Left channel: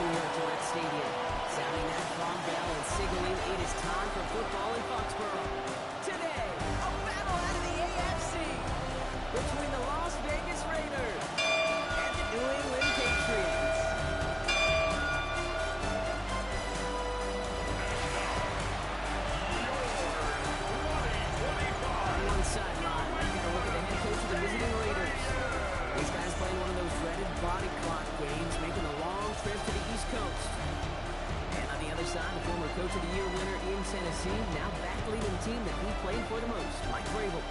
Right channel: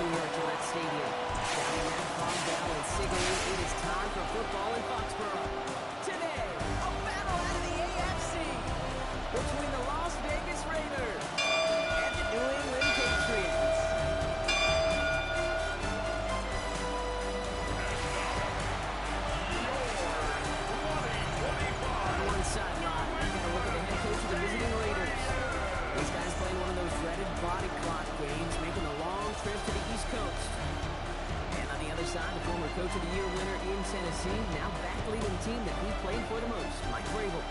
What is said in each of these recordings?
celebration here at Gillette Stadium. Sounding that gong bell and signaling it is time for football in Foxborough. Today, a battle out of the AFC between the Las Vegas Raiders and the New England Patriots. On one sideline, we're going to look at the head coach of the visiting Raiders. These guys playing one of those dreaded body clock games, making a long trip to the East Coast. And on the other side, the former Coach of the Year winner in Tennessee, now back leading the team that he played for the most, Mike Vrabel.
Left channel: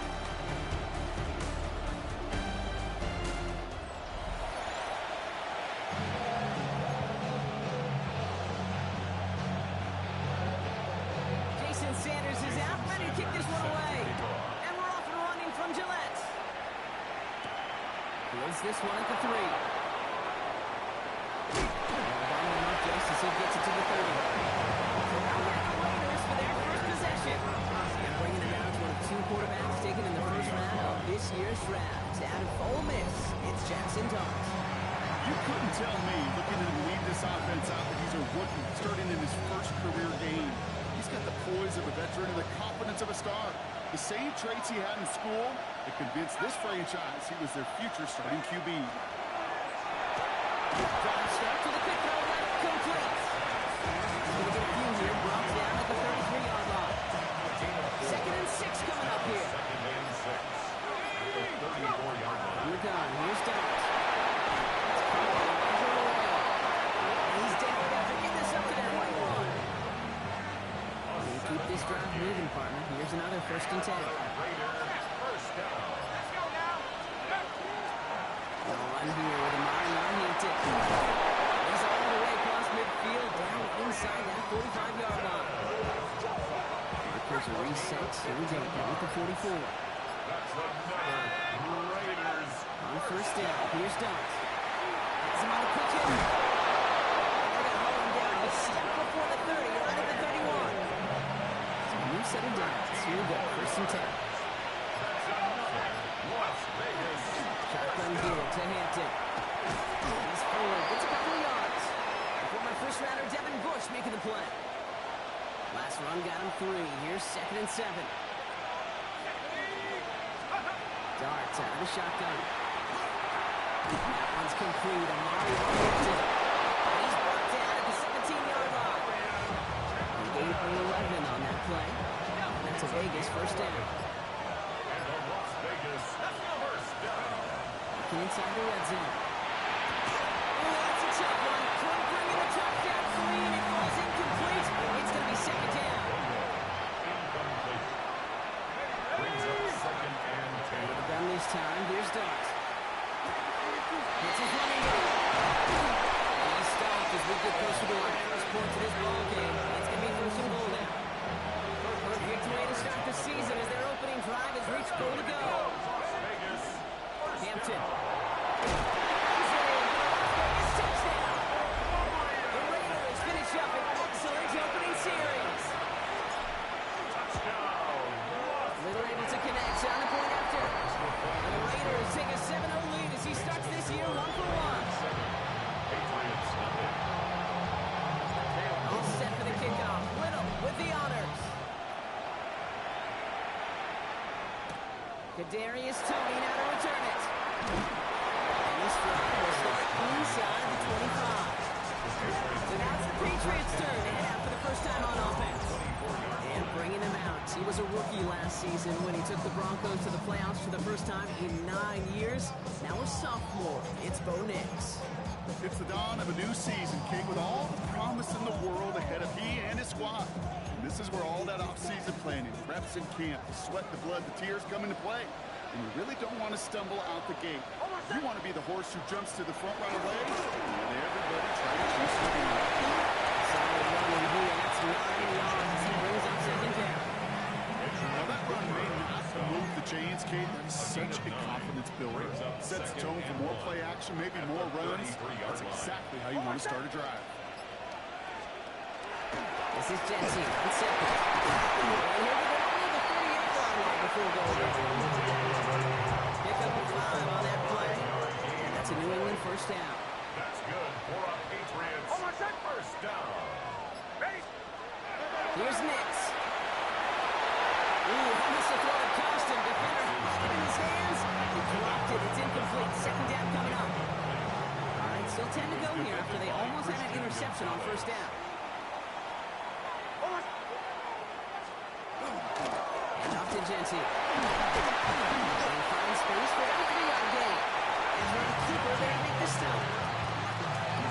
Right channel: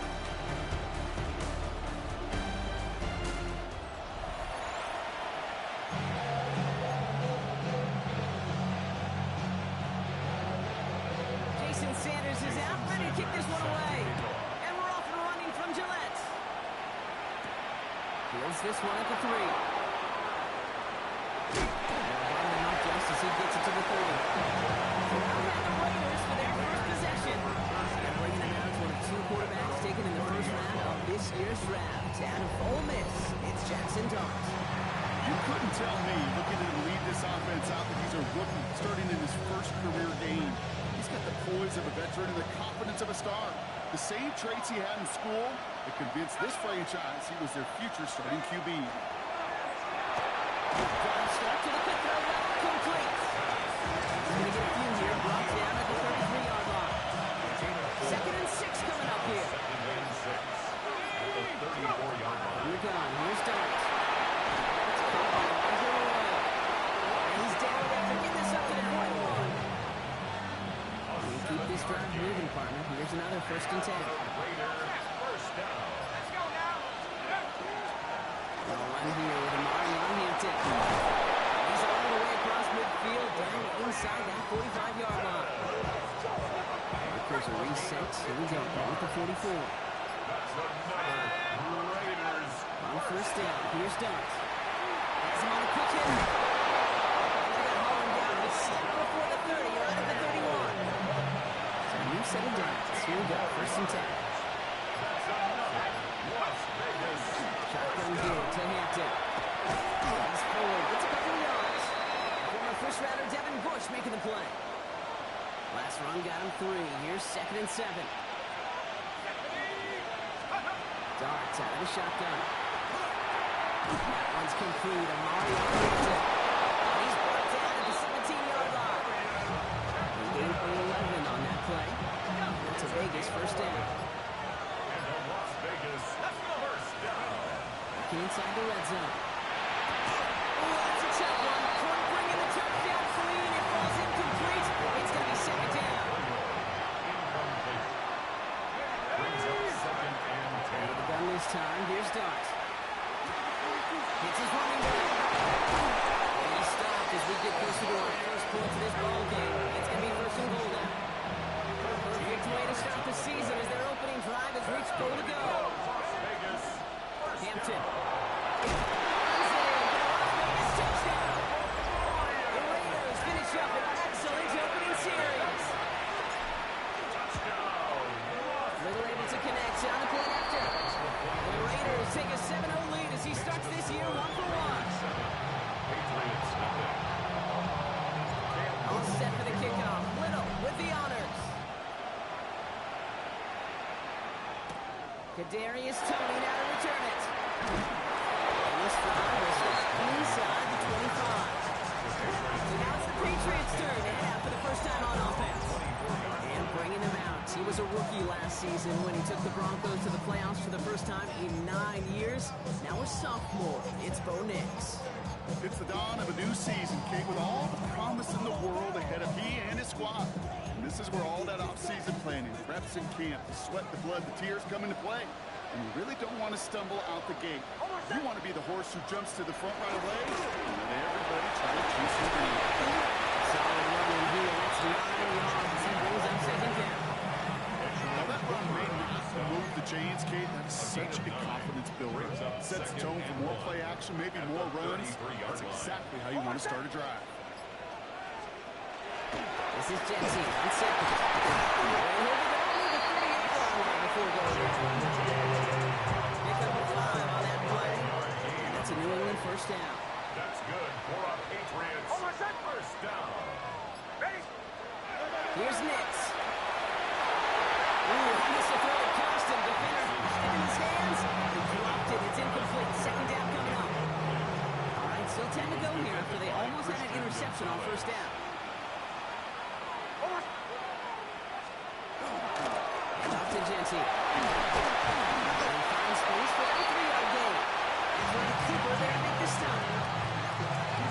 Jason Sanders is out, ready to kick this one away. And we're off and running from Gillette. Fields this one at the 3. Bottling up just as he gets it to the 30. So now we have the Raiders for their first possession. And bringing them out, it's one of 2 quarterbacks taken in the first round of this year's draft. Out of Ole Miss, it's Jackson Dart. You couldn't tell me, looking at him lead this offense out, that he's a rookie starting in his first career game. He's got the poise of a veteran and the confidence of a star. The same traits he had in school that convinced this franchise he was their future starting QB. Drive start to the quick throw left, complete. He's going to get a few here, brought down at the 33-yard line. 2nd and 6 coming up here. 2nd and 6 at the 34-yard line. On the gun, here's Dart. It's caught by Elijah Royal. And he's down after getting this up to the 21. We keep this drive moving, partner. Here's another 1st and 10. Raiders first down. Let's go now. They'll run here with Amari on Hampton. He's all the way across midfield, down inside that 45-yard line. Markers are reset. Here we go, with the 44. That's another Raiders. On 1st down, here's Dart. Has him on the quick hit. And they're going to haul him down. He's stepped before the 30, or out of the 31. So new set of downs. Here we go, 1st and 10. That's another Las Vegas. Shotgun here to Hampton. He's forward, gets a couple of yards. Former first-rounder Devin Bush making the play. Last run got him 3. Here's 2nd and 7. Dart out of the shotgun. That one's complete. Amari on Hampton. And he's brought down at the 17-yard line. He gained 11 on that play. And that's a Vegas 1st down. And a Las Vegas first down. Looking inside the red zone. Oh, that's a tough one. Couldn't bring in the touchdown clean. It falls incomplete. It's going to be 2nd down. Incomplete. Brings up 2nd and 10. With the gun this time, here's Dart. Hits his running back. And he stopped as we get closer to our first point to this ball game. It's going to be 1st and goal now. Perfect way to start the season as their opening drive has reached goal to go. Las Vegas first Hampton. down. Runs it in for the Las Vegas touchdown. The Raiders finish up an excellent opening series. Touchdown. Las Little able to connect on the point after. And the Raiders take a 7-0 lead as he starts this year 1 for 1. 7. Patriots nothing. All set for the kickoff. Little with the honors. Kadarius Toney now to return it. And this drive will start inside the 25. So now it's the Patriots' turn to head out for the first time on offense. And bringing him out. He was a rookie last season when he took the Broncos to the playoffs for the first time in 9 years. Now a sophomore. It's Bo Nix. It's the dawn of a new season, King, with all the promise in the world ahead of he and his squad. And this is where all that off-season planning, reps in camp, the sweat, the blood, the tears come into play. And you really don't want to stumble out the gate. You want to be the horse who jumps to the front right away and let everybody try to chase you down. Solid run in here. That's 9 yards as he brings up 2nd down. Now that run may not move the chains, Kate. That is such a confidence builder. Sets the tone for more play action, maybe more runs. That's exactly how you want to start a drive. This is Jensen on 2nd. And he'll be only the 38-yard line before going down. Pick up a 5 on that play. And that's a New England 1st down. That's good for a Patriots first down. Ready? Here's Nix. Ooh, almost a throw that cost him. Defender had it in his hands. He dropped it. It's incomplete. Second down coming up. All right, still 10 to go here after they almost had an interception on first down. And off to Genty. And finds space for that 3-yard gain. And Ray Cooper there to make this stop.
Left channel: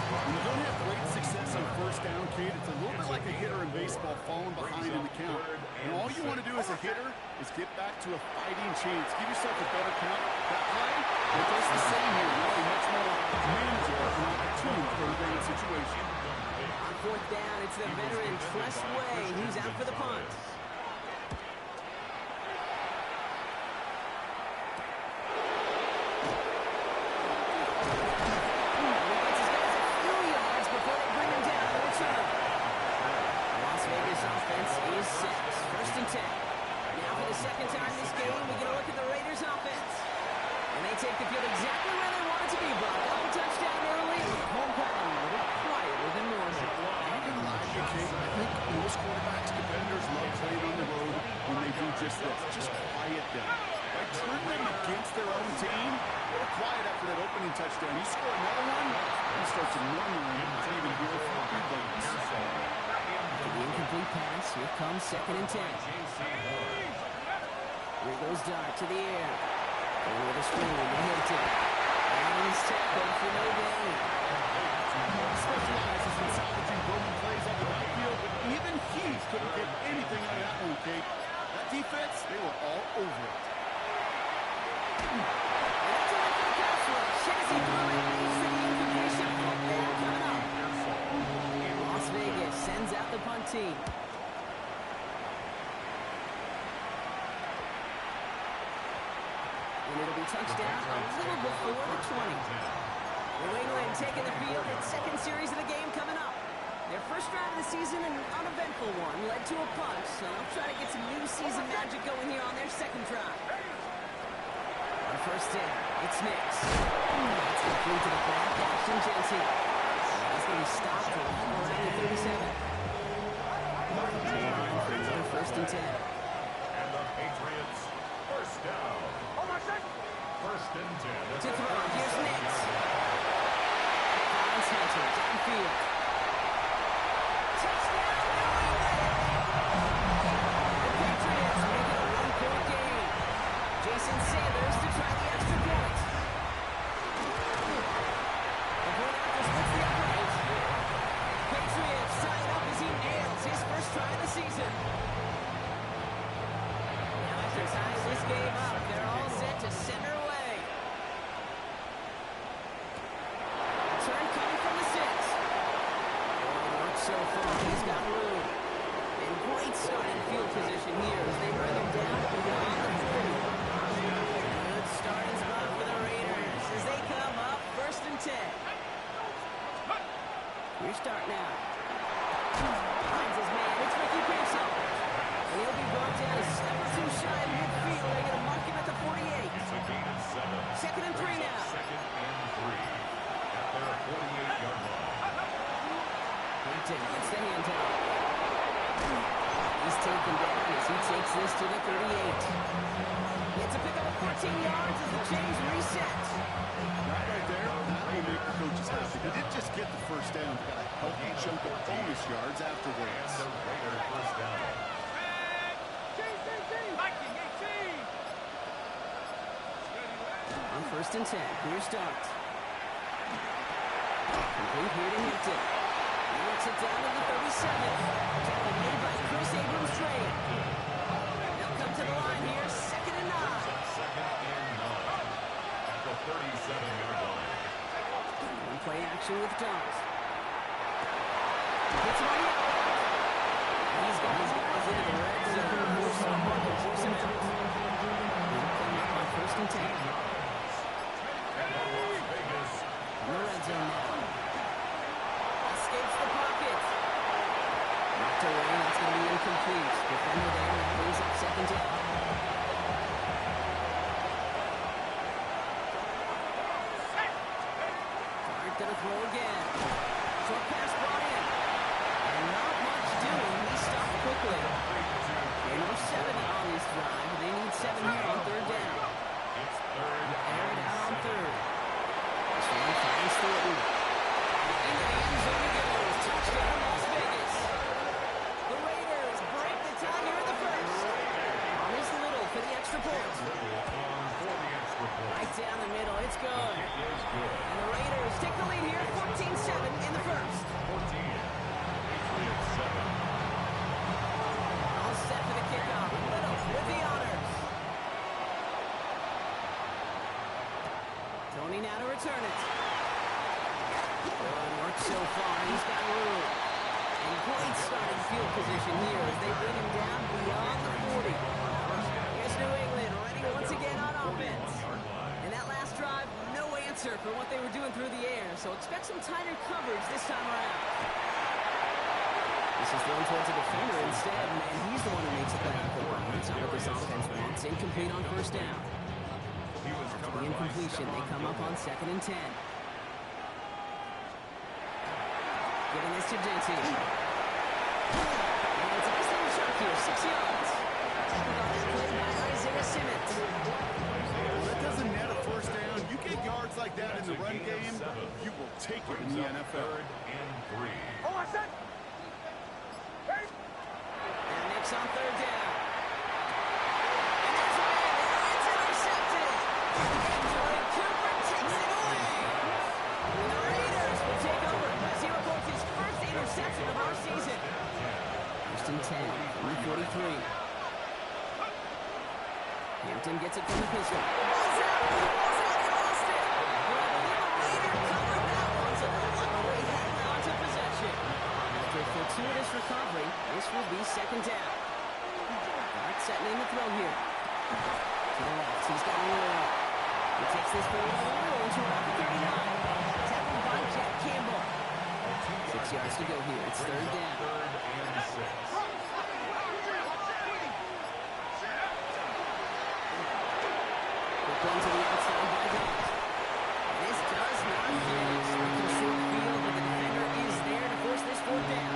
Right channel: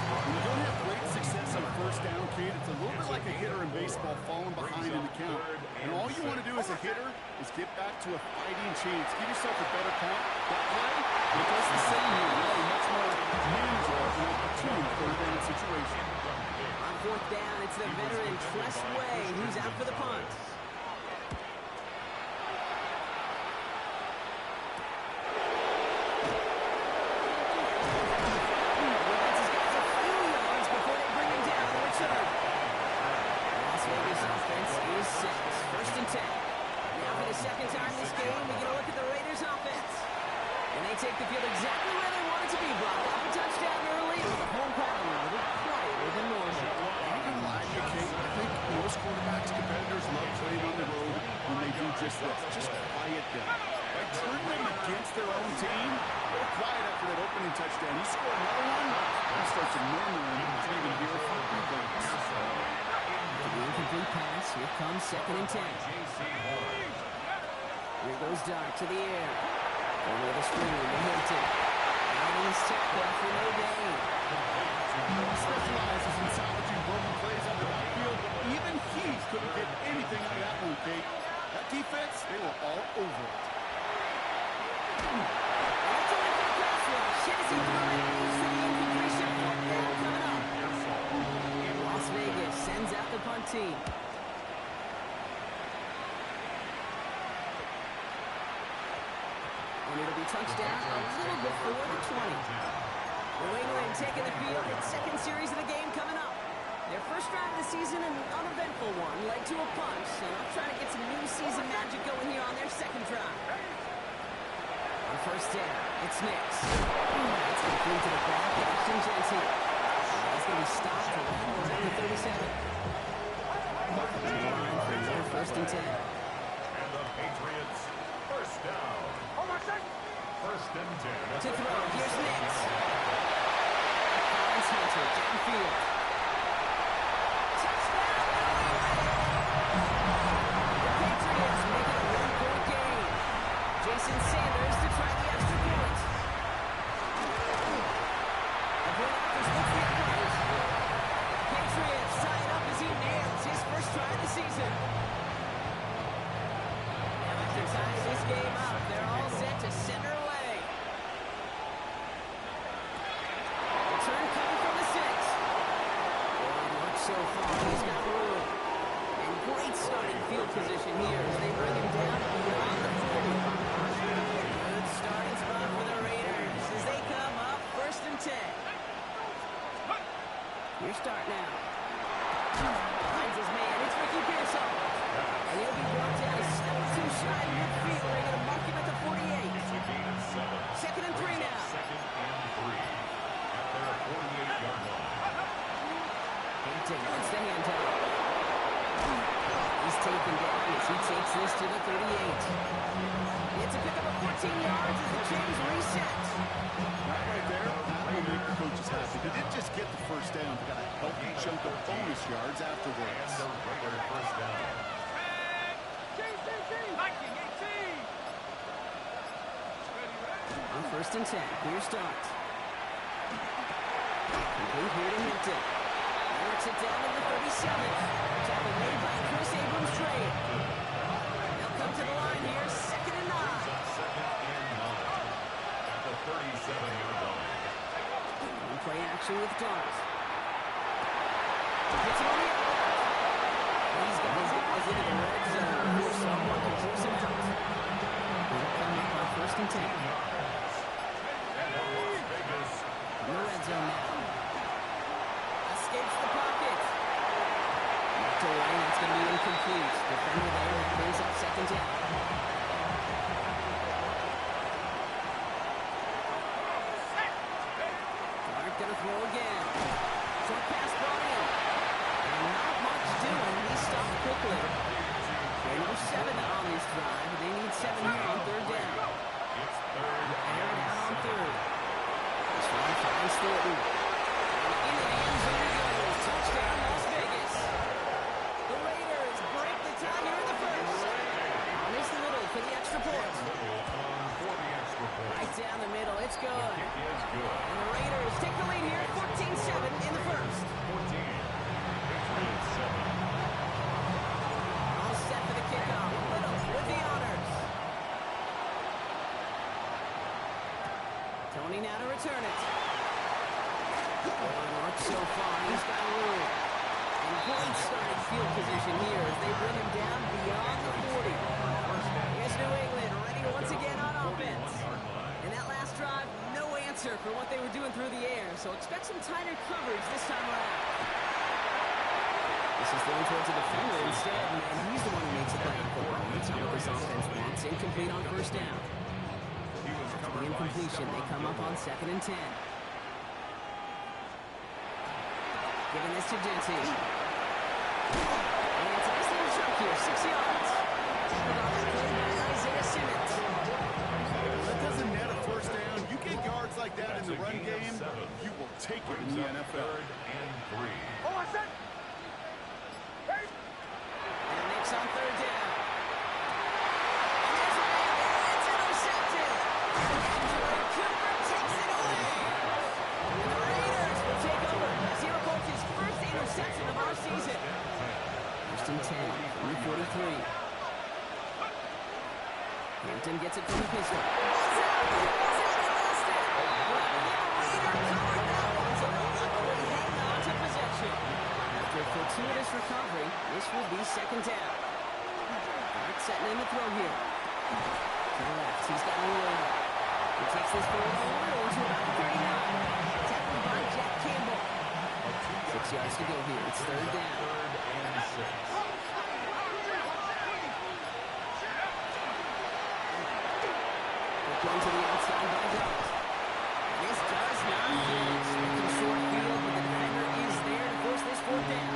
When you don't have great success on first down, Kate, it's a little bit like a hitter in baseball falling behind in the count. And all you want to do as a hitter is get back to a fighting chance. Give yourself a better count. That play, it does the same here. Really much more manageable as an opportune third down situation. On fourth down, it's the veteran Tress Way who's out for the punt. Las Vegas offense is set. First and 10. Now for the second time this game, we get a look at the Raiders offense. And they take the field exactly where they want it to be. Blocked off a touchdown early, and with the home crowd a little quieter than normal. I'm not going to lie to you, Kate. I think most quarterbacks, competitors love playing on the road when they do just this. Just quiet them. By turning them against their own team, they were quiet after that opening touchdown. You score another one, you start to murmur, and you might even hear a few complaints. The incomplete pass. Here comes second and 10. Here goes Dart to the air. Going with a screen to Hinton. And he's tackled for no gain. Specializes in salvaging broken plays on the backfield, but even he couldn't get anything out of that one, Kate. That defense, they were all over it. And that's only for the pass rush. Hit as he threw it, leads to the incompletion. Fourth down coming up. Las Vegas sends out the punt team. And it'll be touchdown a little before the 20. New England taking the field in second series of the game coming up. Their first drive of the season, an uneventful one, led to a punt. So they'll try to get some new season magic going here on their second drive. On first down, it's Nix. It's complete to the back, Ashton Genty. He's going to be stopped around the 37. Line for another first and 10. And the Patriots first down. First and 10. To throw, here's Nix. Finds Hunter downfield. Touchdown, New England! The Patriots make it a one-point game. Jason Sanders to try the extra point. The point after splits the upright. The Patriots tie it up as he nails his first try of the season. Now after tying this game up, they're all set to send her away. Turn coming from the 6. Good work so far. He's got room. And great starting field position here as they bring him down beyond the 40. Good starting spot for the Raiders as they come up first and 10. Your start now. Finds his man. It's Ricky Pearsall. And he'll be brought down a step or two shy of midfield. They're going to mark him at the 48. It's a gain of 7. Second and 3 now. Second and 3 at their 48-yard line. Hinton gets the handout. He's taken down as he takes this to the 38. It's a pickup of 14 yards as the chains reset. That right there, that will make the coaches happy. They didn't just get the first down, they got a healthy chunk of bonus yards afterwards. And the Raider first down. On first and 10, here's Dart. Complete here to Hinton. Works it down to the 37th. Tackle made by Chris Abrams-Trade. They'll come to the line here, second and 9. Second and 9 at the 37-yard line. One play action with Dart. Hits him on the outlet. He's got his guys into the red zone before someone can force him out. They'll come up on first and 10. And the Las Vegas From the red zone now. Escapes the pocket. Knocked away, that's going to be incomplete. Defender there, that brings up second down. Dart going to throw again. Short pass brought in. And not much doing. He stopped quickly. They know 7 on this drive. They need 7 here on third down. Air it out on third. This one finds Thornton. And into the end zone he goes. Touchdown, Las Vegas. The Raiders break the tie here in the first. On his Little for the extra point. Right down the middle. It's good. And the Raiders take the lead here, 14-7 in the first. 14. All set for the kickoff. Little with the honors. Tony now to return it. Good work so far. He's got room. And great starting field position here as they bring him down beyond the 40. Here's New England ready once again on offense. And that last drive, no answer for what they were doing through the air. So expect some tighter coverage this time around. This is thrown towards a defender instead, and he's the one who makes a play on football. That's not what this offense wants. Incomplete on first down. After the incompletion, they come up on 2nd and 10. Giving this to Genty. And it's a nice little chunk here, 6 yards. Tackled on that play by Isaiah Simmons. Well, that doesn't net a first down. You get yards like that in the run game, you will take it in the NFL. And Nick's on third down. And there's a man there. It's intercepted. And Jordan Cooper takes it away. And the Raiders will take over as he records his first interception of our season. First and 10 from the 43. Hampton gets it from the pistol. Ball's out. Ball's out. He lost it. But I believe a Raider covered that one, so they'll luckily hang on to possession. After a fortuitous recovery, this will be 2nd down. Dart setting in the throw here. To the left, he's got a roll. He takes this forward a little to about the 39. Tackled by Jack Campbell. 6 yards to go here. It's 3rd down. Quick one to the outside by Dart. And this does not get it. Looking short field, but the defender is there to force this 4th down.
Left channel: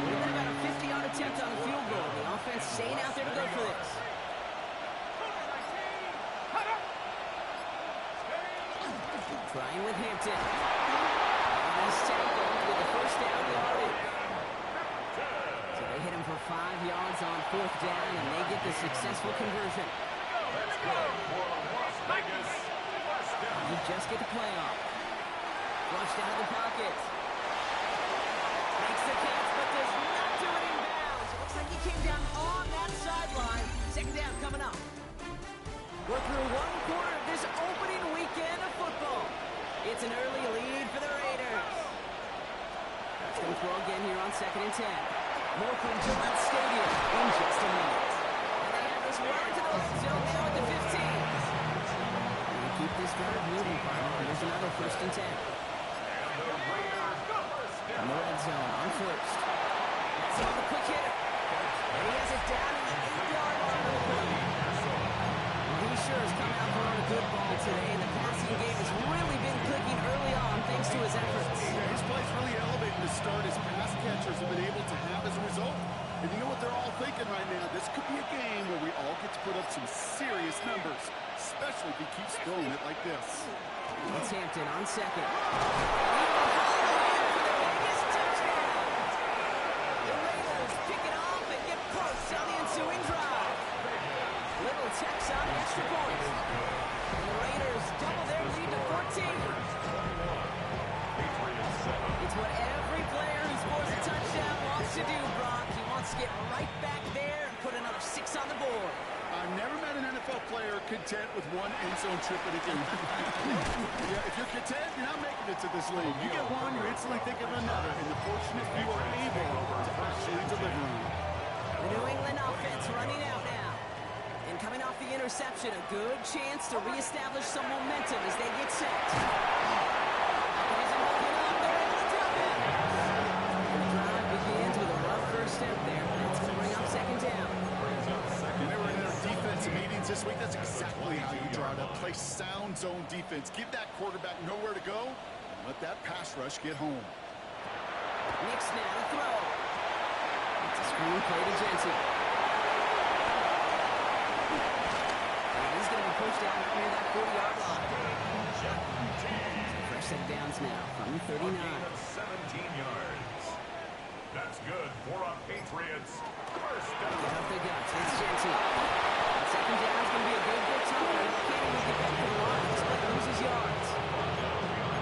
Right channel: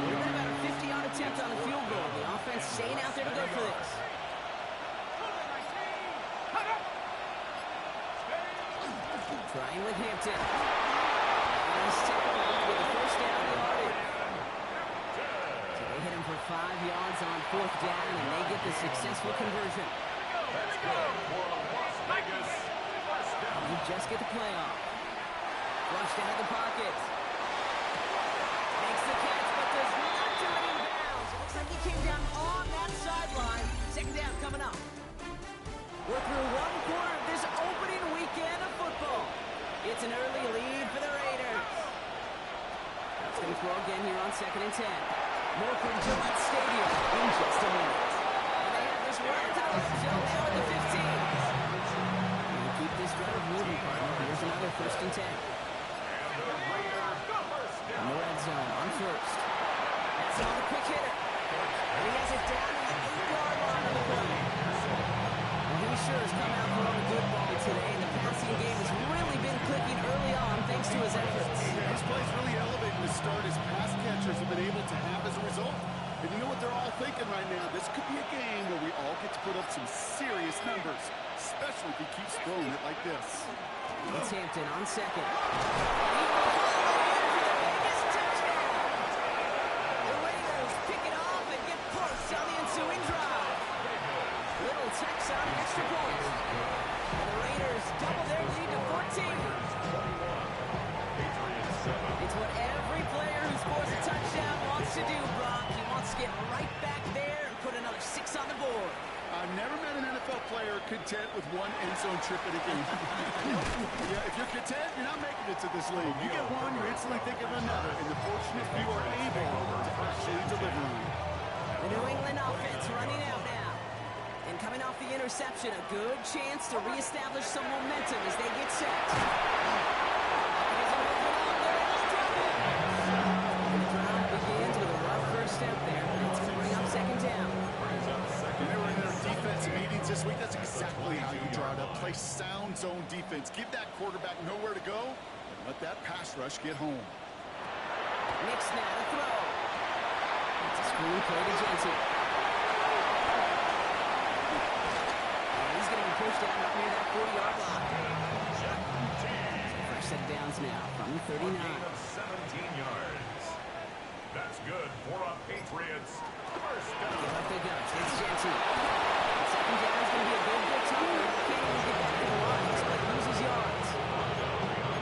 Would have been about a 50-yard attempt on the field goal. The offense staying out there to go for this. Trying with Hampton. And he's tackled with the first down yardage. So they hit him for 5 yards on 4th down, and they get the successful conversion. Let's go for Las Vegas. You just get the play off. Flushed out of the pocket. Makes the catch, but does not do it in bounds. It looks like he came down on that sideline. 2nd down coming up. We're through 1 quarter of this opening weekend of football. It's an early lead for the Raiders. That's going to throw again here on 2nd and 10. More from Gillette Stadium in just a minute. And they have this run to the red zone now at the 15. And keep this drive moving, partner. Here's another 1st and 10. In the red zone on 1st. That's on the quick hitter. And he has it down to the 8-yard line on the play. Well, he sure has come out throwing a good ball today, and the passing game has really been clicking early on thanks to his efforts. Yeah, his play's really elevating to start. His pass catchers have been able to have as a result. And you know what they're all thinking right now? This could be a game where we all get to put up some serious numbers, especially if he keeps throwing it like this. It's Hampton on 2nd. And he will haul it in for the Vegas touchdown. The Raiders pick it off and get close on the ensuing drive. Little tacks on an extra point. And the Raiders double their lead to 14. It's what every player who scores a touchdown wants to do, Brock. He wants to get right back there and put another 6 on the board. I've never met an NFL player content with 1 end zone trip in a game. Yeah, if you're content, you're not making it to this league. You get one, you instantly think of another, and the fortunate few are able to actually deliver on it. The New England offense running out now. And coming off the interception, a good chance to reestablish some momentum as they get set. It isn't working out. They're able to drop it. And the drive begins with a rough first step there. That's going to bring up 2nd down. You know, in our defensive meetings this week, that's exactly how you draw it up. Play sound zone defense. Give that quarterback nowhere to go. Let that pass rush get home. Nix now to throw. It's a screen play to Jensen. And he's going to be pushed down up near that 40-yard line. So fresh set of downs now from the 39. A gain of 17 yards. That's good for a Patriots first down. Get up the guts. It's Jensen. Second down is going to be a good bit tougher. Can't even get back to the line. But loses yards.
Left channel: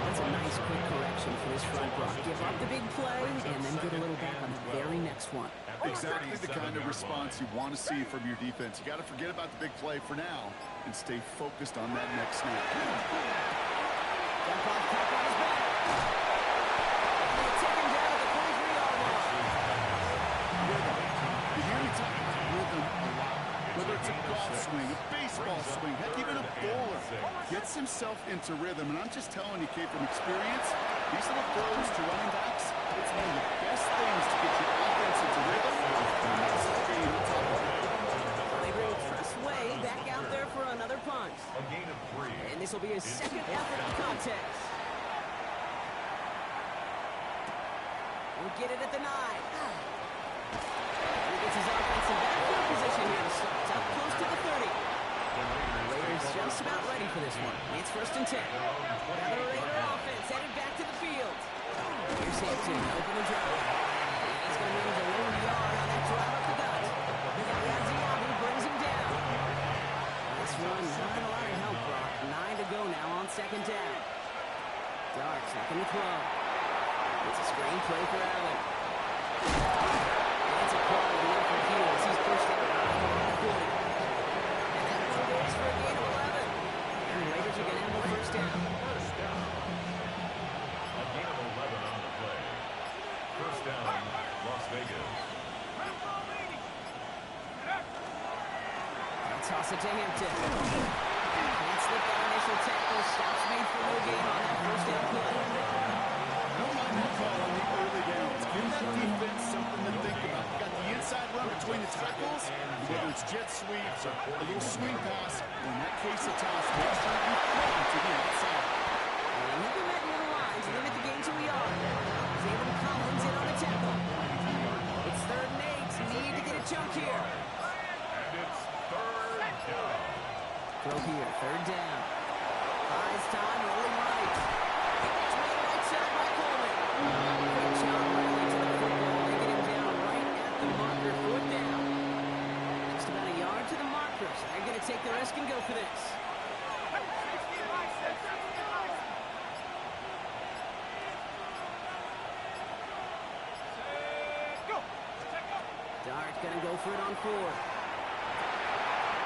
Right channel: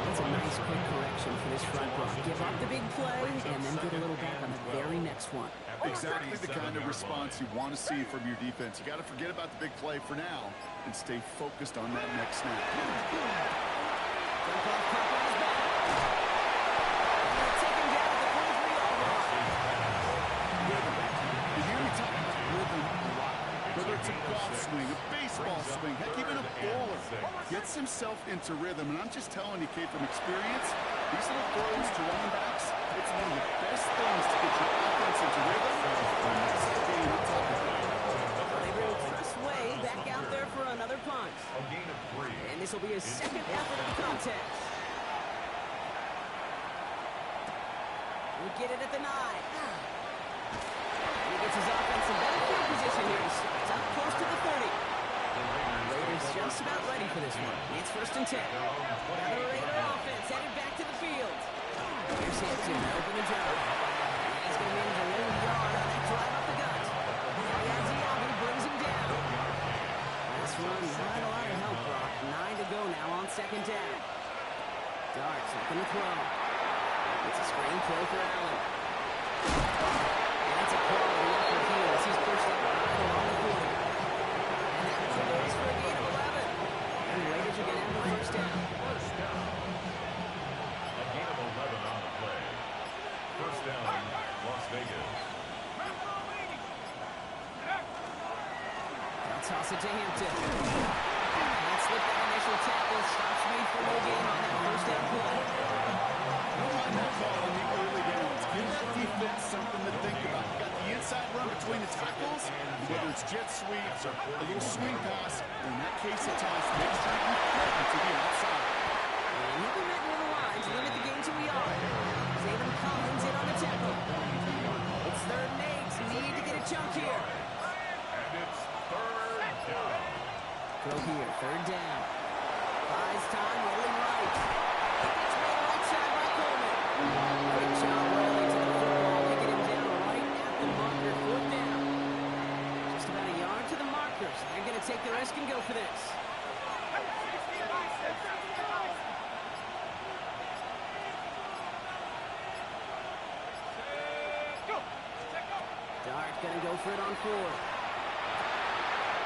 That's a nice quick correction for this front block. Give up the big play and then get a little back on the very next one. Exactly the kind of response you want to see from your defense. You got to forget about the big play for now and stay focused on that next snap. Jump off, cop on his back. And they'll take him down at the 23-yard line. Rhythm. You hear me talk about rhythm a lot. Whether it's a golf swing, a baseball swing, heck, even a bowler gets himself into rhythm. And I'm just telling you, Kate, from experience, these little throws to running backs, it's one of the best things to get your offense into rhythm. And that's the game on top of it. They bring Tress Way back out there for another punt. A gain of 3. And this will be his second effort of the contest. We'll get it at the 9. He gets his offense in backfield position here to start. It's up close to the 30. Raiders just about ready for this one. It's first and 10. Now the Raider offense headed back to the field. Here's Hampton to open the drive. He's going to manage a low yard on that drive up the gut. Diaby brings him down. Last run, not a lot of help, Brock. 9 to go now on second down. Dart's looking to throw. It's a screen play for Allen. And it's a quality effort here as he's pushed out right along the 40. And that one goes for a gain of 11. And the Raiders are going to have a first down. First down. A gain of 11 on the play. First down, Las Vegas. They'll toss it to Hampton. Can't slip that initial tackle. Stops made for no gain on that first down play. Don't mind that call on the early downs. Give that defense something to think about. You got the inside run between the tackles, whether it's jet sweeps or a little swing pass, or in that case a toss, make sure you throw it to the outside. And he'll be met near the line to limit the gain to a yard. Zayden Collins in on the tackle. It's 3rd and 8. Need to get a chunk here. And it's third down. Throw here, 3rd down. Buys time, rolling right. It gets made right side by Coleman. Great job rallying to the football. They get him down right at the marker, 4th down. Just about a yard to the markers. They're going to take the risk and go for this. Dart going to go for it on 4th.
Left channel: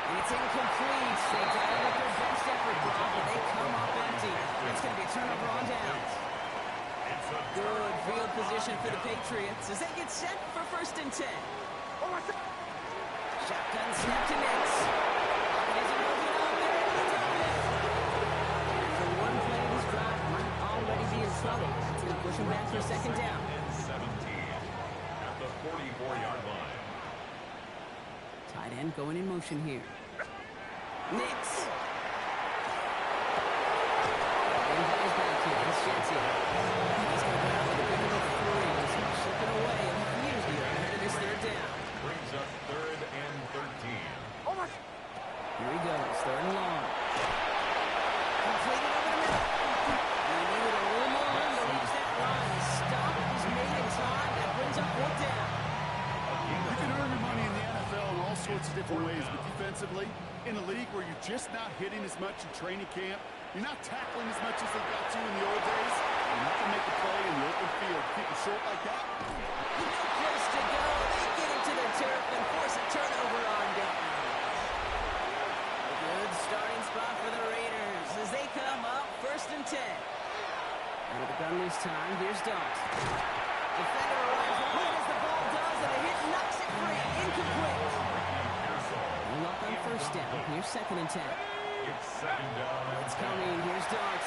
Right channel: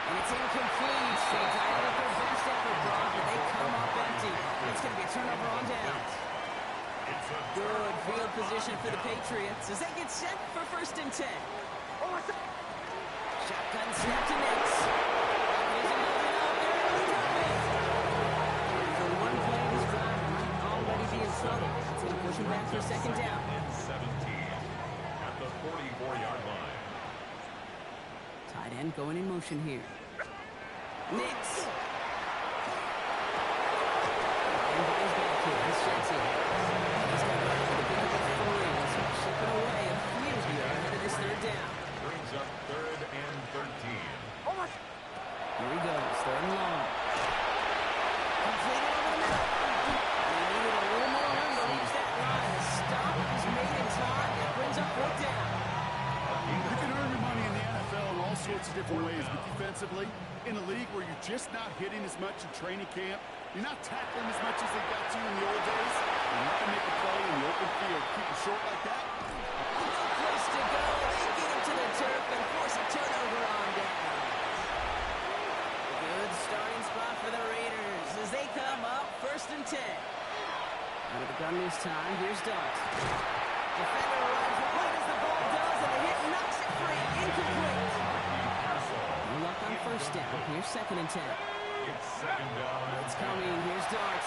And it's incomplete. They dialed up their best effort, Brock, but they come up empty. It's going to be a turnover on downs. Good field position for the Patriots as they get set for first and 10. Shotgun snap to Nix. Isn't moving up. They're able to drop it. For one play, this drive might already be in trouble. It's going to push him back for second down. And 17 at the 44-yard line. Tight end going in motion here. Nix. And guys back here. It's Jensen. He's going to go out with a big of a 3. So slipping away a few here ahead of this 3rd down. Brings up 3rd and 13. Here he goes. 3rd and long. Completed over the middle. He needed a little more room to reach that line. The stop is made in time. That brings up 4th down. You can earn your money in the NFL in all sorts of different ways, but defensively, in a league where you're just not hitting as much in training camp, you're not tackling as much as they got you in the old days, and you can make a play in the open field. Keep it short like that. No place to go. They get him to the turf and force a turnover on downs. A good starting spot for the Raiders as they come up first and 10. Out of the gun this time, here's Dart. Defender arrives right as the ball does, and a hit knocks it free. Incomplete. No luck on first down. Here's 2nd and 10. It's 2nd down. It's coming. Here's Dart.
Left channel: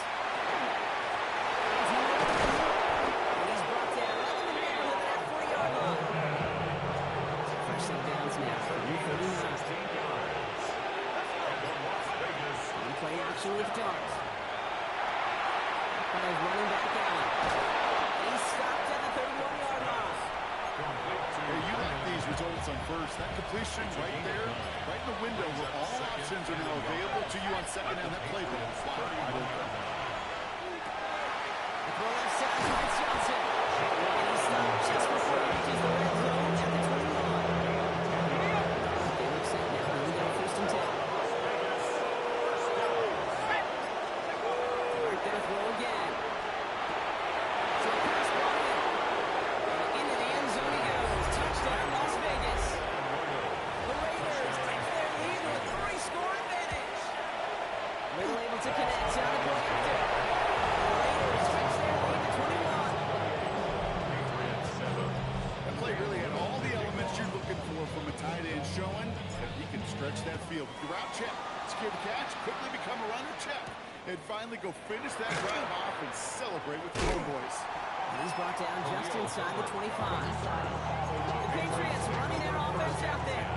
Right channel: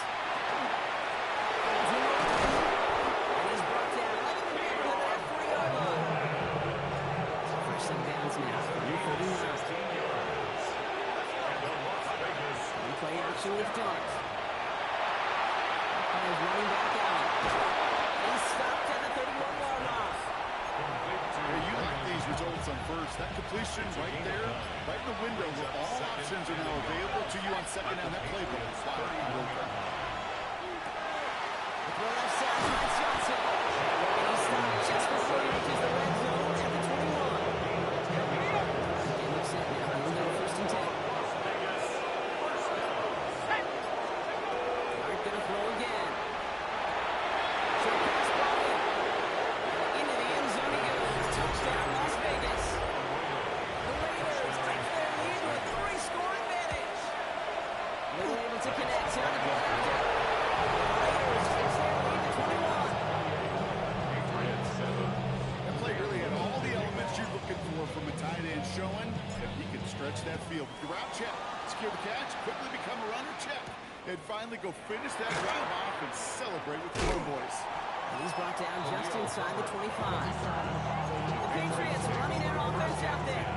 And he's brought down right in the neighborhood of that 40-yard line. Fresh set of downs now. 39. 16 yards. And the Las Vegas. One play action with Dart. by his running back Allen. He's stopped at the 31-yard line. Hey, you like these results on first. That completion right there, right in the window where all options are now available to you on second down. That playbook is wide open. The throw left side finds Johnson. And he stopped just before he reaches the red zone at the 21. They look set now. Here we go, first and 10. Mark gonna throw again. Short pass ball in. And into the end zone he goes. Touchdown, Las Vegas. The Raiders take their lead with a 3-score advantage. Little able to connect on the play after. The Raiders stretch their lead to 21. That play really had all the elements you're looking for from a tight end, showing that he can stretch that field. With the route check, secure the catch, quickly become a runner check, and finally go finish that drive off and celebrate with the homeboys. He's brought down just inside the 25. The Patriots running their offense out there.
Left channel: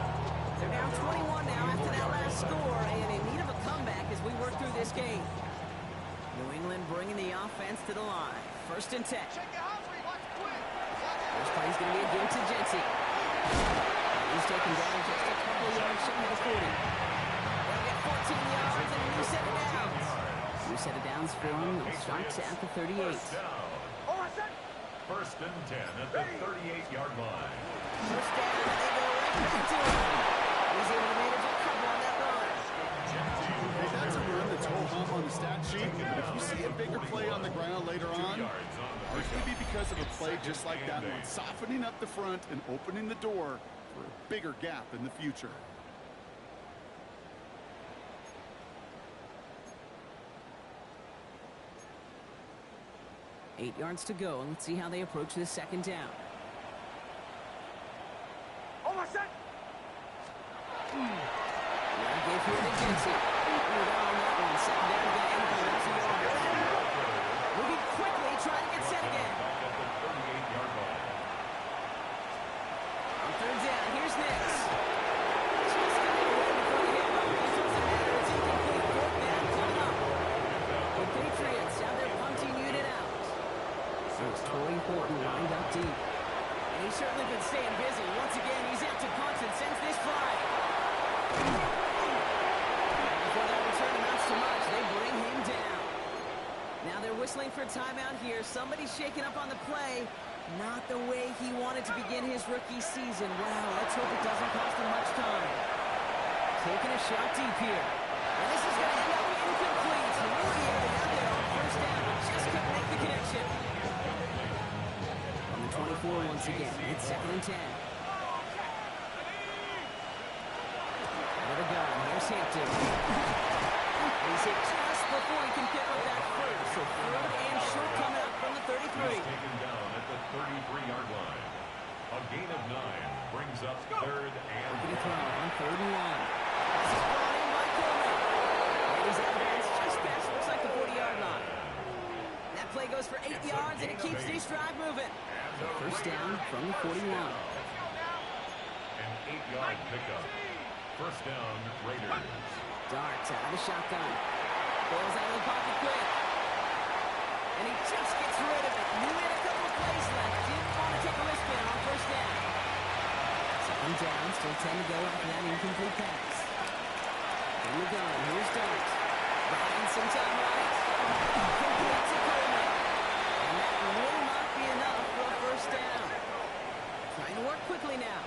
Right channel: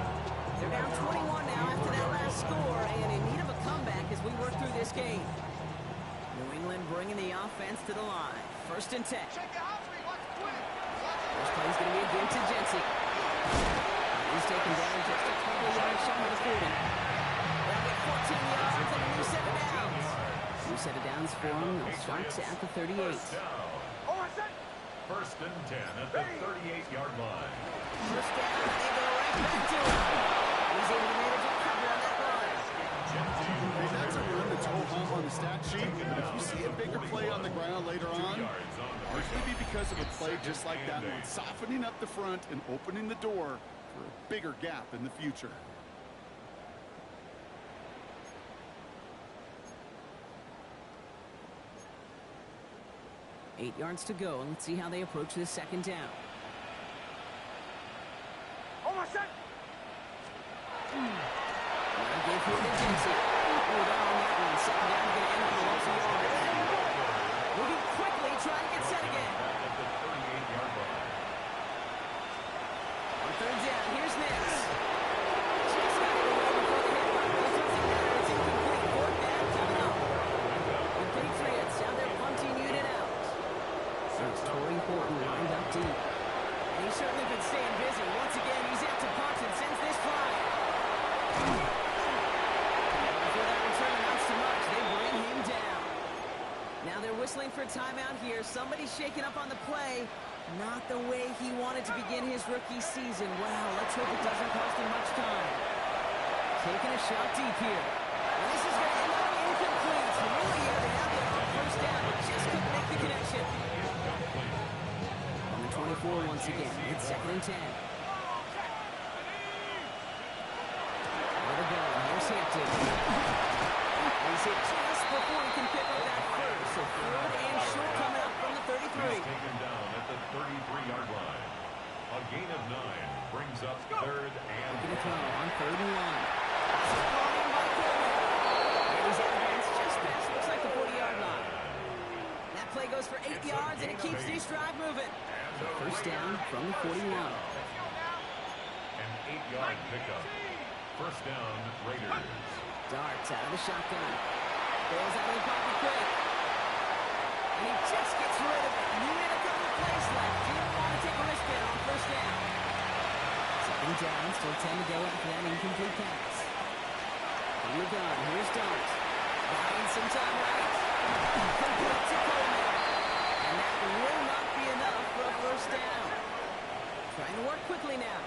They're down 21 now after that last score and in need of a comeback as we work through this game. New England bringing the offense to the line. First and 10. First play is going to be again to Jency. He's taken down just a couple yards shy of the 40. They'll get 14 yards and a new set of downs. New set of downs for him. They'll start at the 38. First and 10 at the 38-yard line. First down, and they go right back to him. He's able to manage a couple on that run. Hey, that's a run that's ho-hum on the stat sheet, but if you see a bigger play on the ground later on, largely be because of a play just like that one, softening up the front and opening the door for a bigger gap in the future. Eight yards to go, and let's see how they approach this second down. Now gave here to Jency. Down on that one. Second down, going to end up with a loss of yards. Moving quickly, trying to get set again. Back at the 38-yard line. On third down, here's Nix. Just got it away before the hit, but it doesn't matter. It's incomplete. Fourth down coming up. The Patriots have their punting unit out. So it's Torrey Horton lined up deep. And he's certainly been staying busy. Once again, he's out to punt and sends this flying. Before that return amounts to much, they bring him down. Now they're whistling for a timeout here. Somebody's shaking up on the play. Not the way he wanted to begin his rookie season. Wow, let's hope it doesn't cost him much time. Taking a shot deep here. And this is going to end up incomplete. He really aired it out there on first down, but just couldn't make the connection. On the 24 once again, it's second and 10. Out of the gun, here's Hampton. He's hit just before he can pick up that first. So third and short coming up from the 33. He's taken down at the 33-yard line. A gain of 9 brings up third and Looking to throw on third and 1. This is brought in by Coleman. And he's out of bounds just past, looks like the 40-yard line. That play goes for 8 yards, and it keeps this drive moving. So first down from the 41. an 8-yard pickup. First down, Raiders. Darts out of the shotgun. Bails out of the pocket quick. And he just gets rid of it. Knew he had a couple of plays left. Didn't want to take a wristband on first down. Second down, still 10 to go after that incomplete pass. From the gun, here's Dart. Buying some time right. Complete to Coleman. And that will not be enough for a first down. Trying to work quickly now.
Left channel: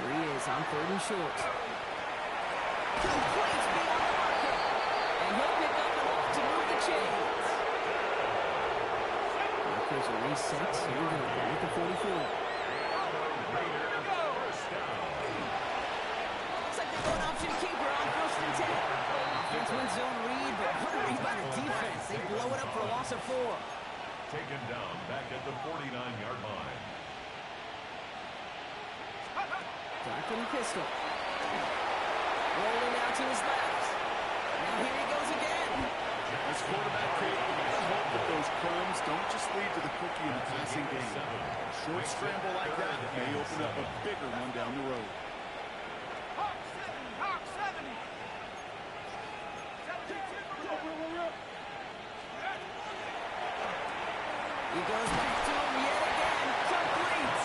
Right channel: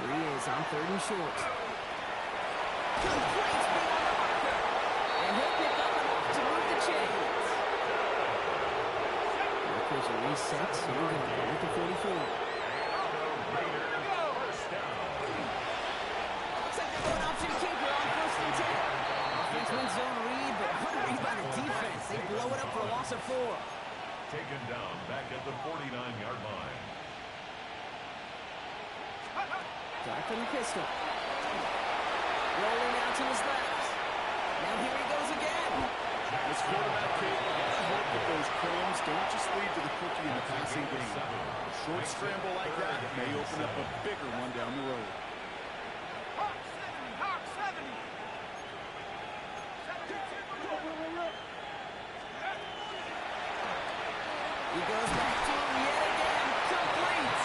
Here he is on third and short. Complete beyond the marker. And he'll pick up enough to move the chains. Markers are reset. Here we go. With the 44. Looks like they're going option keeper on first and 10. Offense wins zone read, but what a read by the defense. They blow it up for a loss of 4. Taken down back at the 49-yard line. Dart from the pistol. Rolling out to his left. Now here he goes again. As quarterback, Kate, you got to hope that those crumbs don't just close lead to the cookie in the passing game. A short scramble like that may open up a bigger one down the road. Hawk 70, Hawk 70. He goes back to him yet again. Complete.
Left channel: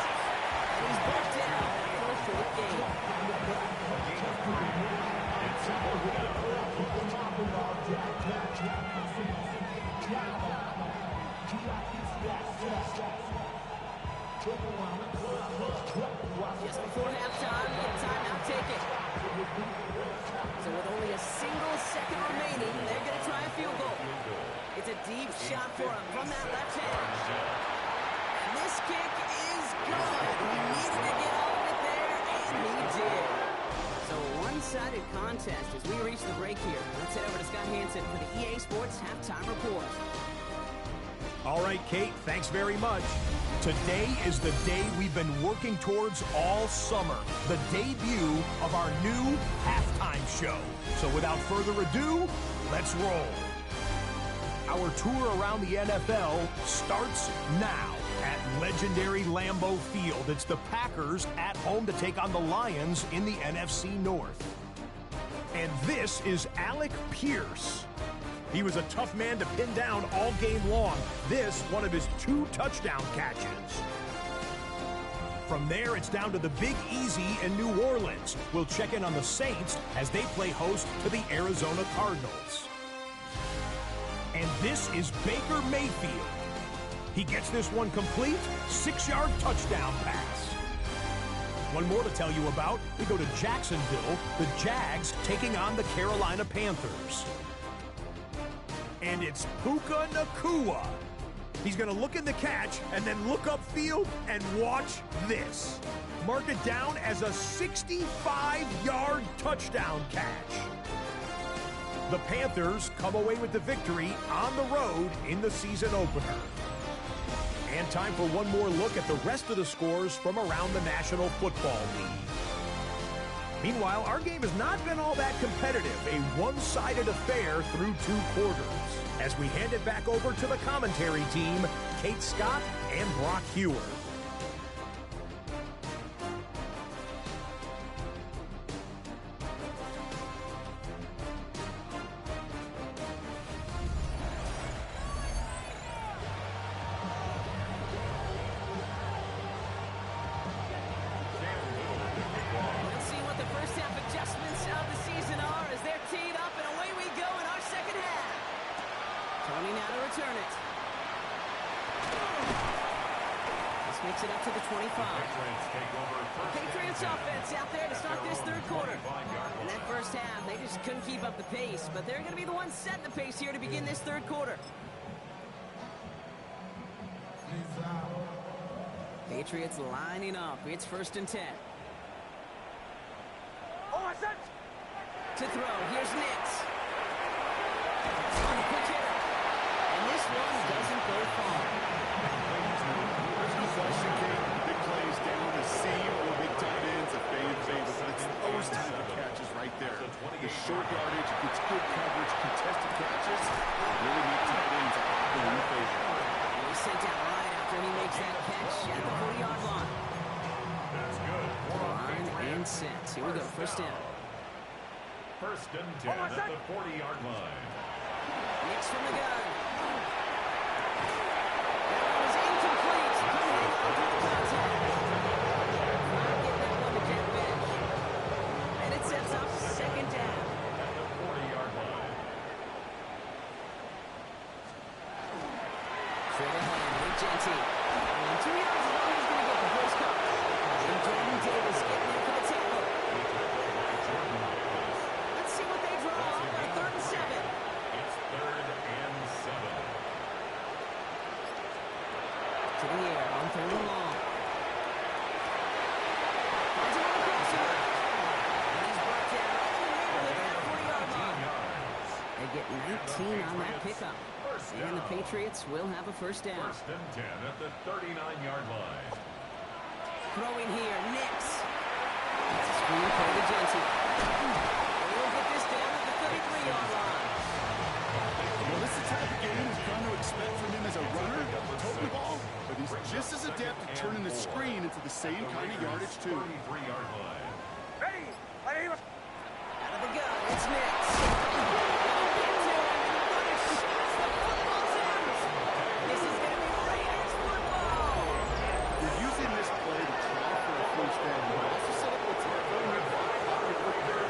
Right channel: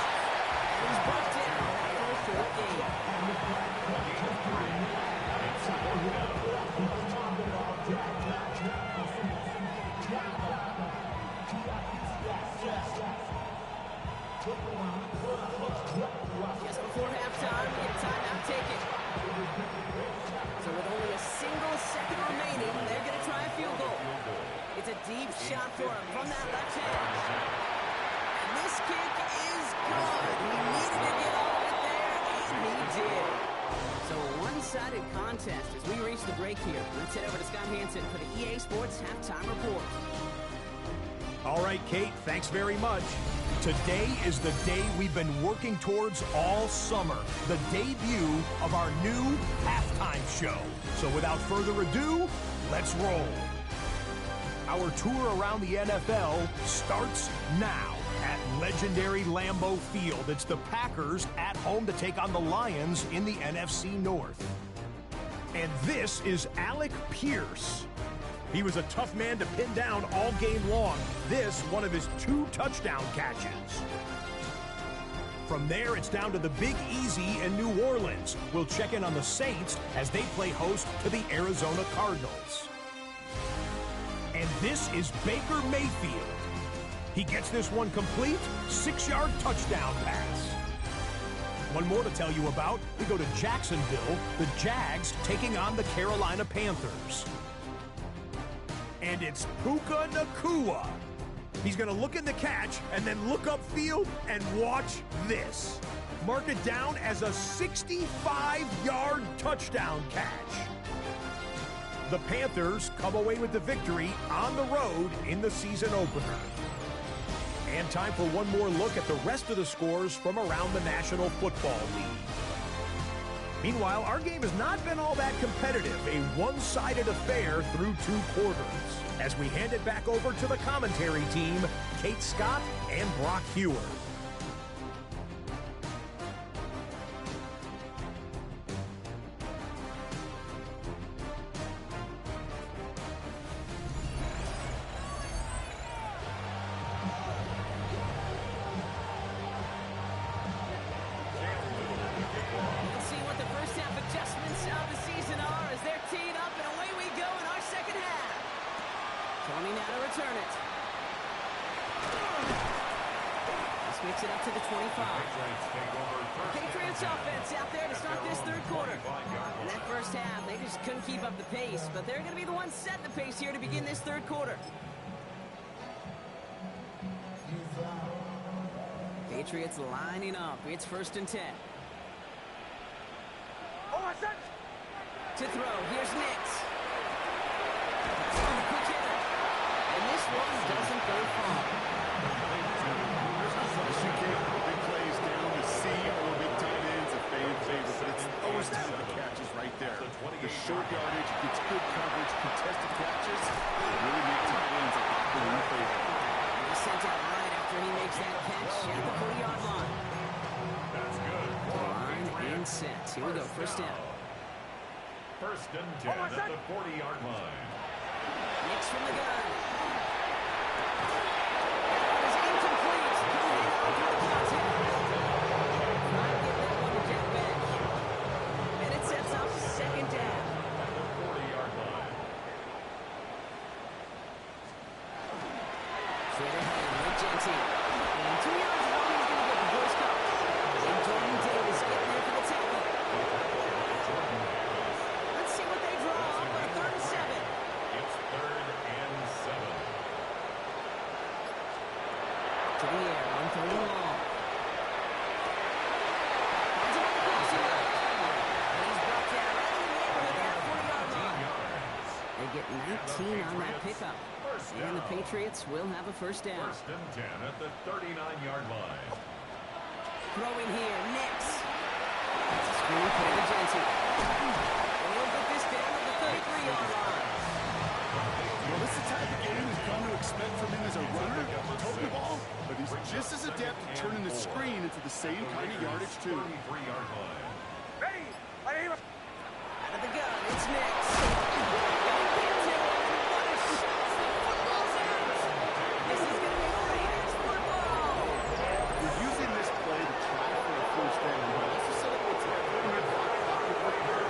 And he's brought down after a short game. It's a fourth down. Just before halftime, get a timeout, take it. So with only a single second remaining, they're going to try a field goal. It's a deep shot for him from that left hand. And this kick is good. He needed to get all of it there, and he did. So a one-sided contest as we reach the break here. Let's head over to Scott Hansen for the EA Sports Halftime Report. All right, Kate, thanks very much. Today is the day we've been working towards all summer, the debut of our new halftime show. So without further ado, let's roll. Our tour around the NFL starts now at legendary Lambeau Field. It's the Packers at home to take on the Lions in the NFC North. And this is Alec Pierce. He was a tough man to pin down all game long. This, one of his 2 touchdown catches. From there, it's down to the Big Easy in New Orleans. We'll check in on the Saints as they play host to the Arizona Cardinals. And this is Baker Mayfield. He gets this one complete, 6-yard touchdown pass. One more to tell you about. We go to Jacksonville, the Jags taking on the Carolina Panthers. And it's Puka Nacua. He's going to look in the catch and then look upfield and watch this. Mark it down as a 65-yard touchdown catch. The Panthers come away with the victory on the road in the season opener. And time for one more look at the rest of the scores from around the National Football League. Meanwhile, our game has not been all that competitive, a one-sided affair through 2 quarters. As we hand it back over to the commentary team, Kate Scott and Brock Hewer. Return it. This makes it up to the 25. Patriots offense out there to start this third quarter. In that first half, they just couldn't keep up the pace, but they're going to be the ones setting the pace here to begin this third quarter. Patriots lining up. It's 1st and 10. To throw. Here's Nix. Quick hitter. And this one doesn't go far. There's no question, Kate. Big plays down the seam or big tight ends, a fan favorite. But it's those type of catches right there. The short yardage, gets good coverage, contested catches, really make tight ends a popular favorite. He's sent out right after he makes that catch at the 40-yard line. That's good. Line and set. Here we go. First down. 1st and 10 at the 40-yard line. Nix from the gun. That one is incomplete. Couldn't hang on through the contact. Trying to get that one to Jack Bench. And it sets up 2nd down. At the 40-yard line. Straight ahead with Genty. And 2 yards is all he's going to get the first cut. And Jordan Davis getting there for the tackle. Tackled by Jordan Davis. Let's see what they draw up on a 3rd and 7. It's 3rd and 7. To the air on 3rd and long. Finds it on the crossing route. And he's brought down right in the neighborhood of that 40-yard line. They get 19 on that pickup. And the Patriots will have a first down. 1st and 10 at the 39-yard line. Throwing here, Nix. It's a screen play to Genty. He'll get this down at the 33-yard line. This is the type of game we've come to expect from him as a runner, toting the ball, but he's just as adept at turning the screen into the same kind of yardage, too. 33-yard line. Ready? Ready? Out of the gun, it's Nix. Into him, and what a shot! The football's out! This is going to be Raiders football! You're using this play to try for a first down, but also set up what's happening in your pocket right there.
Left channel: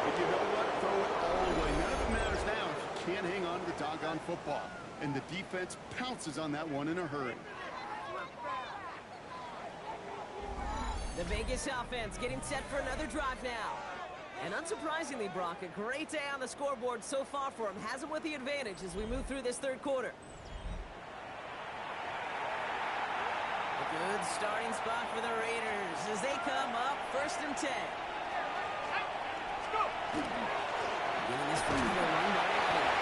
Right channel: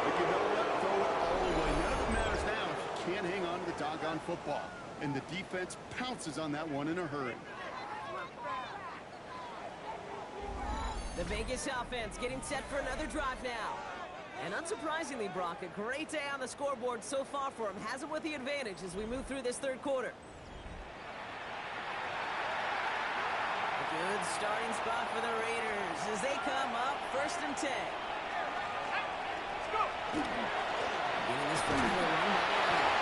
But you know what? Throw it all away. None of it matters now if you can't hang on to the doggone football. And the defense pounces on that one in a hurry. The Vegas offense getting set for another drive now. And unsurprisingly, Brock, a great day on the scoreboard so far for him. Has him with the advantage as we move through this third quarter. A good starting spot for the Raiders as they come up 1st and 10. Let's go! Getting this first play run by Allen.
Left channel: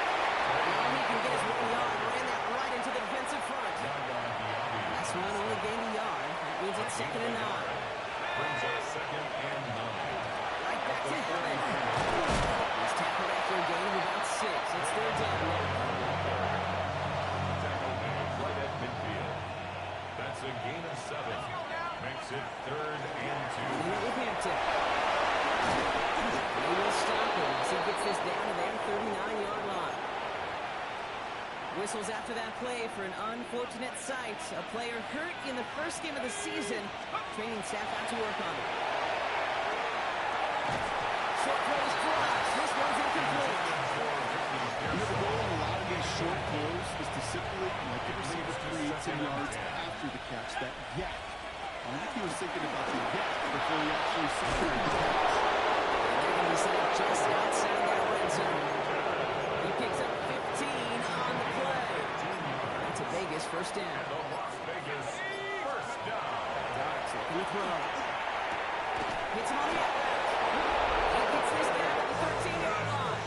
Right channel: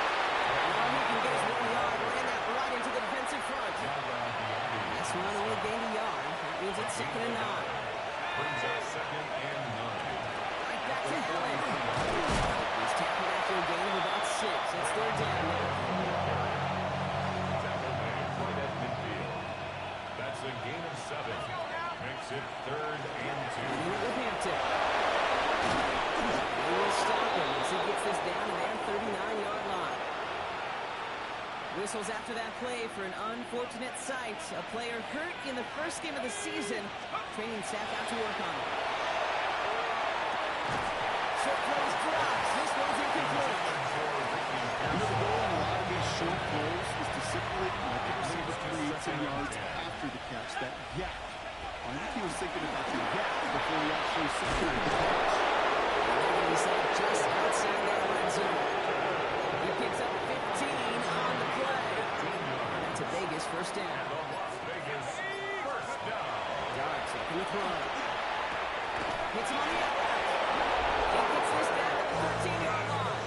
Now he can get his 1 yard. Ran that right into the defensive front. This run only gained a yard. That means it's 2nd and 9. Brings up 2nd and 9. Right back to Allen. He's tackled after a gain of about 6. It's 3rd down now. Tackle made right at midfield. That's a gain of 7. Makes it 3rd and 2. With Hampton. They will stop him as he gets this down to their 39-yard line. Whistles after that play for an unfortunate sight. A player hurt in the first game of the season. Training staff out to work on it. Short throws drops. This one's incomplete. You know, the goal on a lot of these short throws is to simply let the receiver create some yards after the catch. That yak. I think he was thinking about the yak before he actually secured the catch. And they're going to be set up just outside that red zone. He picks up 15 on the play. That's a Vegas first down. And the Las Vegas first down. Darks looking to throw. Hits him on the out route. He gets this down at the 13-yard line.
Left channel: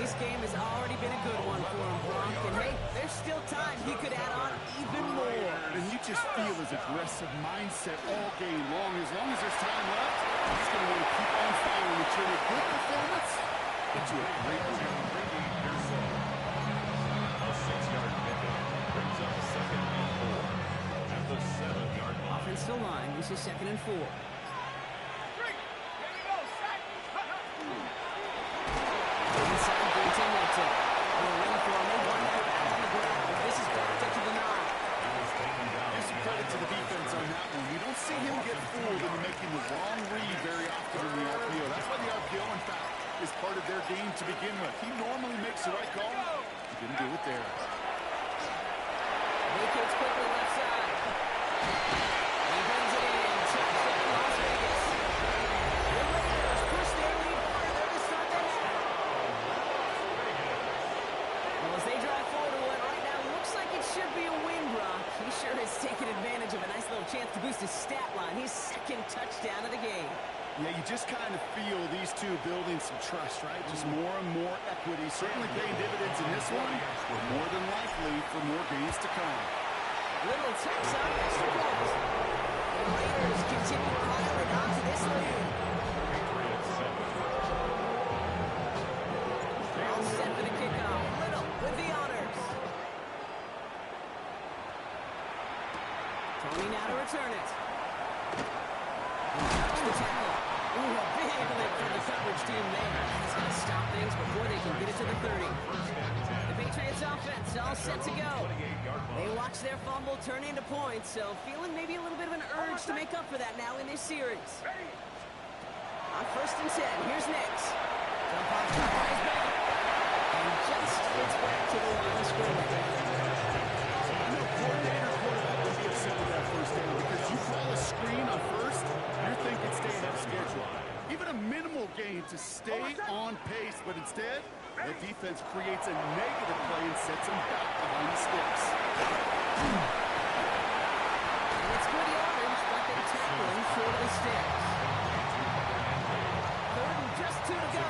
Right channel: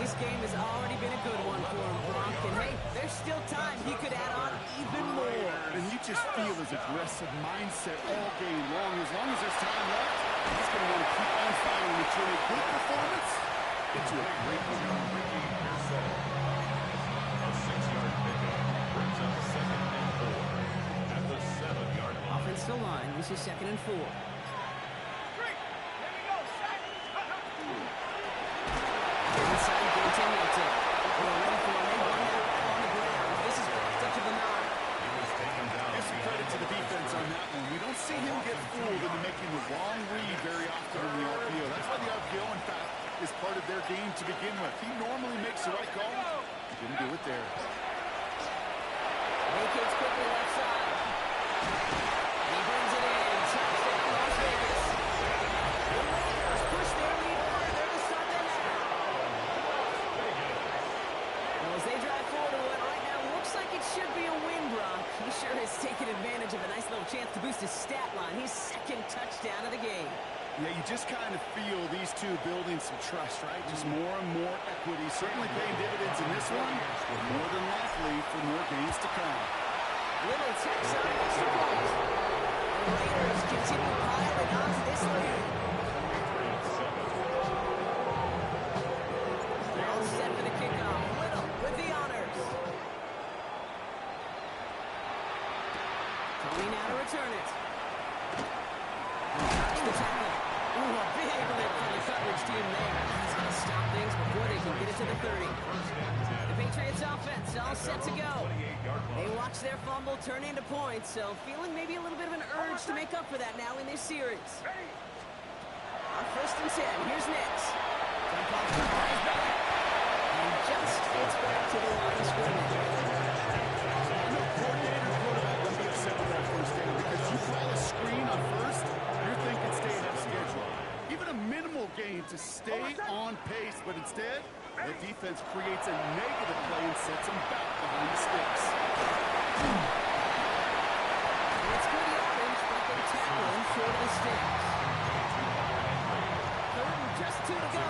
This game has already been a good one for him, Brock. And hey, there's still time. He could add on even more. And you just feel his aggressive mindset all game long. As long as there's time left, he's going to want to keep on firing and turn a good performance into a great one. A 6-yard pickup brings up 2nd and 4 at the 7-yard line. Offensive line. This is 2nd and 4. 3. Here we go, set. Inside, game 10 Hampton. We're ready for him. They won that back on the ground. This is backed up to the 9. He was taken down. Give some credit to the defense on that one. You don't see him get fooled into making the wrong read very often in the RPO. That's why the RPO, in fact, is part of their game to begin with. He normally makes the right call. He didn't do it there. Vacates quickly left side. And he brings it in. Touchdown, Las Vegas. The Raiders push their lead further to start the half. Well, as they drive forward to what right now looks like it should be a win, Brock. He sure has taken advantage of a nice little chance to boost his stat line. His 2nd touchdown of the game. Yeah, you just kind of feel these two building some trust, right? Just more and more equity. Certainly paying dividends in this one, but more than likely for more games to come. Little Texan extra point. The Raiders continue piling onto this lead. They're all set for the kickoff. Little with the honors. Tony now to return it. Touch the tackle. Ooh, a big lift from the coverage team there. He's going to stop things before they can get it to the 30. The Patriots offense all set to go. They watch their fumble turn into points, so feeling maybe a little bit of an urge to make up for that now in this series. On 1st and 10, here's Nix. Dump off to his back. And just gets back to the line of scrimmage. No coordinator quarterback would be upset with that first down because you call a screen on first, you're thinking stay ahead of schedule. Even a minimal gain to stay on pace, but instead, the defense creates a negative play and sets him back behind the sticks. And it's good yardage, but they tackle him short of the sticks. 3rd and just 2 to go.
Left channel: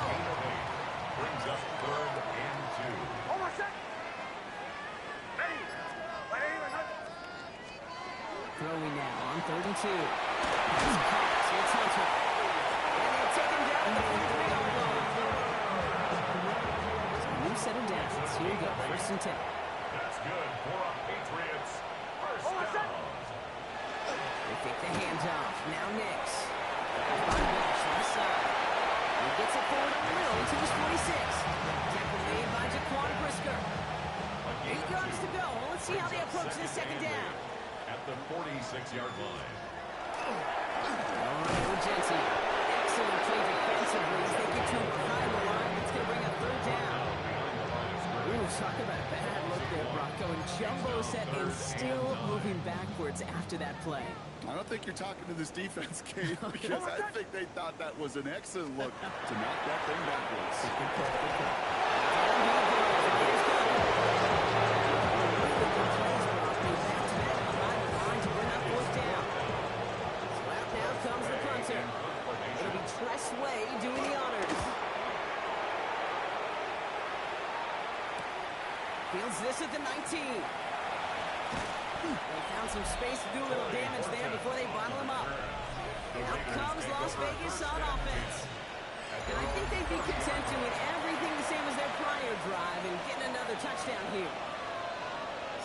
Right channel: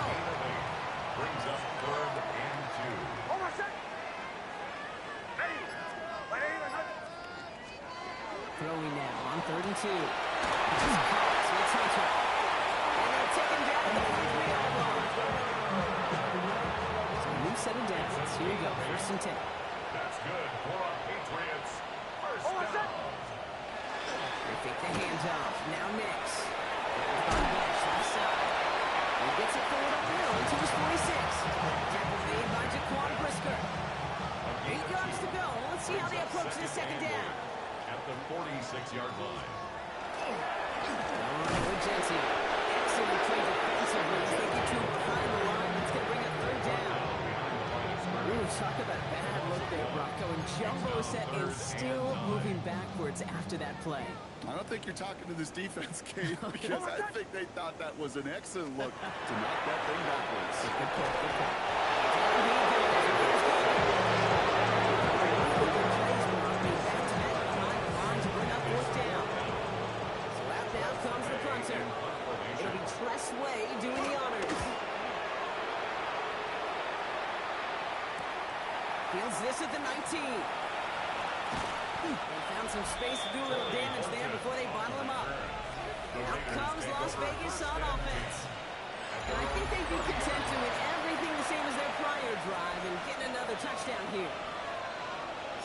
Brings up 3rd and 2. Over set. Ready. Ready. Throwing now on 3rd and 2. It's Cox, it's Hunter. And they take him down at the 43-yard line. So new set of downs. Here you go, 1st and 10. That's good for a Patriots first down. They fake the handoff. Now Nix. Von Bush, left side. He gets it forward a little into his 46. Tackle made by Jaquan Brisker. 8 yards to go. Let's see how they approach this 2nd down. At the 46-yard line. Urgency. Excellent play defensively as they get to him behind the line. It's going to bring a 3rd down. Ooh, talk about a bad look there, Bronco. And jumbo set and still moving backwards after that play. I don't think you're talking to this defense, Kate, because I think they thought that was an excellent look to knock that thing backwards. Good call, good call. Down he goes, and here's good. Good plays, Bronco. Back-to-back behind the line to bring up 4th down. So out now comes the punter. It'll be Tress Way doing the honors. Fields this at the 19. They found some space to do a little damage there before they bottle him up. And out comes Las Vegas on offense. And I think they'd be content doing everything the same as their prior drive and getting another touchdown here.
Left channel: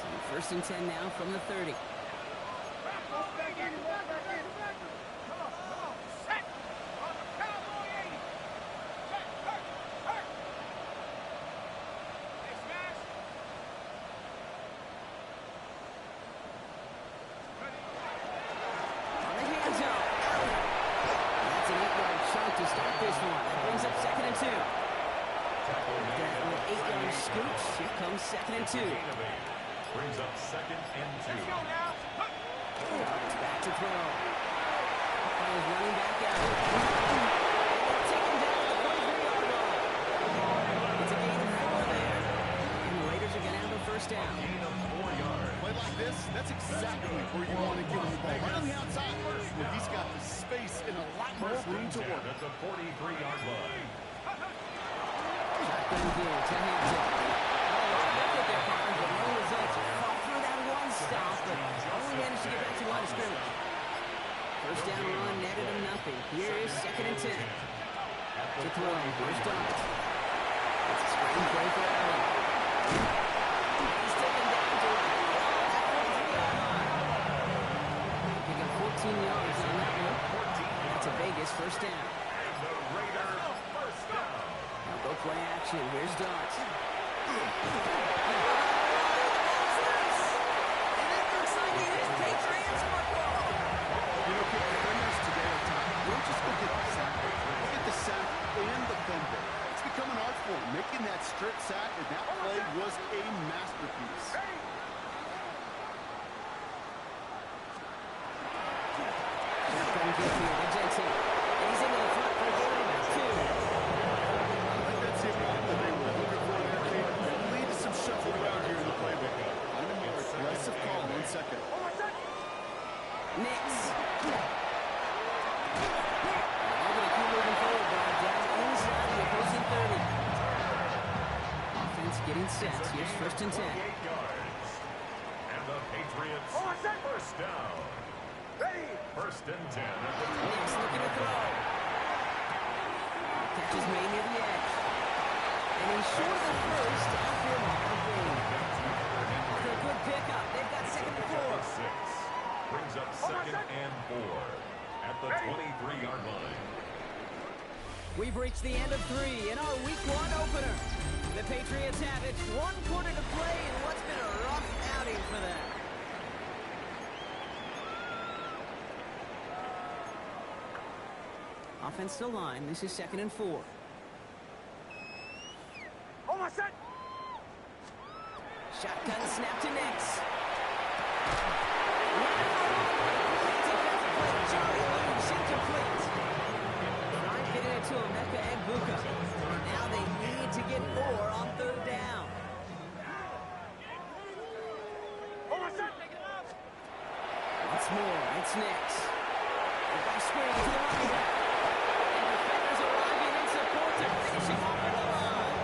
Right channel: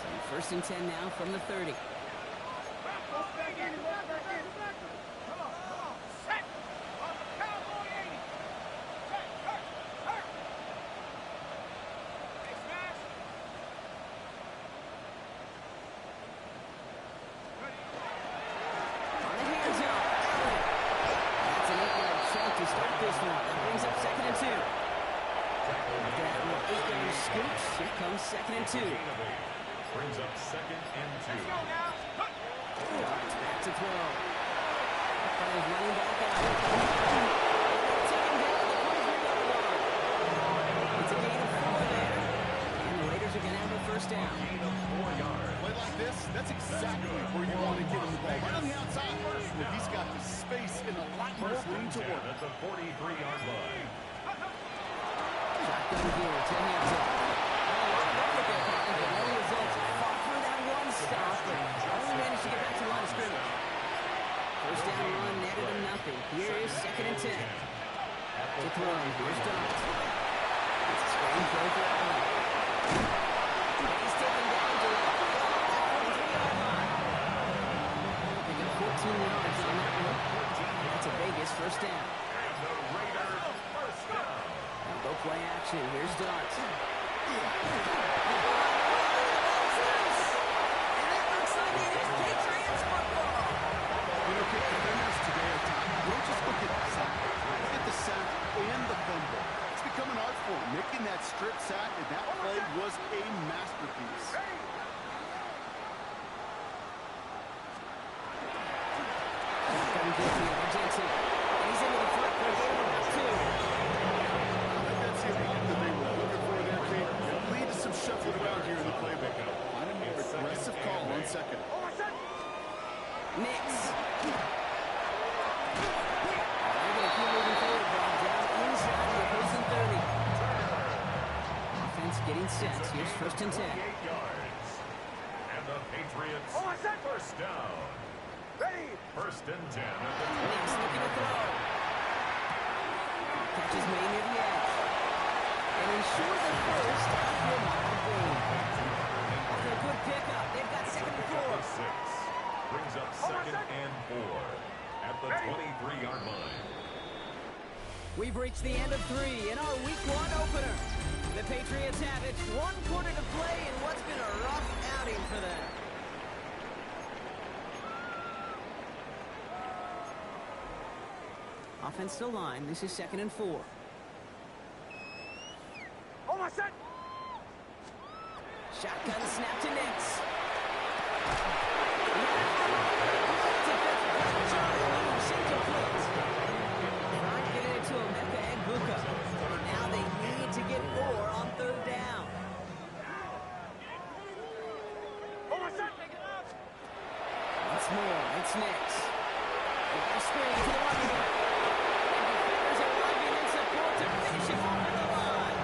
So 1st and 10 now from the 30. To start this one. That brings up 2nd and 2. After that little 8-yard scooch, here comes 2nd and 2. Brings up 2nd and 2. It's back to throw. Finds running back out. And they'll take him down at the 43-yard line. It's a gain of 4 there. And the Raiders are going to have a 1st down. A gain of 4 yards. Play like this, that's exactly where you want to get him the ball. Right on the outside, where he's got the space and a lot more room to work. At the 43-yard line. Shotgun here to Hampton. A lot of effort there, partner, but no results. Fought through that one stop, but only managed to get back to the line of scrimmage. 1st down run netted him nothing. Here is 2nd and 10. To throw, here's Dobbs. It's a screen play for Allen. He's taken down directly on that 43-yard line. Pick up 14 yards on that one. That's a Vegas 1st down. And the Raiders first down. Now go play action. Here's Darts. And it looks like it is Patriots football. You know, Kate, defenders today are top. Don't just look at the sack. Look at the sack and the fumble. It's become an art form. Making that strip sack, and that play was a masterpiece. Shotgun give here to Jensen. And he's into the front for a gain of about 2. I think that's the amount that they were looking for there, Kate. It'll lead to some shuffling around here in the playbook. Find a more aggressive call on 2nd. Nix. They're going to keep moving forward, Bob. Down inside the opposing 30. Offense getting set. Here's 1st and 10. 48 yards. And the Patriots first down. 1st and 10 at the 20. Nix looking to throw. Catch is made near the edge. And he's short of the first after a long gain. After a good pickup, they've got 2nd and 4. 6. Brings up 2nd and 4 at the 23-yard line. We've reached the end of 3 in our Week 1 opener. The Patriots have it. 1 quarter to play in what's been a rough outing for them. Offense to line. This is 2nd and 4. Shotgun snap to Nix. Trying to get it to Emeka Egbuka. Now they need to get 4 on 3rd down. Once more, it's Nix. They've got a screen to the running back. And defenders arriving in support to finish him off at the line.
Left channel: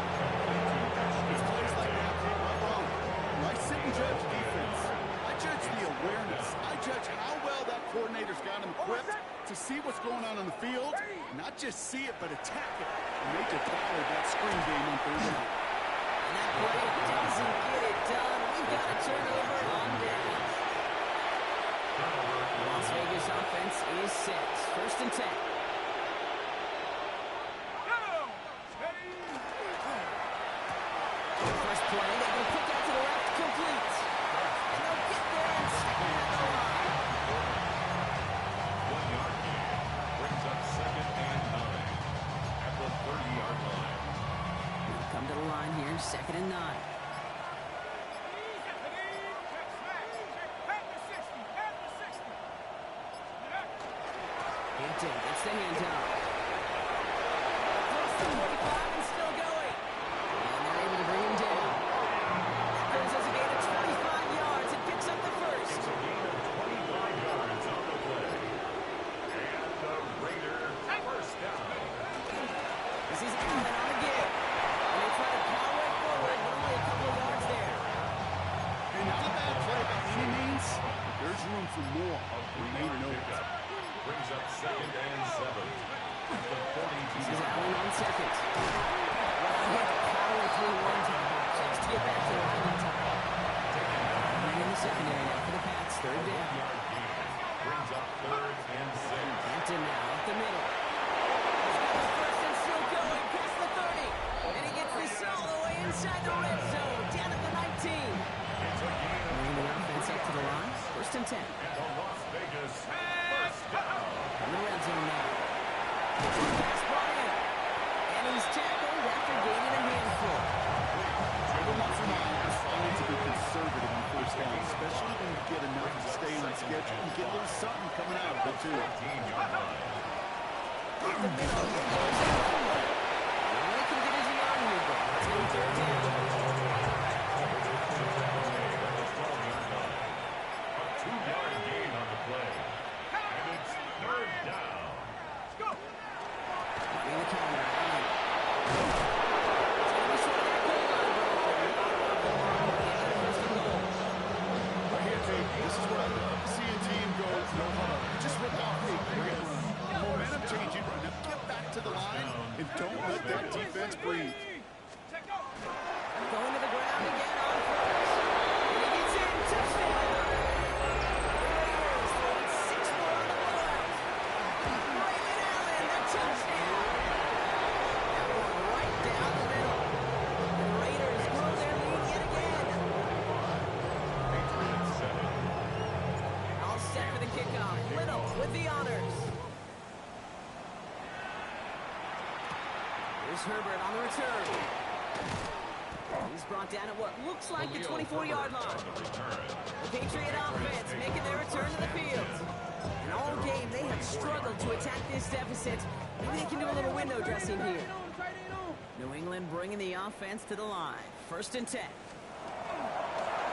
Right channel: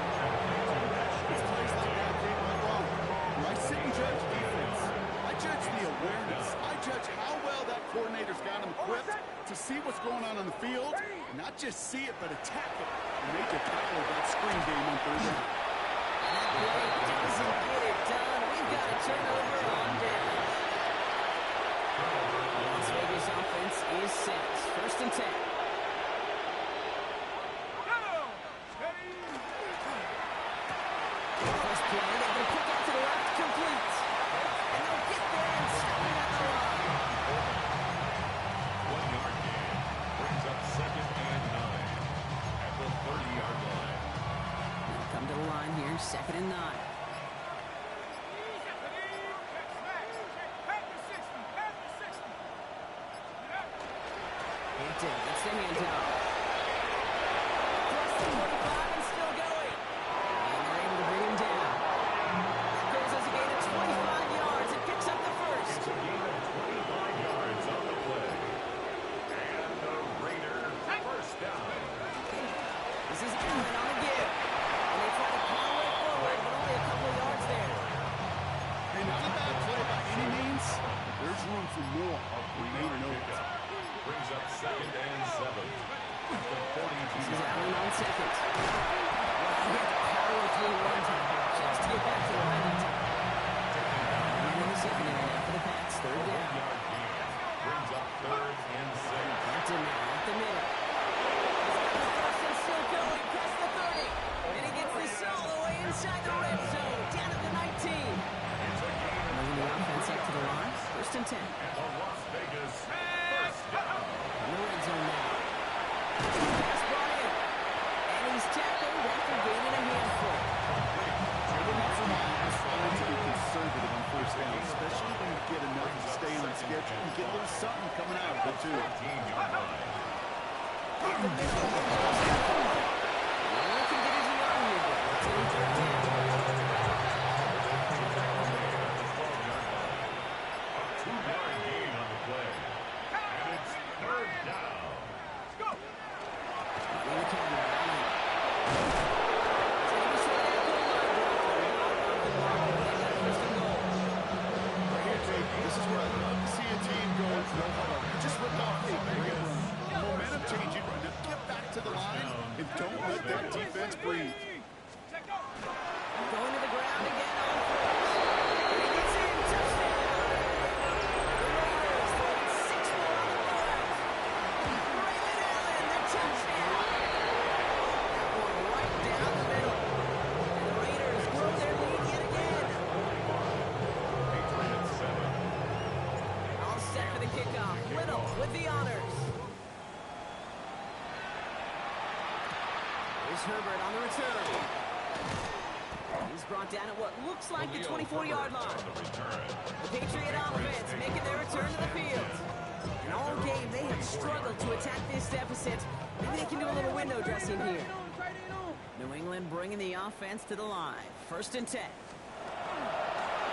It's plays like that, Kate, right wrong. Where I sit and judge defense, I judge the awareness. I judge how well that coordinator's got him equipped to see what's going on the field, and not just see it, but attack it. And they devoured that screen game on 3rd down. play doesn't get it done. We've got a turnover on downs. Las Vegas offense is set. First and 10. First play, they go quick out to the left, complete. And they'll get there and stop it at the line. 1 yard gain brings up second and 9 at the 30-yard line. They'll come to the line here, second and 9. Hampton gets the handoff. Across the 45 and still going. And they're able to bring him down. That goes as a gain of 25 yards. It picks up the first. It's a gain of 25 yards on the play. And the Raider first down. This is Allen on the give. And they try to power it forward, but only a couple of yards there. Hey, not a bad play by any means, but there's room for more. We may know it. Brings up second and 7 at the 42 This is yard Allen on second. Well, he had to power through one time just to get back to the line in time. And in the secondary now for the Pats, third down. 1 yard gain brings up third and 6. Hampton now up the middle. He's got the first and still going past the 30. And he gets this all the way inside the red zone, down at the 19. It's a gain of Bringing the offense up to the line, first and 10. and the Las Vegas first down. From the red zone now. Pass brought in. And he's tackled after gaining a handful. Every once in a while, it's fine to be conservative on first down, especially when you get enough to stay on schedule and get a little something coming out of it, too. 14-yard line. Up the middle, here goes Allen. Allen can get his yard here, but it's going to be third down. Made at the 12-yard line. A 2-yard gain on the play. And it's third down. Running the counter, Allen. It's going to be short of that goal line, bro. Not off the mark at the end of the first and goal. Right here, Jake, this is where I love to see a team go no huddle. Just rip off a great run. Momentum changing run. Now get back to the line and don't let that defense breathe. Going to the ground again on first. And he gets in. Touchdown. The Raiders throwing 6 more on the blowout. Braylon Allen, the touchdown. That one right down the middle. And the Raiders grow their lead yet again. 45. Patriots 7. All set for the kickoff. Little with the honors. Here's Herbert on the return. He's brought down at what looks like the 24-yard line. The return. The Patriot offense making their return to the field. And all game, they have struggled to attack this deficit. Maybe they can do a little window dressing here. New England bringing the offense to the line. First and 10.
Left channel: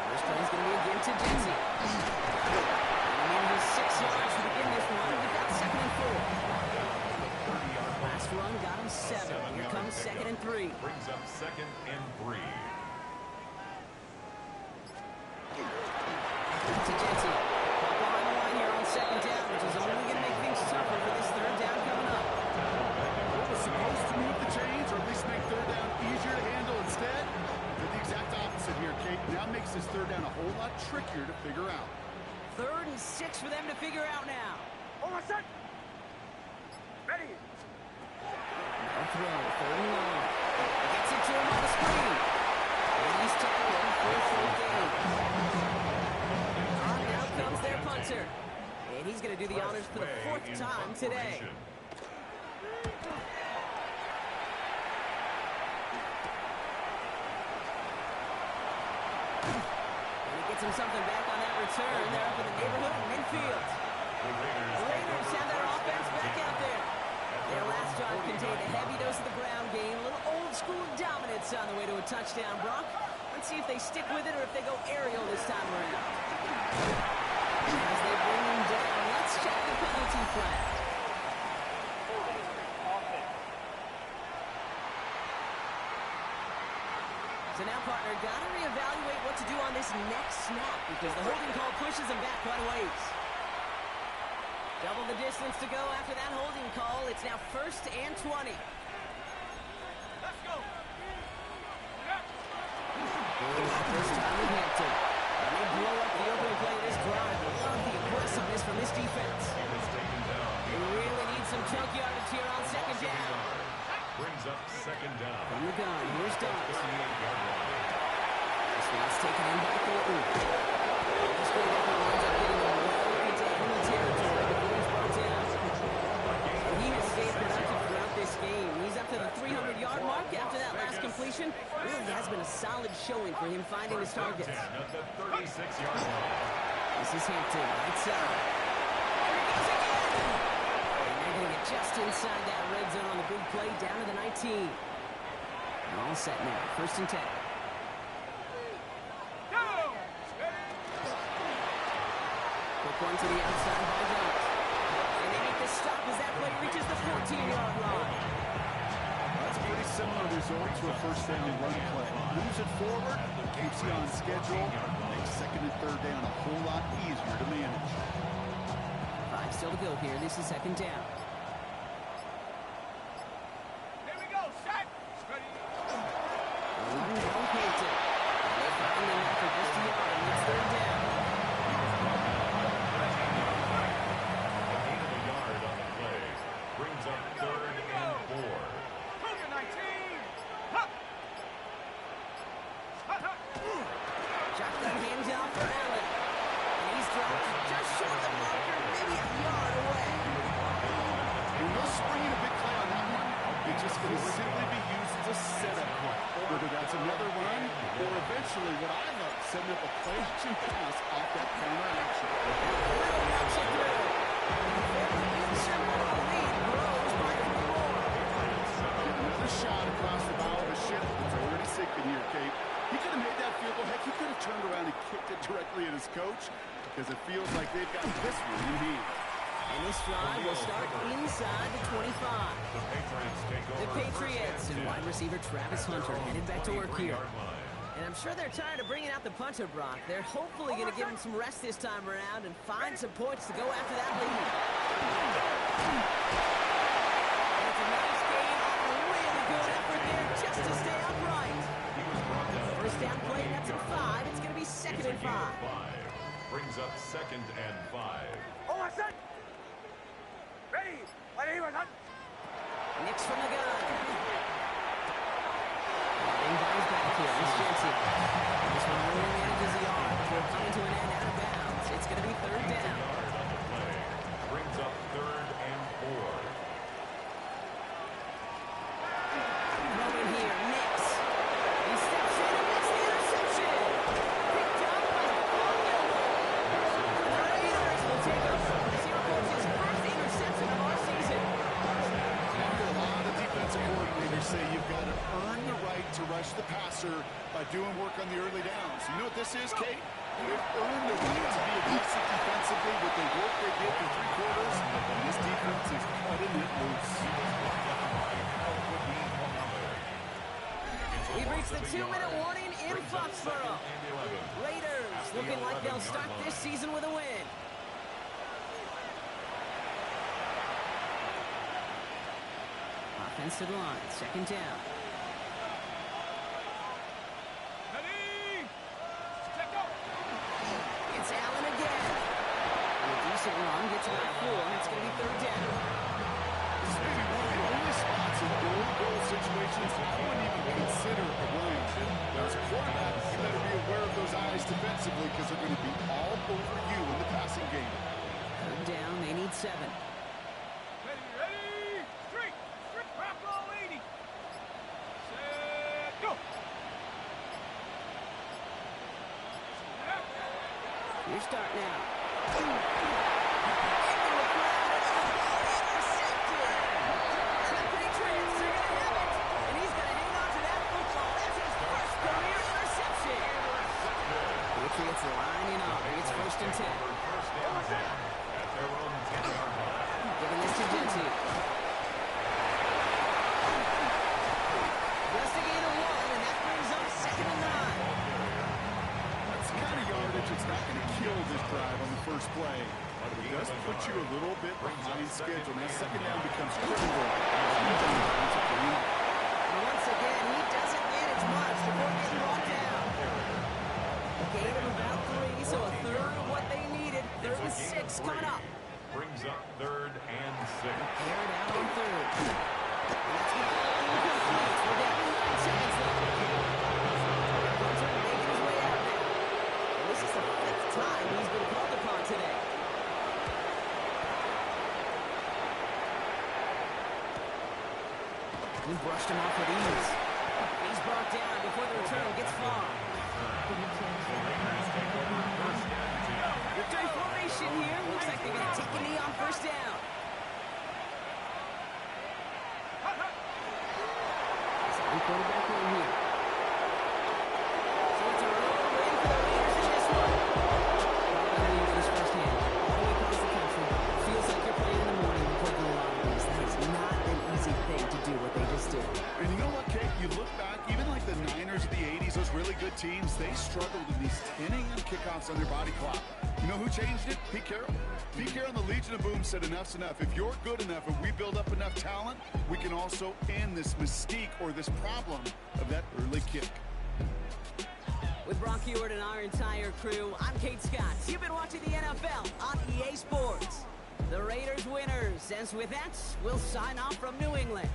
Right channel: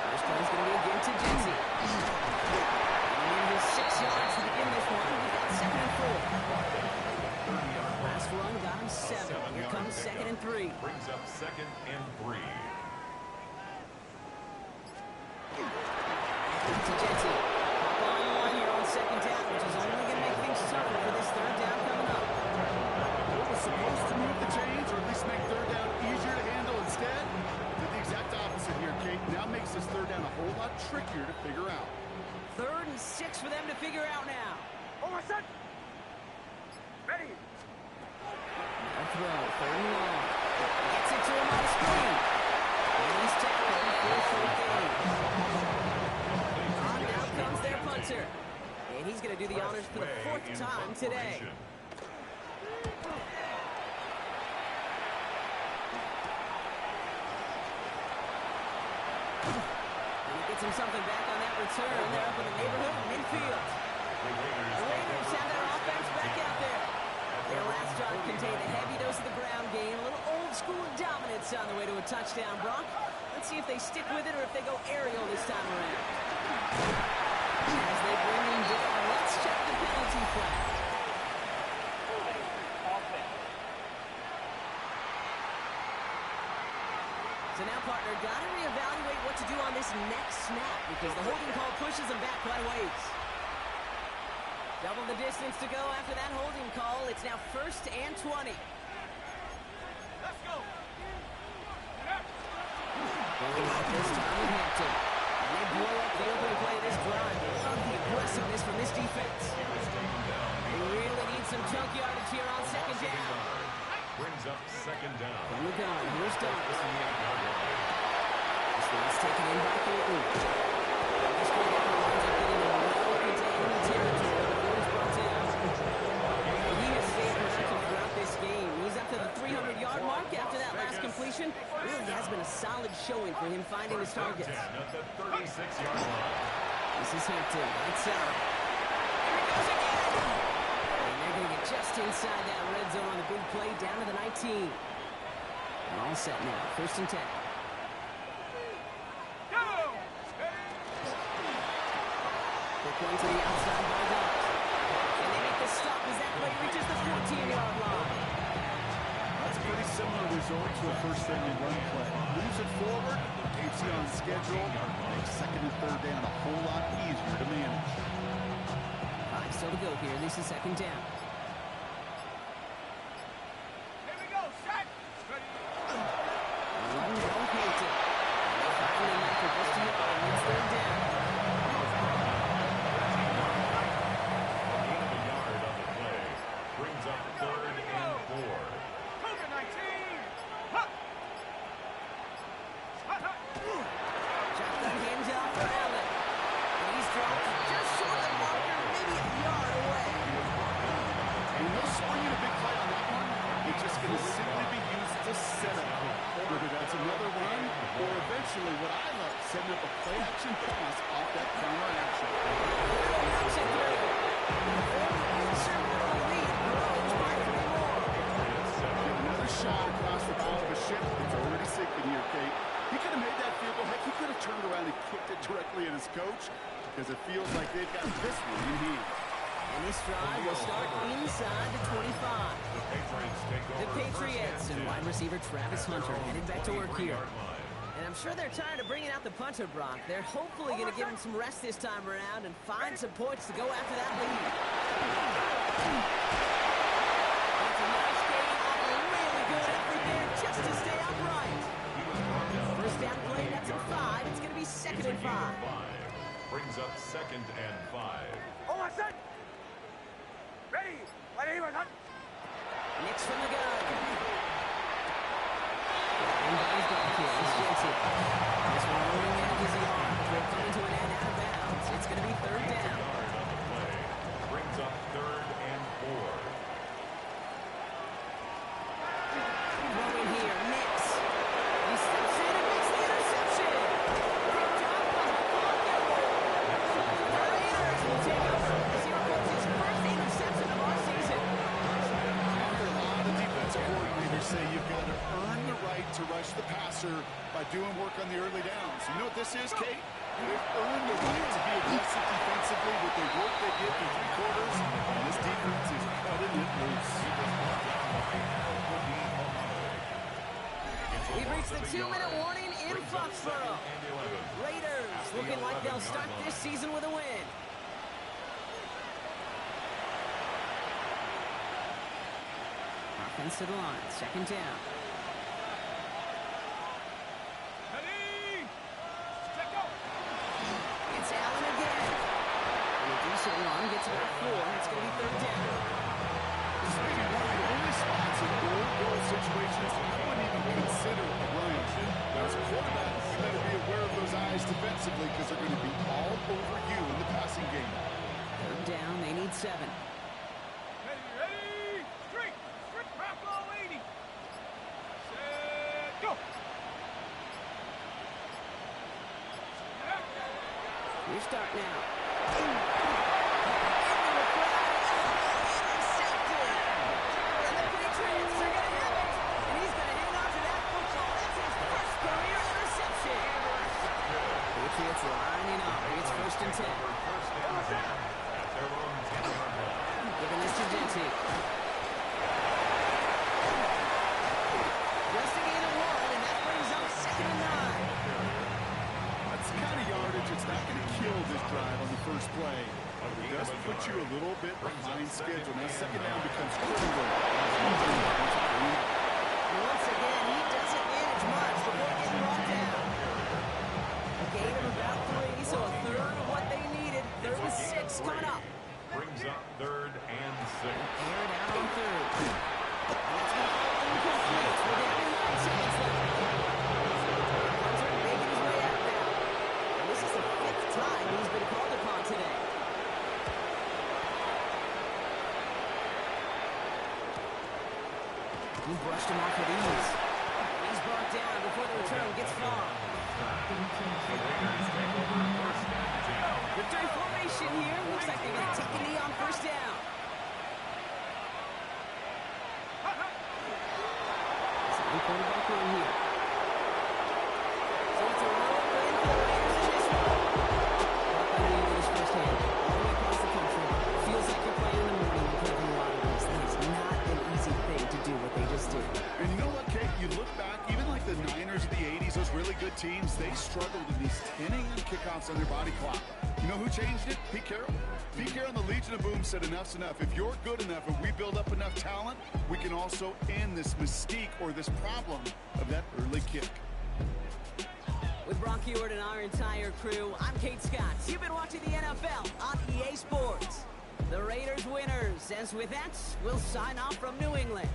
First play is going to be again to Jesse. Getting into his 6 yards to begin this one. We've got second and 4. Last run got him 7. Here comes second and 3. Brings up second and 3. To Jesse. Pop on the line here on second down, which is only going to make things tougher for this third down coming up. What was supposed to move the chains or at least make third down easier to handle instead? Did the exact opposite here, Kate. Now makes this third down a whole lot trickier to figure out. Third and 6 for them to figure out now. Oh, my son. Ready. No throw, third and long. Gets it to him on the screen. And he's tackled for a short gain. On now comes their punter. And he's going to do the honors for the 4th time today. And he gets him something back on that return. They're up in the neighborhood of midfield. The Raiders have their offense back out there. Their last drive contained a heavy dose of the ground game, a little old-school dominance on the way to a touchdown, Brock. Let's see if they stick with it or if they go aerial this time around. As they bring him down, let's check the penalty flag. So now, partner, got to reevaluate what to do on this next snap because the holding call pushes them back quite a ways. Double the distance to go after that holding call. It's now 1st and 20. Let's go. Going out this time with Hampton. And they blow up the opening play of this drive. Love the aggressiveness from this defense. They really need some chunk yardage here on second down. Brings up second down. From the gun, here's Dobbs. 38-yard line. This one's taken in by Thornton. This great effort winds up getting him well into enemy territory before he's brought down. He has stayed productive throughout this game. He's up to the 300-yard mark after that last completion. Really has been a solid showing for him finding his targets. At the 36-yard line. This is Hampton, right side. There he goes again! And they're going to get just inside that red zone on the big play down to the 19. They're all set now, 1st and 10. Quick one to the outside by Dobbs. And they make the stop as that play reaches the 14-yard line. That's a pretty similar result to a first down run play. Moves it forward, keeps you on schedule, makes second and third down a whole lot easier to manage. 5 still to go here. This is second down. Here we go, set. Ready. One go Hampton. And they find him after just a yard. And it's third down. A gain of a yard on the play. Brings up third and 4. Cougar 19. Hut. Hut, hut. Shotgun handoff for Allen. And he's dropped just short of the marker, maybe a yard away. And no springing a big play on that one. It's just going to simply be used as a setup play. Whether that's another run or eventually what I love, setting up a play-action pass off that counter action. Little knocks it through. And a fairly insurmountable lead grows by 3 more. Get another shot across the bow of a ship that's already sinking here, Kate. He could have made that field goal. Heck, he could have turned around and kicked it directly at his coach because it feels like they've got this one in hand. And this drive will start inside the 25. The Patriots take over. The Patriots and wide receiver Travis Hunter headed back to work here. And I'm sure they're tired of bringing out the punter, Brock. They're hopefully going to give him some rest this time around and find some points to go after that lead. And it's a nice gain off a really good effort there just to stay upright. He was brought down. First down play, that's a 5. It's going to be second and 5. Brings up second and 5. Oh, set. Ready. Ready, hut. Nix from the gun. Running by his back here. It's Jensen. This one rolling edges the yard before coming to an end out of bounds. It's going to be third down. Yard on the play. Brings up third and 4. Throwing here, Nix. He steps in and makes the interception. Picked up by Paul Gilmore. The Raiders will take over as he records his first interception of our season. I hear a lot of defensive coordinators say you've got to earn the right to rush the passer by doing work on the early downs. You know what this is, Kate? They've earned the right to be aggressive defensively with the work they get through 3 quarters, and this defense is cutting it loose. We've reached the 2-minute warning in Foxborough. Raiders looking like they'll start this season with a win. Offense to the line, second down. Ready. Set, go. It's Allen again. And a decent run gets about 4. It's going to be third down. This may be one of the only spots in goal situations I wouldn't even consider a run. Now, as a quarterback, you better be aware of those eyes defensively because they're going to be all over you in the passing game. Third down, they need 7. Ready, ready. Straight. Straight. Crack all 80. Set, go. Your start now. Into a crowd, and the ball intercepted. And the Patriots are going to have it. And he's going to hang on to that football. That's his first career interception. Patriots lining up. It's first and 10. First and 10 at their own 10-yard line. Giving this to Gentry. Just a gain of 1, and that brings up second and 9. That's the kind of yardage it's not going to kill this drive on the first play, but it does put you a little bit behind schedule. Now second down becomes critical. And once again, he doesn't manage much before getting brought down. Pass coming up. Brings up 3rd and 6. Air it out on 3rd. And that's going to fall incomplete. We're down to 9 seconds left. Hunter making his way out now. And this is the 5th time he's been called upon today. He brushed him off with ease. He's brought down before the return gets far. The Raiders take over 1st and 10. Victory formation here. Looks like they're going to take a knee on 1st down. Design quarterback run here. So it's a road win for the Raiders in this one. Brought by the this firsthand. All the way across the country. Feels like you're playing in the morning. You play through a lot of these. That is not an easy thing to do what they just did. And you know what, Kate? You look back, even like the Niners of the 80s, those really good teams, they struggled with these 10 a.m. kickoffs on their body clock. You know who changed it? Pete Carroll. Pete Carroll and the Legion of Boom said enough's enough. If you're good enough and we build up enough talent, we can also end this mystique or this problem of that early kick. With Brock Ewart and our entire crew, I'm Kate Scott. You've been watching the NFL on EA Sports. The Raiders winners. As with that, we'll sign off from New England.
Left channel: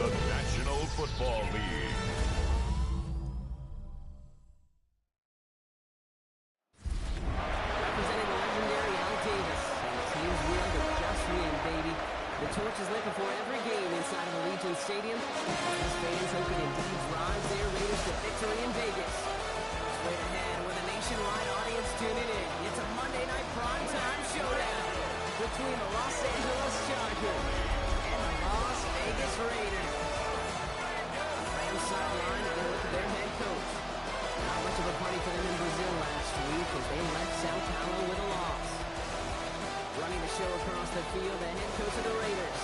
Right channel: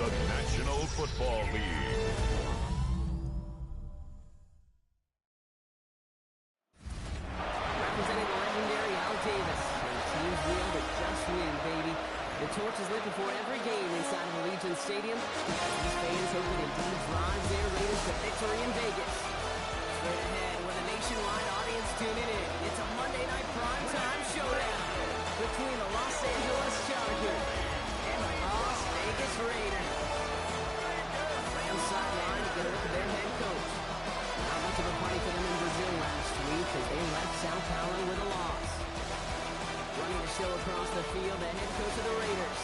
the National Football League. Representing the legendary Al Davis, and the team's will to just win, baby. The torch is lit before every game inside of Allegiant Stadium, as these fans hope it indeed drives their Raiders to victory in Vegas. Straight ahead, with a nationwide audience tuning in, it's a Monday night primetime showdown between the Los Angeles Chargers and the Las Vegas Raiders. The Rams sideline to get a look at their head coach. Not much of a party for them in Brazil last week as they left Sao Paulo with a loss. Running the show across the field, the head coach of the Raiders.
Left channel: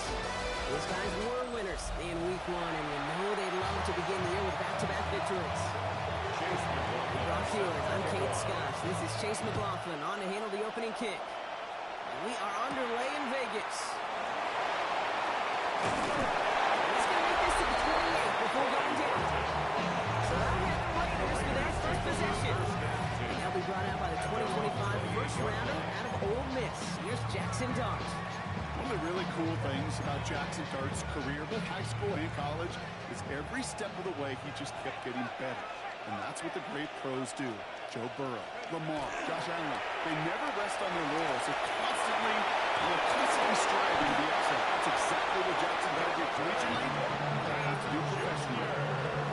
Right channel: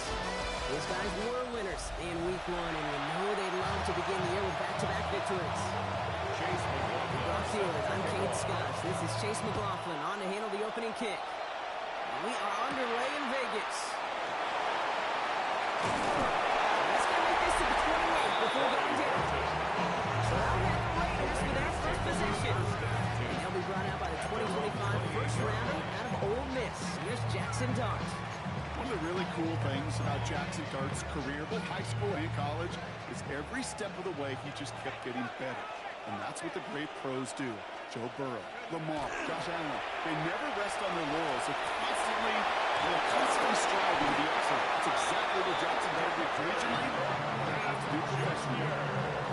These guys were winners in Week 1, and you know they'd love to begin the year with back-to-back victories. Brock Hewitt, I'm Kate Scott. This is Chase McLaughlin on to handle the opening kick. And we are underway in Vegas. Let's going to make this to the 28 before going down. So I'll have the Raiders for their first possession. And they'll be brought out by the 2025 first rounder out of Ole Miss. Here's Jackson Dart. One of the really cool things about Jackson Dart's career, both high school and college, is every step of the way he just kept getting better. And that's what the great pros do. Joe Burrow, Lamar, Josh Allen, they never rest on their laurels. They're constantly striving to be excellent. That's exactly what Jackson Dart did collegiately. They have to do professionally.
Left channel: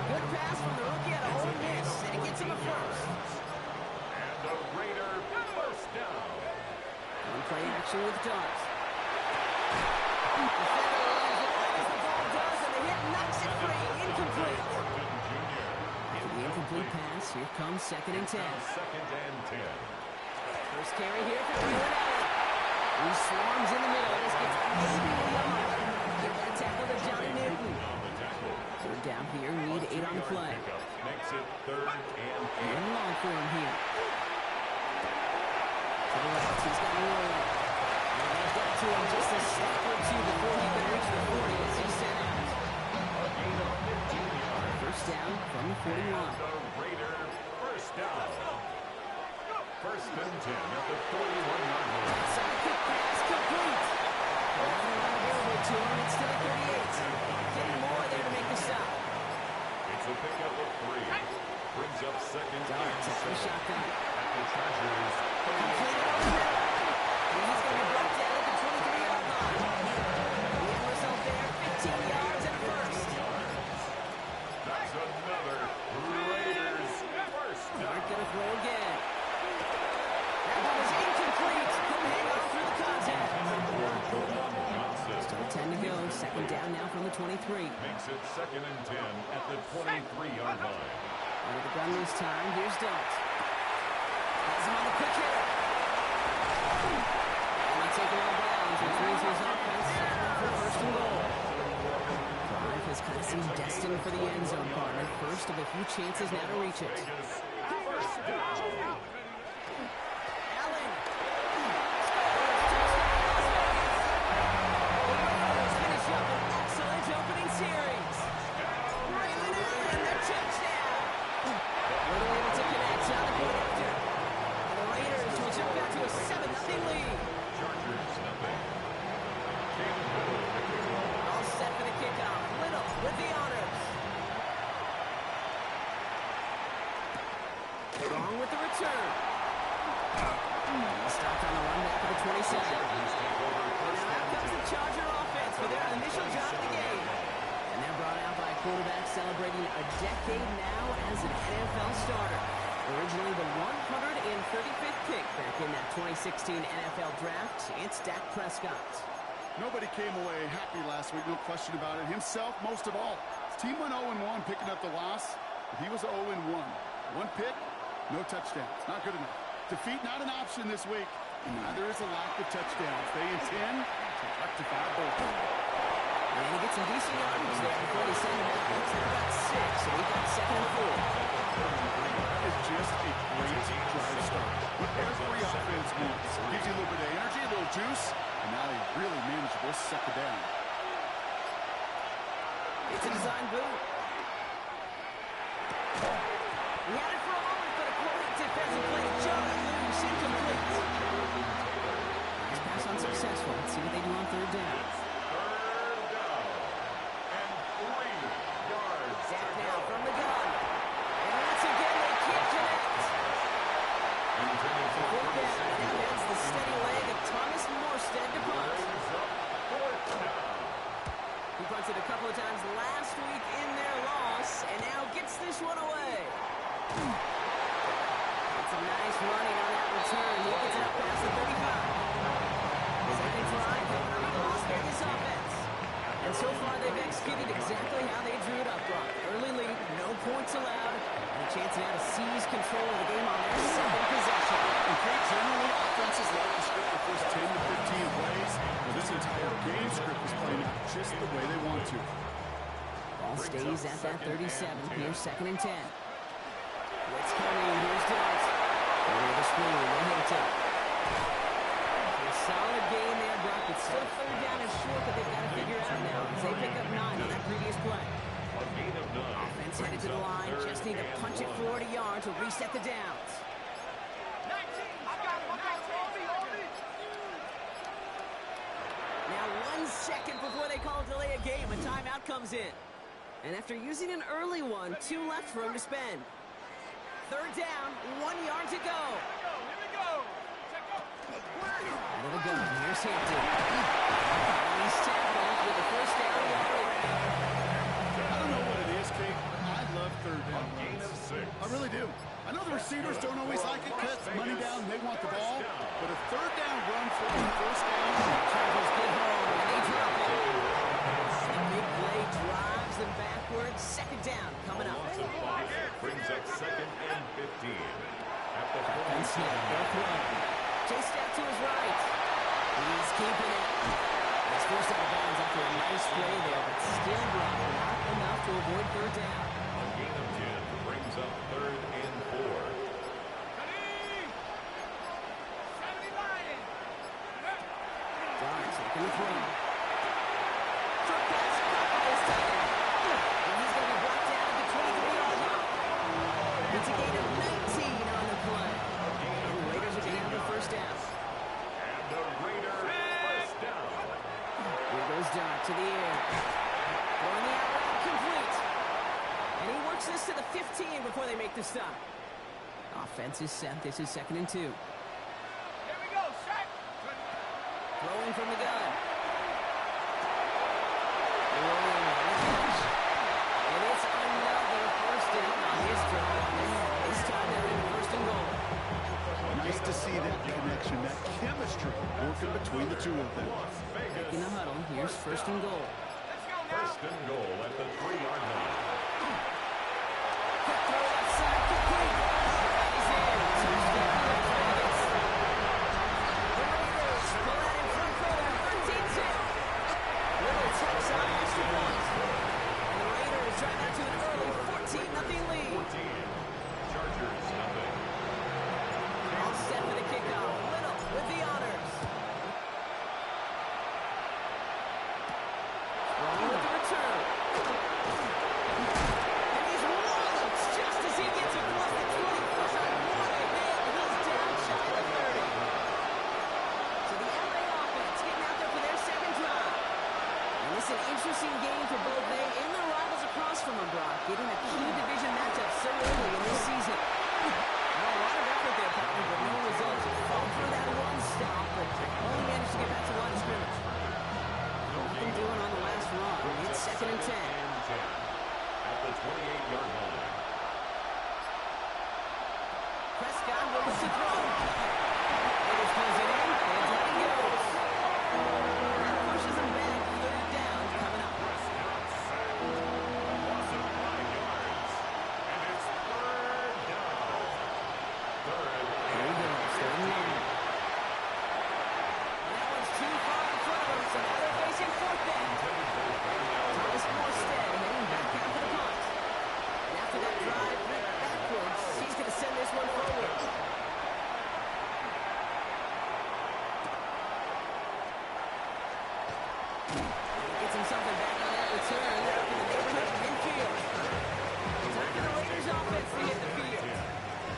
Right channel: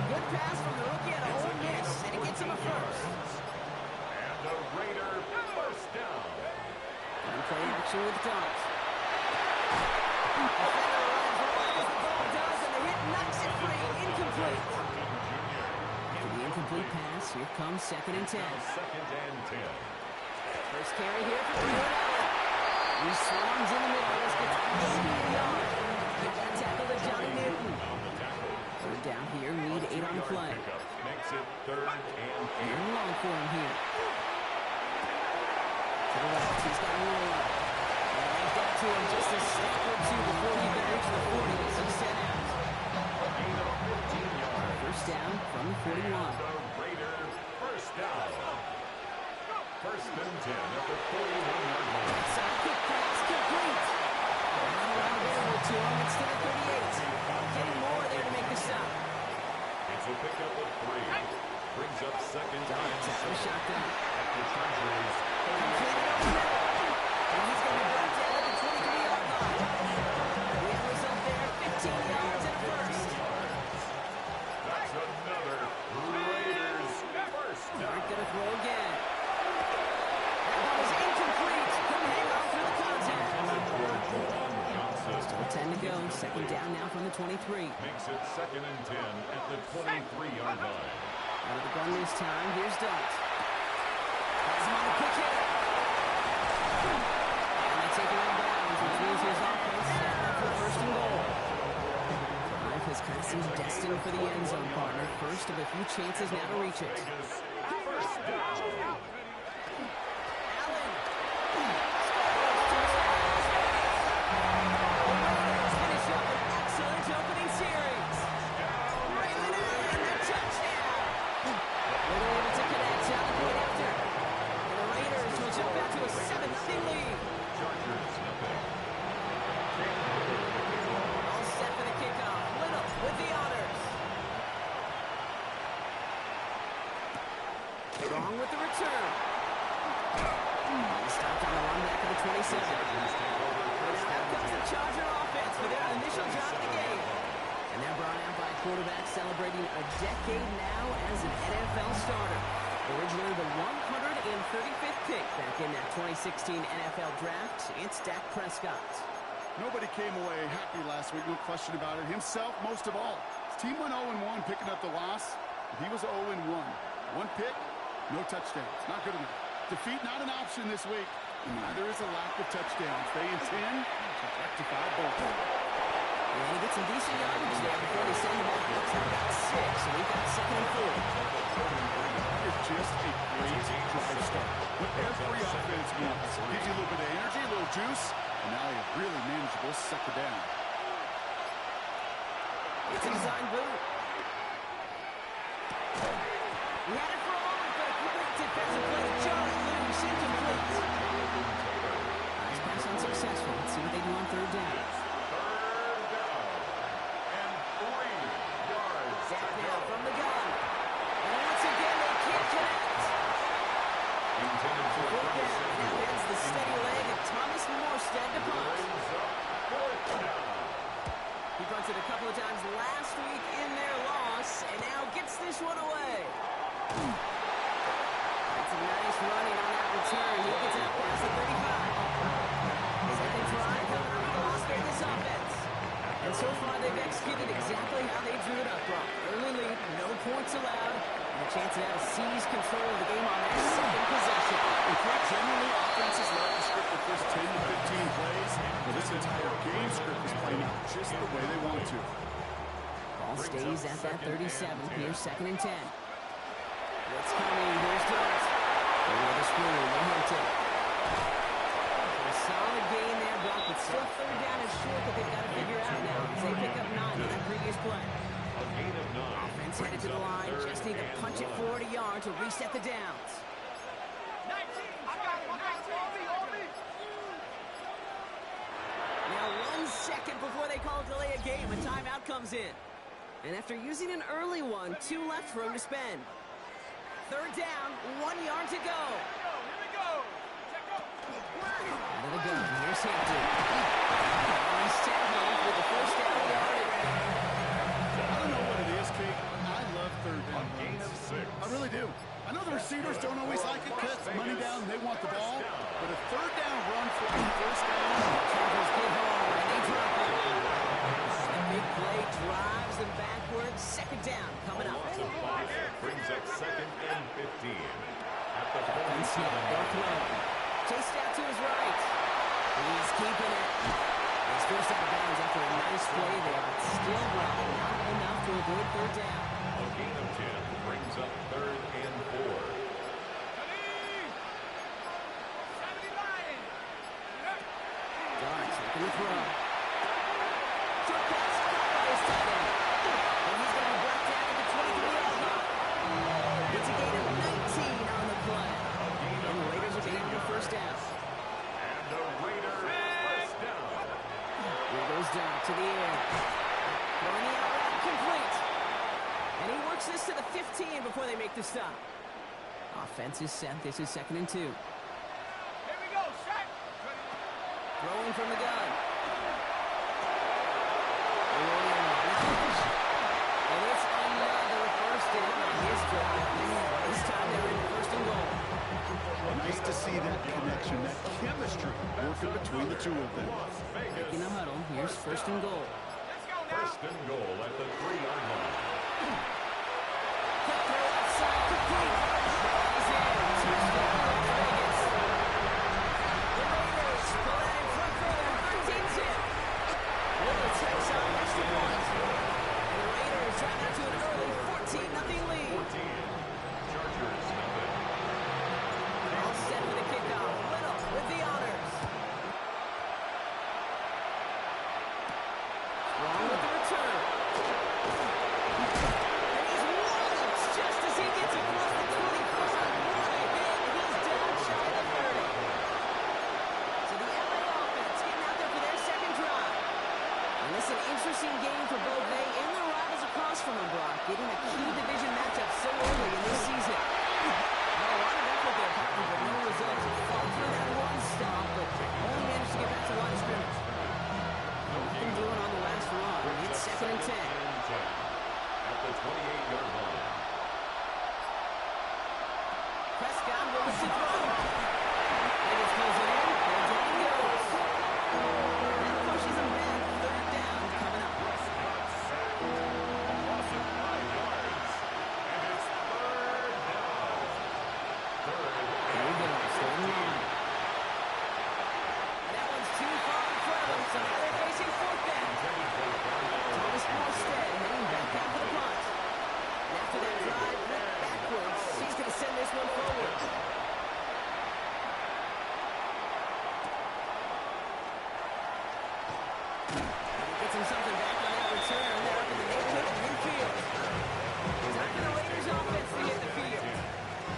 Good pass from the rookie out of Ole Miss, and it gets him a first. And a Raider first down. And play action with Dart. Defender arrives it right as the ball does, and the hit knocks it free. Incomplete. To the incomplete pass, here comes 2nd and 10. Second and 10. First carry here for Hewitt Allen. He swarms in the middle. This gets maybe a yard. Give that tackle to Johnny Newton. On the tackle. Third down here, need 8 on the play. Makes it 3rd and 8. And long for him here. To the left, he's got a roll up. And they've got to him just a step or two before he can reach the 40 as he's sent out. A gain of 15 yards. First down from the 41. And the Raider first down. First and 10 at the 41-yard line. Side quick pass complete. Not a lot available to him. It's to the 38. Getting more there to make the stop. It's a pickup of 3. Brings up second Dart and at the 7 shotgun. at the Chargers' 38. Completed over the middle. And he's going to be brought down at the 23-yard line. The end result there, 15 yards and a first. That's another Raiders first Dart down. going to throw again. That ball is incomplete. Couldn't hang on through the contact. Still 10 to go. Second down now from the 23. Makes it 2nd and 10 at the 23-yard line. Out of the gun this time. Here's Dart. Has him on the quick hitter. And they take him out of bounds, which means his offense set up for first and goal. Drive has kind of seemed destined for the end zone, partner. First of a few chances now to reach it. Vegas first down. Allen scores to start Las Vegas. The Raiders finish up an excellent opening series. Raylan Allen, the touchdown. Little able to connect on the point after. And the Raiders will jump out to a 7-0 lead. Chargers nothing. Cam Heyward to kick off. All set for the kickoff. Little with the honors. Strong with the return. Stopped on the run back of the 27. Chargers take over first Now out and comes the 10. Charger offense for their initial drive of the game. And they're brought out by a quarterback celebrating a decade now as an NFL starter. Originally the 135th pick back in that 2016 NFL draft, it's Dak Prescott. Nobody came away happy last week, no question about it. Himself, most of all. His team went 0-1, picking up the loss. But he was 0-1. One pick, no touchdowns. Not good enough. Defeat not an option this week. And neither is a lack of touchdowns. They intend to rectify both. And he gets some decent yardage there before they send him out. Looks like about 6, so we've got 2nd and 4. That is just a great drive start. What every offense wants. Gives you a little bit of energy, a little juice, and now a really manageable second down. It's a design boot. He had it for a moment, but a great defensive play to jar it loose. Incomplete. Nice pass unsuccessful. Let's see what they do on 3rd down. Third down. And Fourth down, and now there's the steady leg of Thomas Morstead to punt. He punted a couple of times last week in their loss, and now gets this one away. That's a nice running on that return. He gets it up past the 35. Second try coming up with the Las Vegas offense. And so far, they've executed exactly how they drew it up, Brock. Early lead, no points allowed, and a chance now to seize control of the game on their second possession. And Craig, generally, offenses love to script the first 10 to 15 plays. Well, this entire game script is playing out just the way they want to. Ball stays at that 37. Here's 2nd and 10. Blitz coming. Here's Dart. Over the screen. They hit it. A solid gain there, Brock, but still 3rd down and short that they've got to figure out now as they pick up 9 on that previous play. A gain of 9. Offense headed to the line. Just need to punch it forward a yard to reset the downs. 19. I got it. On me. Now 1 second before they call delay a game, a timeout comes in. And after using an early one, 2 left for him to spend. 3rd down, 1 yard to go. Here we go. Check out. Out of the gun, here's Hampton. And he's tackled with the 1st down yardage. I don't know what it is, Kate, but I love 3rd down A gain runs. of 6. I really do. I know the receivers don't always like it because it's money down and they want the ball, but a 3rd down run for a 1st down. Chargers get home, and they drop it. The big play drives them backwards. 2nd down coming up. Loss of 5 brings up 2nd and 15. At the And Smith, 42. they'll throw. Chased out to his right. He's keeping it. He's forced out of bounds after a nice play there, but still Brock, not enough to avoid 3rd down. A gain of 10 brings up 3rd and 4. Ready. 70 Lion. Darts looking to throw. Short pass caught by his tight end. And he's going to be brought down at the 23-yard line. It's a gain of 19 on the play. And the Raiders are going to have the 1st down. And the Raiders first down. Here goes Dart to the air. Throwing the out route complete. And he works this to the 15 before they make the stop. Offense is set. This is 2nd and 2. Here we go. Shot. Throwing from the gun. Rolling on the catch. And it's another 1st down on his drive. Man, this time they're in 1st and goal. Nice to see that connection, that chemistry working between the two of them. Las In the Vegas. huddle, here's 1st and goal. Let's go now. 1st and goal at the 3-yard line. Quick throw left side, complete. He's in. Touchdown, Las Vegas. The Raiders pull out in front for their 13-2. Little takes on an extra point. And the Raiders drive out to an early 14-0 lead. 14. Chargers nothing. All set for the kickoff. Little with the honors. Strong with the return. And he's walloped just as he gets across the 25. What a hit. He's down shy of the 30. So the LA offense getting out there for their 2nd drive. And this is an interesting game for both they and their rivals across from them, Brock. Getting a key division matchup so early in this season. Well, a lot of effort there, partner, but no results. Fought through that 1 stop, but only managed to get back to the line of scrimmage. Nothing doing on the last run. It's 2nd and 10. At the 28-yard line. Prescott will look to throw. Raiders close it in, and down he goes. That pushes him back. 3rd down coming up. Prescott sacked. A loss of 5 yards. And it's 3rd down. 3rd There he goes, 3rd and long. And that one's too far in front of him, so now they're facing 4th down. intended for Darnell Thomas Robinson. Morstead heading back out for the punt. And after that drive went backwards, he's going to send this one forward. And he gets him something back on that return. They're up in the neighborhood of midfield. Time for the Raiders offense to hit the field.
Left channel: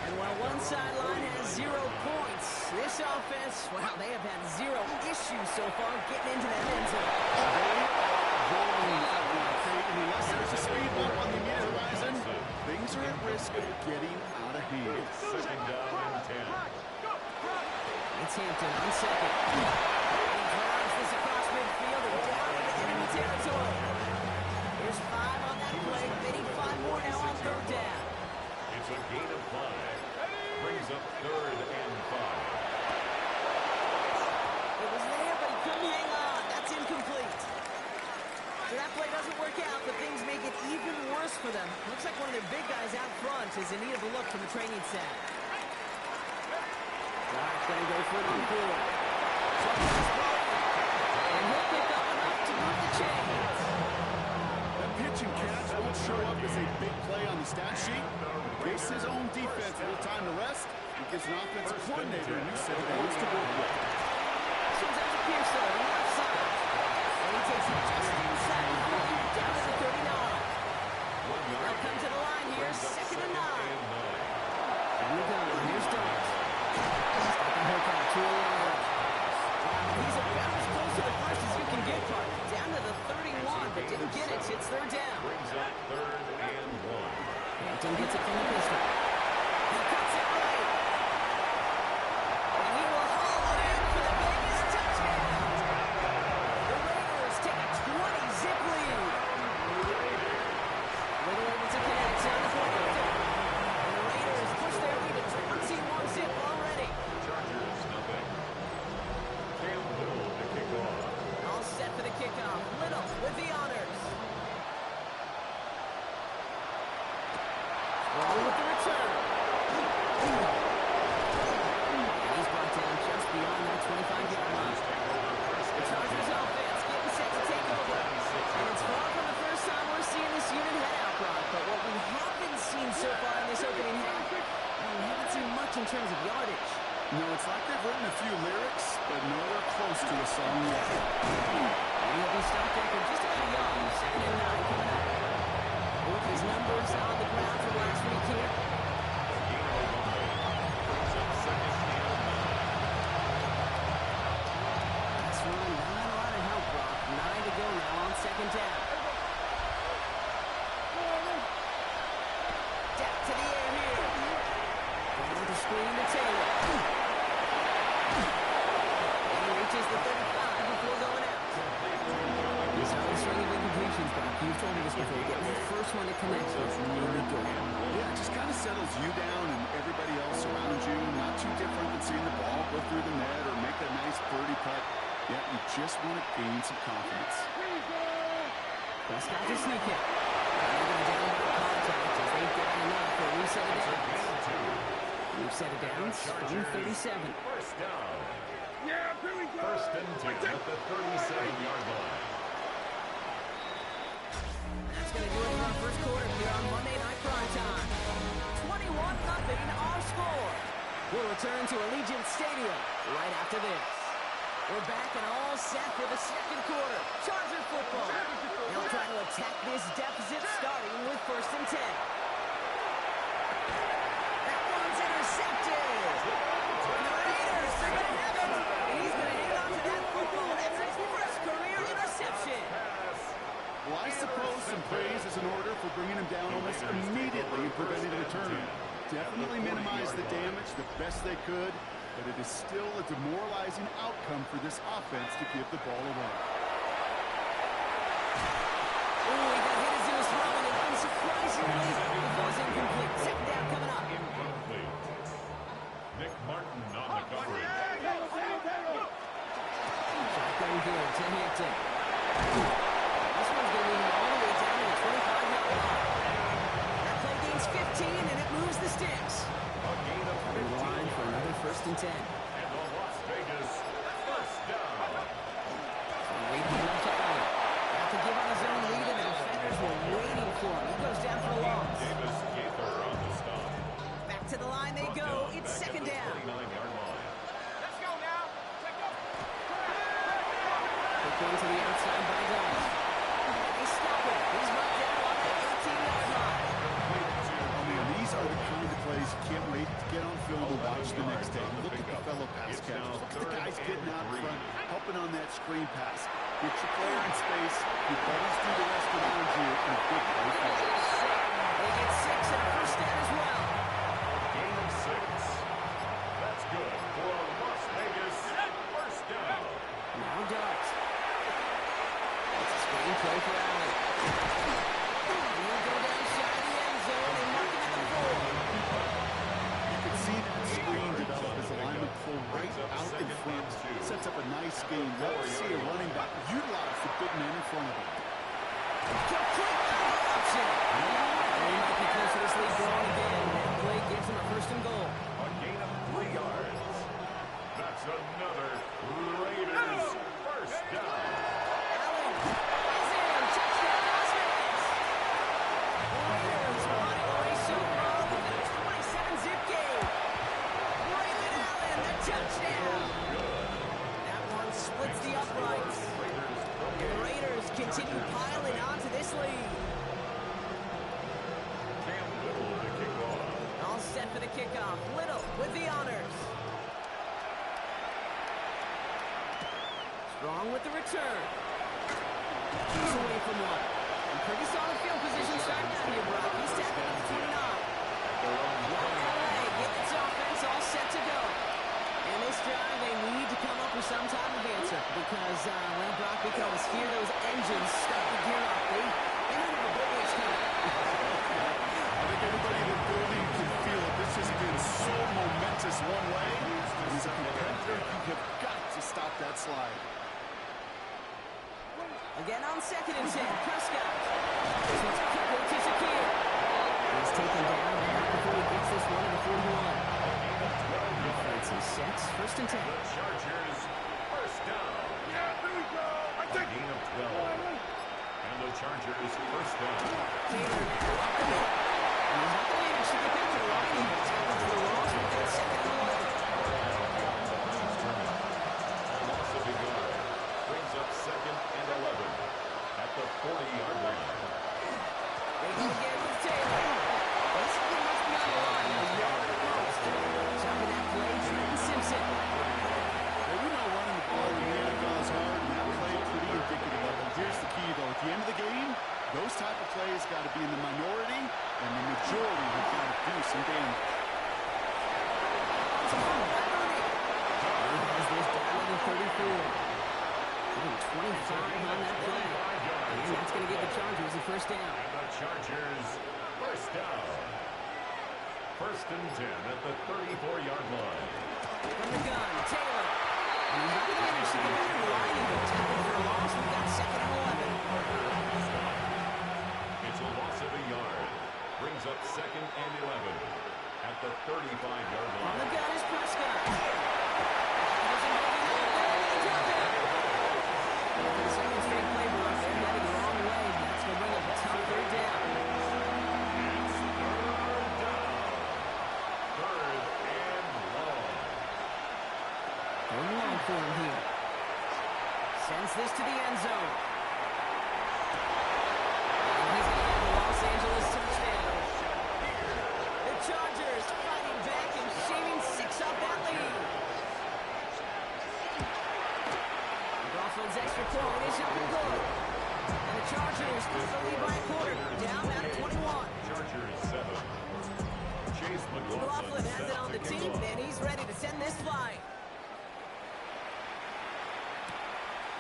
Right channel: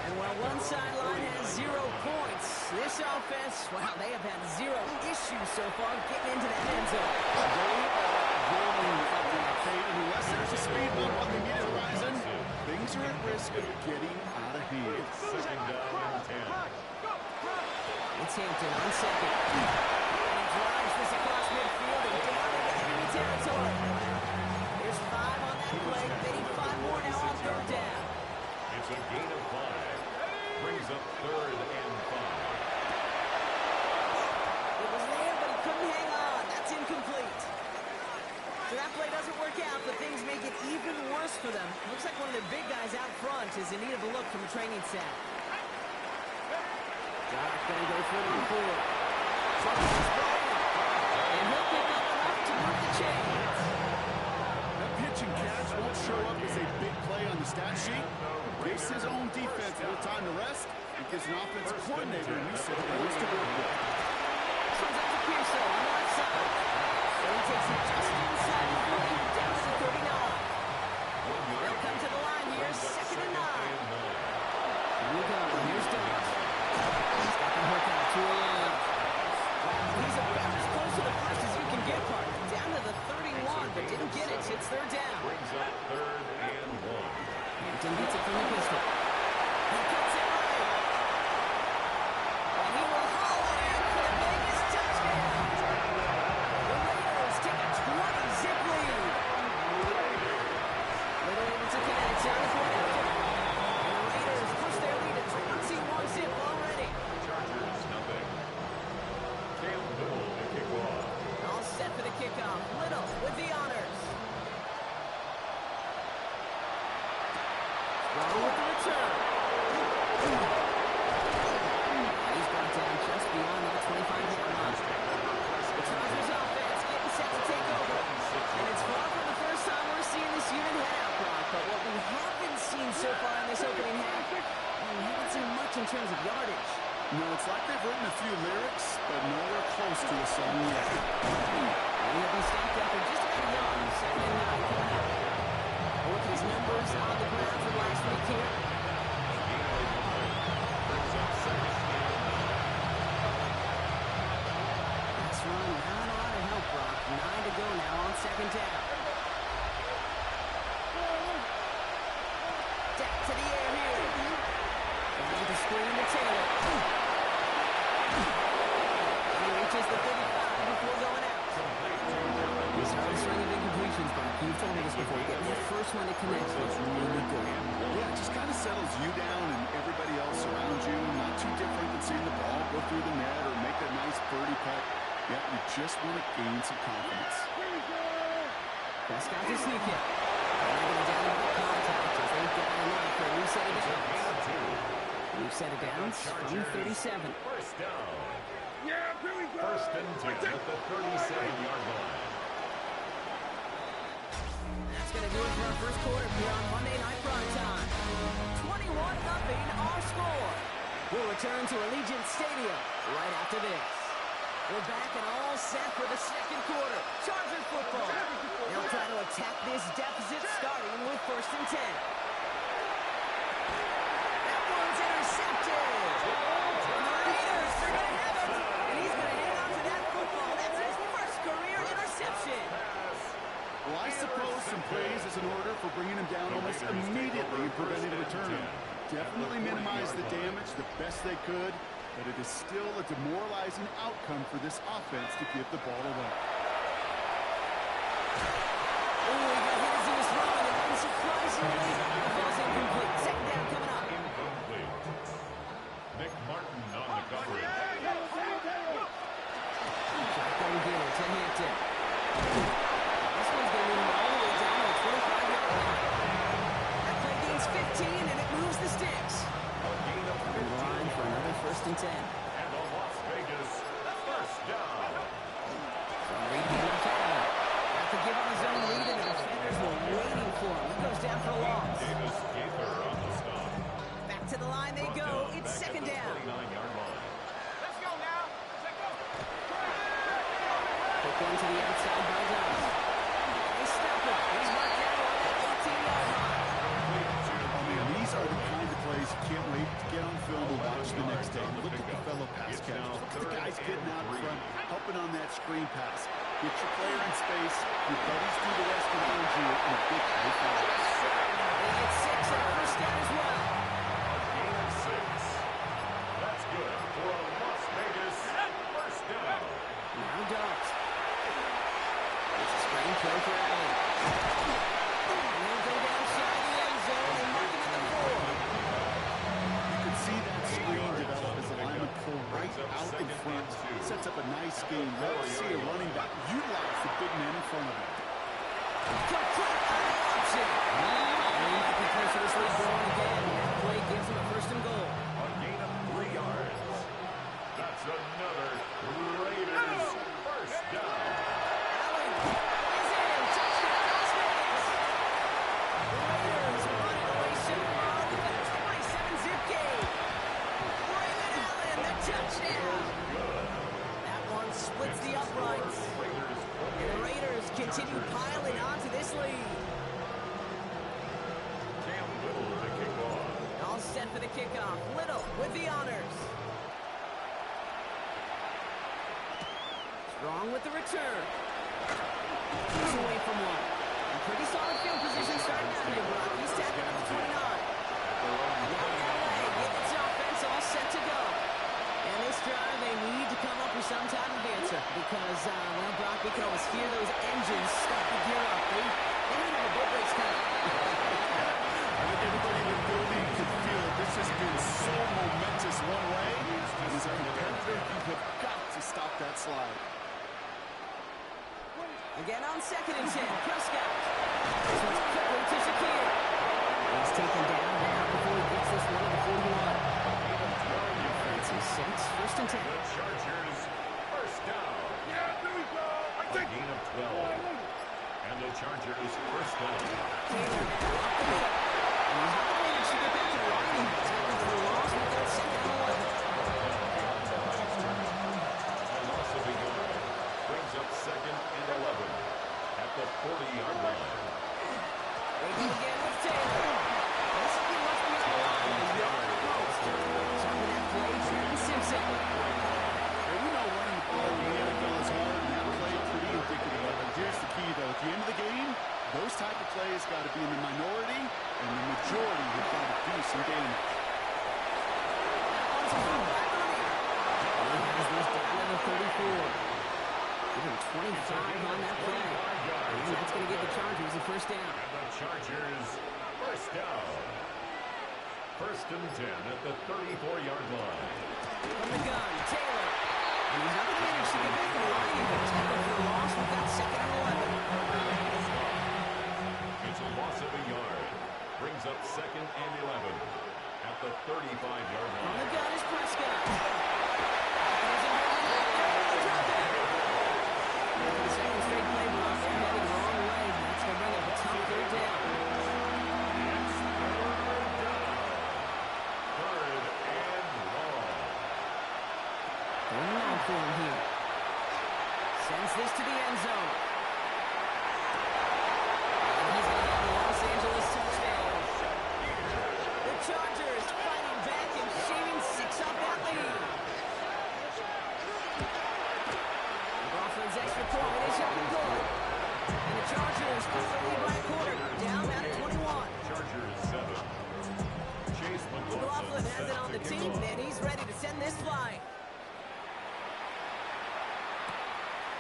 And while one sideline has 0 points, this offense, wow, they have had 0 issues so far getting into that end zone. They are rolling right now, Kate, and unless there's a speed bump on the immediate horizon, things are at risk of getting out of hand. 2nd down and 10. It's Hampton on second. And he drives this across midfield and down into enemy territory. There's 5 on that play. They need 5 more now on third down. It's a gain of 5. Brings up 3rd and 5. It was there, but he couldn't hang on. That's incomplete. So that play doesn't work out, but things make it even worse for them. Looks like one of their big guys out front is in need of a look from the training staff. Doc gonna go for it on 4. Trouble is brought in. And he'll pick up enough to move the chains. That pitch and catch won't show up as a big play on the stat sheet. Gives his own defense a little time to rest. It gives an offensive coordinator a new set of things to work with. This one's out to Pearso on the left side. And he takes it just inside the 40, down to the 39. They'll come to the line here, 2nd and 9. Here we go. Here's Dobbs. Stop the hook out to a line. Wow, he's about as close to the first as you can get, partner. Down to the 31, but didn't get it. It's 3rd down. Brings up 3rd and 1. Hampton gets it from the pistol. He cuts it right. And he will haul it in for the Vegas touchdown. The Raiders take a 20-zip lead. Little able to connect down the point after. And the Raiders push their lead to 21-zip already. Chargers, nothing. Cam Little to kick off. All set for the kickoff. Little with the honors. Strong with the return. And he's brought down just beyond that 25-yard line. The Chargers offense getting set to take over. And it's far from the first time we're seeing this unit head out, Brock. But what we haven't seen so far in this opening half, we haven't seen much in terms of yardage. No, it's like they've written a few lyrics, but nowhere close to a song yet. And he'll be stopped after just about a yard. 2nd and 9 coming up. Look at his numbers on the ground from last week here. A gain of 5. Brings up 2nd and 9. That's run, not a lot of help, Brock. 9 to go now on 2nd down. Down to the air here. Going to screen to Taylor. And he reaches the 35 before going out. We started a string of incompletions, Brock. You've told me this before. Getting the first one to connect was really good. Yeah, it just kind of settles you down and everybody else around you. Not too different than seeing the ball go through the net or make a nice birdie putt. Yeah, you just want to gain some confidence. Prescott to sneak it. And they're going to down by contact as they've got enough for reset it down. We've set it down from 37. First down. Yeah, here we go. 1st and 10 at the 37-yard line. That's going to do it for our first quarter here on Monday Night Primetime. 21-0 our score. We'll return to Allegiant Stadium right after this. We're back and all set for the 2nd quarter. Charger football. They'll try to attack this deficit starting with 1st and 10. That one's intercepted. And the Raiders, they're going to have it. And he's going to hang on to that football. That's his first career interception. Well, I suppose some praise is in order for bringing him down almost immediately and preventing the return. Definitely minimized the damage the best they could, but it is still a demoralizing outcome for this offense to give the ball away. Oh, he got hit as he was throwing, and unsurprisingly, the ball's incomplete. 2nd down coming up. Incomplete. Nick Martin on the coverage. Shotgun gear to Hampton. This one's going to move him all the way down to the 25-yard line. That play gains 15, and it moves the sticks. A gain of 15. Over the line for another 1st and 10. And the Las Vegas first down. So Reed hand off to Allen. Got to give on his own lead, and the defenders were waiting for him. He goes down for a loss. Davis Gaither on the stop. Back to the line they go. It's 2nd down. 29-yard line. Let's go now. Let's go. Quick one to the outside by Dobbs. And they stop him. He's marked down on that 18-yard line. Oh, man, these are the kind of plays you can't wait to get on film and watch the next day. Look at the fellow pass catchers. Look at the guys getting out in front, helping on that screen pass. Get your player in space. Your buddies do the rest around you in a big play forward. They get 6 and a 1st down as well. A gain of 6. That's good for a play for Allen. And he'll go down shy of the end zone and mark him at the 4. You can see that screen develop as the lineman pull right out in front. Sets up a nice game. Love to see a running back utilize the big man in front of him. Complete on the option. And he might be close to this lead growing again. That play gives him a 1st and goal. A gain of 3 yards. That's another Raiders first down. Allen is in. Touchdown, Las Vegas. The Raiders running away so far with a 27-zip game. Raymond Allen, the touchdown. Good. That one splits the uprights. Raiders And the Raiders continue piling onto this lead. Cam Little to kick off. All set for the kickoff. Little with the honors. Strong with the return. He's away from one. And pretty solid field position starting out here, Brock. He's tackled at the 29. Now LA getting its offense all set to go. And this drive, they need to come up with some type of answer because, well, Brock, we can almost hear those engines start to gear up. They might have a boat race coming. I think everybody in the building can feel it. This has been so momentous one way. And as a competitor, you have got to stop that slide. Again on 2nd and 10, Prescott. This one's quickly to Shakir. He's taken down, but not before he gets this one to the 41. Defense is set, 1st and 10. The Chargers first down. Yeah, there we go. A gain of 12. And the Chargers first down. Taylor now up the middle. And he's not going to manage to get back to the line. He's tackled for a loss with that 2nd and 11. A loss of a yard brings up 2nd and 11 at the 40-yard line. They go again with Taylor. This kid must be on the line. A yard at most. Chopping that play, Trenton Simpson. Hey, we know running the ball in the NFL is hard, and that play pretty indicative of it. Here's the key, though. At the end of the game, those type of plays got to be in the minority, and the majority have got to do some damage. On to Brock Mooney. He has this down to the 34. Give him 25 on that play. And that's going to give the Chargers a 1st down. And the Chargers first down. 1st and 10 at the 34-yard line. From the gun, Taylor. And he's not going to manage to get back to the line. He's been tackled for a loss. We've got 2nd and 11. It's a loss of a yard. Brings up 2nd and 11 at the 35-yard On line. the gun is Prescott. He doesn't hold it out there. He dropped it. For the 2nd straight play block, they're headed the wrong way. That's going to bring up a tough 3rd down. It's 3rd down. 3rd and long. 3rd and long for him here. Sends this to the end zone. And he's going to have the Los Angeles touchdown. The Chargers fighting back and shaving 6 off that lead. McLaughlin's extra point is up and good. And the Chargers cut the lead by a quarter. Down now to 21. Chargers 7. Chase McLaughlin has set it on to the kick team, off. and he's ready to send this flying.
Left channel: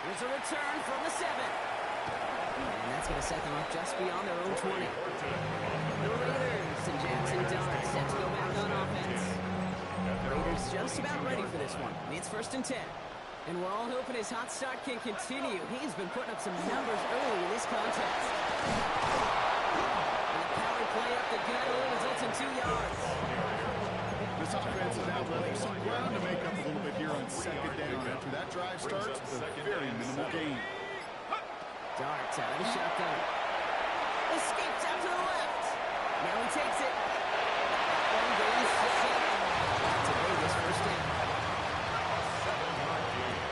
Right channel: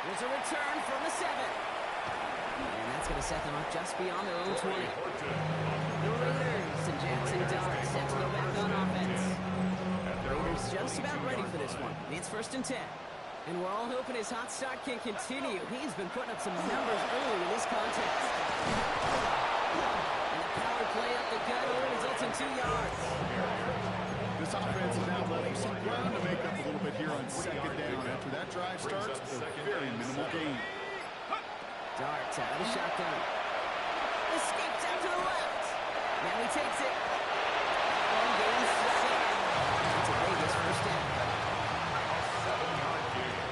Here's a return from the 7. And that's going to set them up just beyond their own 20. The Raiders and Jackson Dart set to go back on offense. Raiders just about ready for this one. It's 1st and 10. And we're all hoping his hot start can continue. He's been putting up some numbers early in this contest. And the power play up the gut only results in 2 yards. This offense is now left some ground to make up a little bit here on 2nd down. After that drive starts, it's a very minimal gain. Dart out of the shotgun. Escapes out to the left. Now he takes it. One game set. That's a Vegas 1st down. A 7-yard gain.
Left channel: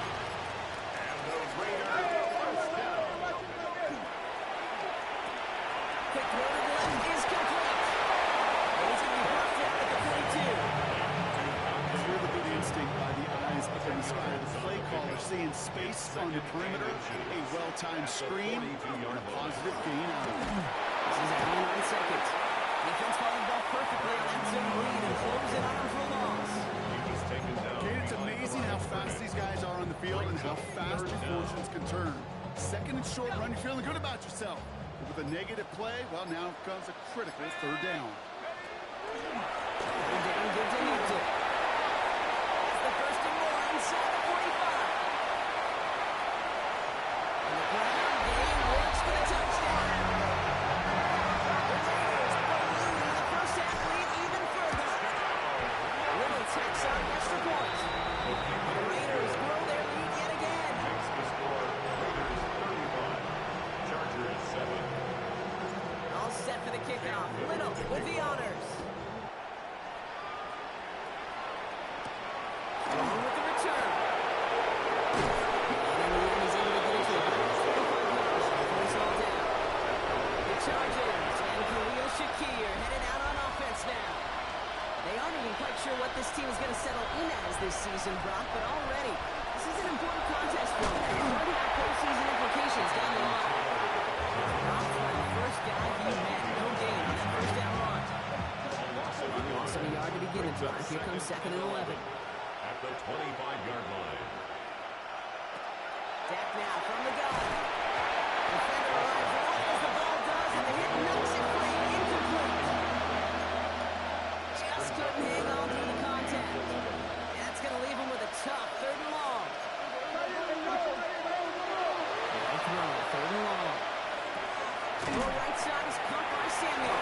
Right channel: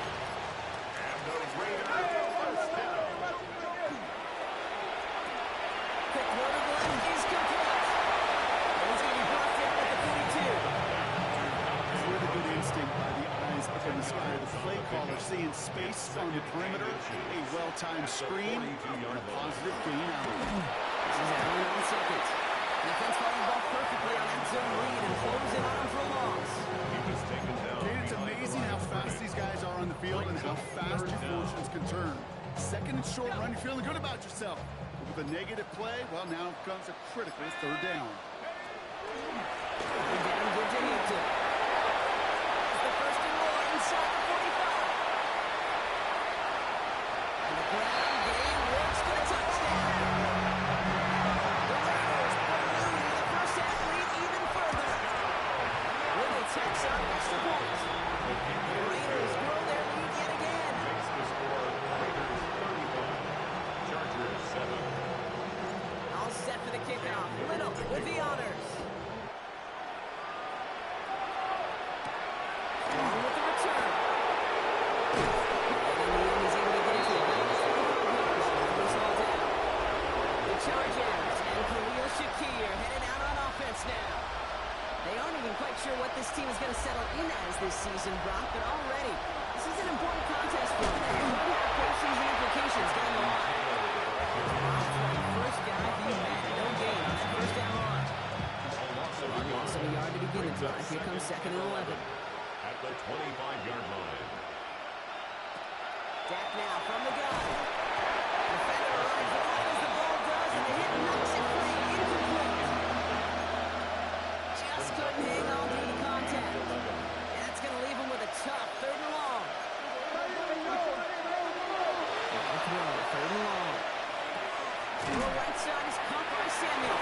And the Raiders first down. Quick throw to the left is complete. And he's going to be brought down at the 42. It's really good instinct by the eyes up in the sky. The play caller seeing space on the perimeter, a well-timed screen, and a positive gain out of it. This is Allen on 2nd. Defense following the ball perfectly on that zone read and throws it on him for a loss. He was taken down. Kate, it's amazing how fast these guys are on the field and how fast your fortunes can turn. Second and short run, you're feeling good about yourself. But with a negative play, well, now comes a critical third down. Third down, good to Hampton. It's the first and more inside the 45. And the ground game works for the touchdown. The Raiders balloon the first half lead even further. Little takes on extra point. The Raiders grow their lead yet again. Makes the score Raiders 35, Chargers 7. All set for the kickoff. Little with the honors. Strong with the return. And in the end, he's able to get it to about 45 yards before he's all down. The Chargers and Khalil Shakir headed out on offense now. They aren't even quite sure what this team is going to settle in as this season, Brock, but already this is an important contest for them. It could have postseason implications down the line. Brock tried the first guy he met. No gain on that first down run. Loss of a yard to begin the drive. Here comes second and 11. At the 25-yard line. Dak now from the gun. Defender arrives right as the ball does, and the hit knocks it free. Incomplete. Just couldn't hang on through the contact. That's going to leave him with a tough third and long. No throw, third and long. Throw right side is caught by Samuel.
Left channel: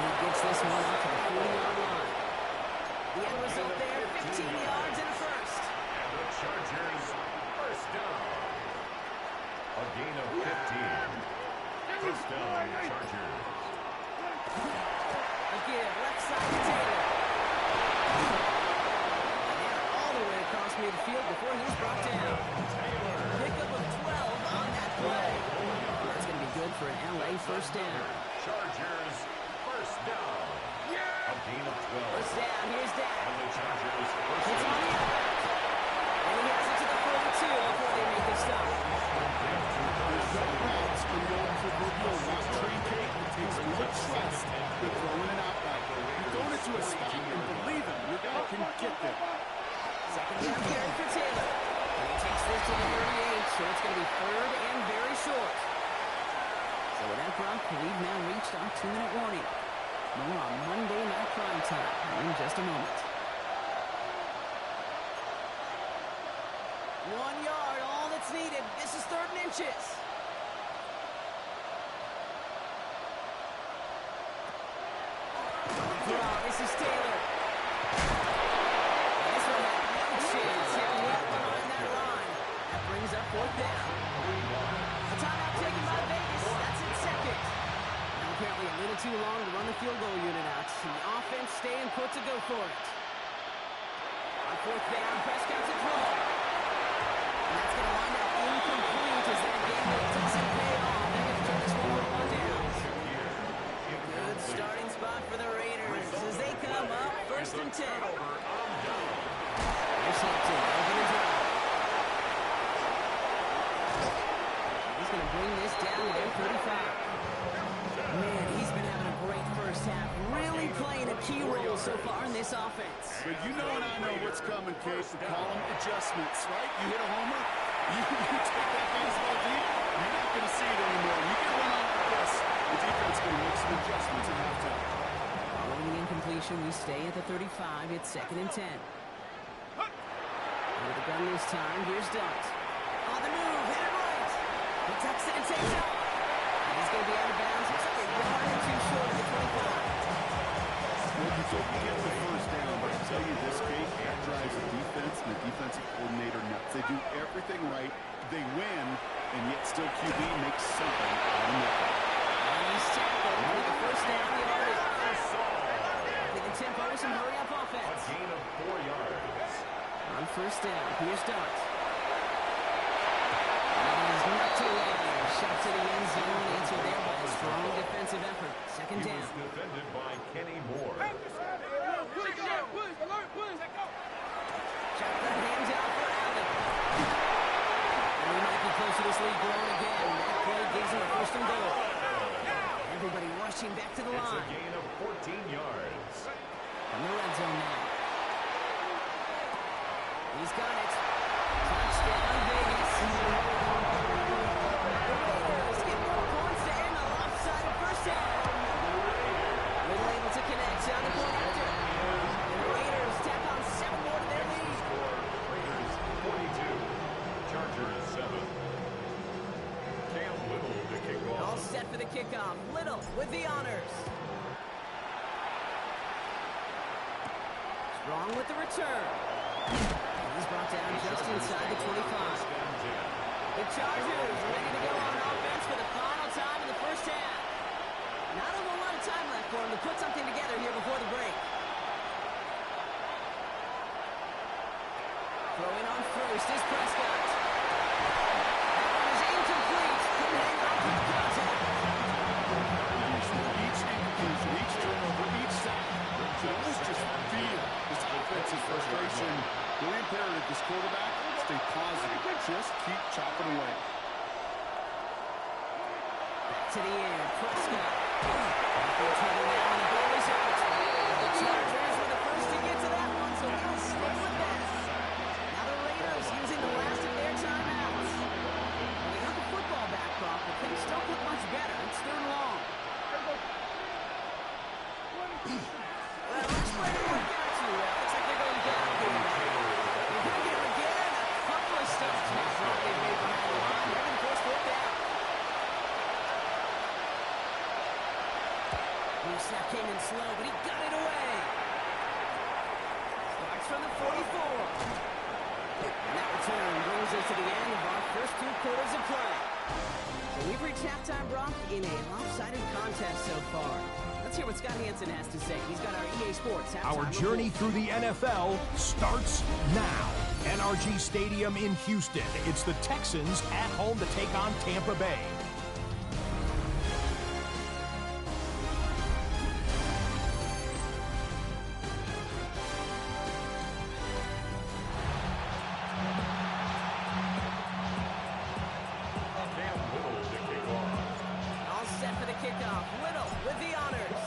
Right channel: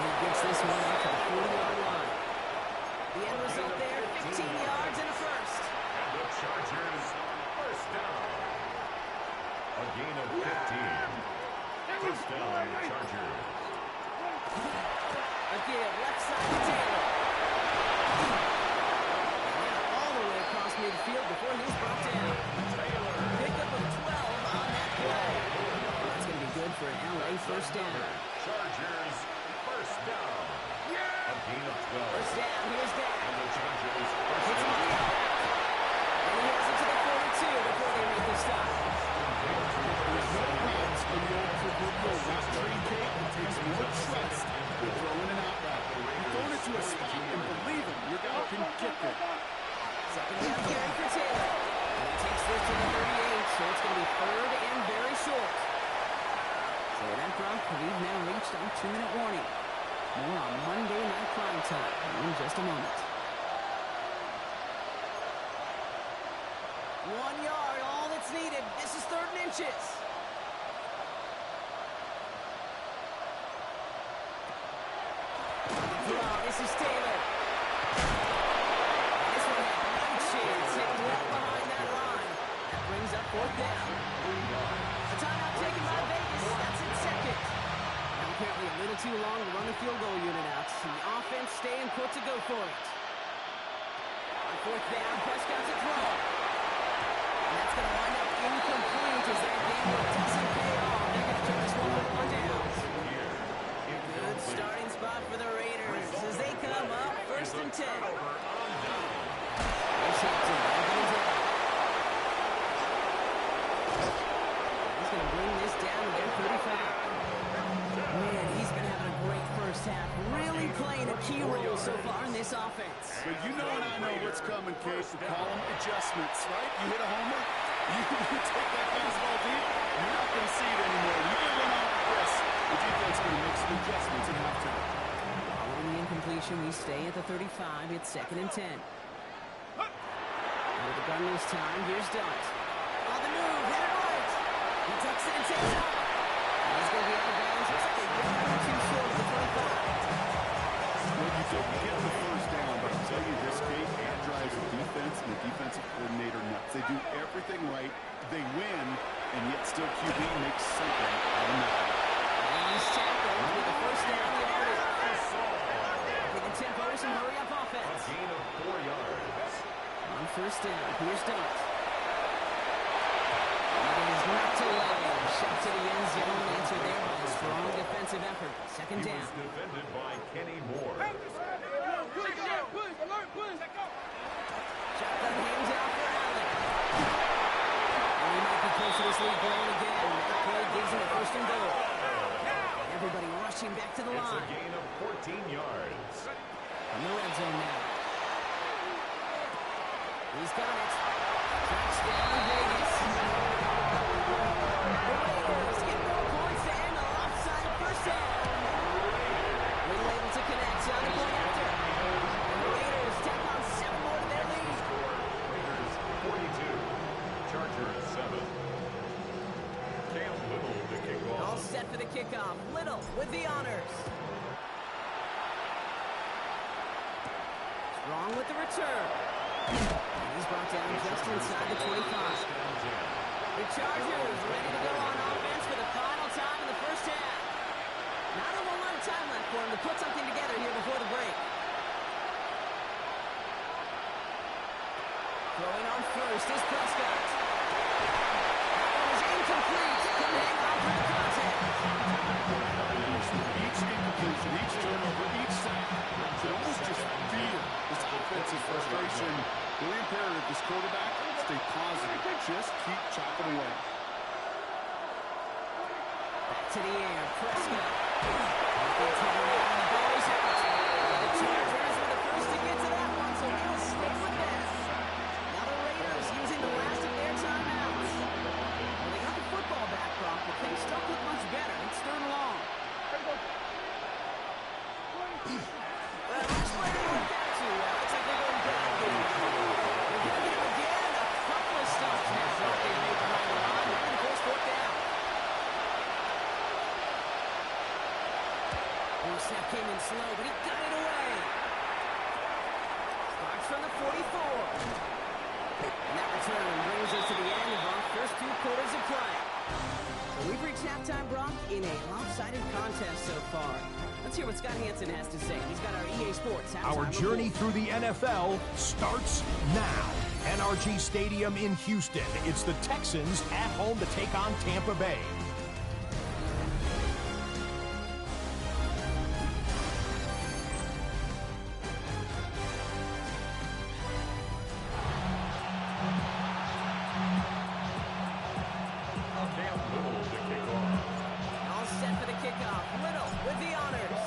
And he gets this one out to the 40-yard line. The end result there, 15 yards and a first. And the Chargers first down. A gain of 15. First down, Chargers. A give, left side to Taylor. And they're all the way across midfield before he's brought down. Taylor. Pickup of 12 on that play. That's going to be good for an LA first down. Chargers first down. A gain of 12. First down, here's Dak. And the Chargers first Hits him on the down. outback. And he has it to the 42 before they make the stop. There's no routes for the old proverbial rock train cake. It takes more trust than throwing an out route. You're throwing it to a spot and believing your guy can get there. Second down carry for Taylor. And he takes this to the 38, so it's going to be third and very short. So with that, Brock, we've now reached our 2-minute warning. More on Monday Night Prime Time in just a moment. 1 yard, all that's needed. This is third and inches. Throw, this is Taylor. And this one had no chance. Hit well behind that line. That brings up fourth down. A timeout taken by Vegas. That's in second. Now apparently a little too long to run the field goal unit out. The offense staying put to go for it. On fourth down, Prescott to throw. And that's going to wind up incomplete as that gamble doesn't pay off. They're going to turn this one over on down. Good starting spot for the Raiders as they come up first and 10. Here's Hampton, open and drive. He's going to bring this down to their 35. Man, he's been having a great first half, really playing a key role so far in this offense. But you know and I know what's coming, Case. We call them adjustments, right? You hit a homer, you take that fastball deep, you're not going to see it anymore. You get one on like this, the defense is going to make some adjustments at halftime. Following the incompletion, we stay at the 35. It's second and 10. With the gun this time, here's Dunt. On the move, headed right. He tucks it and takes off. And he's going to be out of bounds. Looks like a yard or two short of the 25. Well, you don't get the first down, but I'll tell you this, Kate, that drives the defense and the defensive coordinator nuts. They do everything right, they win, and yet still QB makes something out of nothing. And he's tackled with the first down yardage. The tempo with some hurry-up offense. A gain of 4 yards. On first down, here's Dunt. And it is knocked away. Shot to the end zone, answered there by a strong defensive effort. Second down. He was defended by Kenny Moore. Shotgun hands out for Allen. And we might be close to this lead blowing again. That play gives him a first and goal. Everybody rushing back to the It's a line. gain of 14 yards. From the red zone now. He's got it. Touchdown, Vegas. The Raiders get more points to end the lopsided first half. Little able to connect on the point after. And the Raiders tack on 7 more to their lead. Score, Raiders 42, Chargers 7. Cam Little to kick All off. set for the kickoff. Little with the honors. Strong with the return. And he's brought down just inside the 25. The Chargers ready to go on offense for the final time in the first half. Not a whole lot of time left for him to put something together here before the break. Throwing on first is Prescott. That one is incomplete. Couldn't hang on for the contact. Each incompletion, each turnover, each sack, you can almost just feel this offensive frustration. Really imperative, this quarterback, stay positive. Just keep chopping away. Back to the air, Prescott. In trouble now, and the ball is out. The Chargers were the first to get to that one, so he'll stick with that. Now the Raiders using the last of their timeouts. Well, they got the football back, Brock, but things don't look much better. It's 3rd and long. Well, last play didn't work out too well. Looks like they're going down again. They're going to get him again. A couple of stops now, Brock, they've made behind the line. They're going to force 4th down. Snap came in slow, but he got it away. Starts from the 44. And that return brings us to the end of our first 2 quarters of play. So we've reached halftime, Brock, in a lopsided contest so far. Let's hear what Scott Hansen has to say. He's got our EA Sports halftime Our journey report. through the NFL starts now. NRG Stadium in Houston. It's the Texans at home to take on Tampa Bay. Cam Little to kick off. All set for the kickoff. Little with the honors.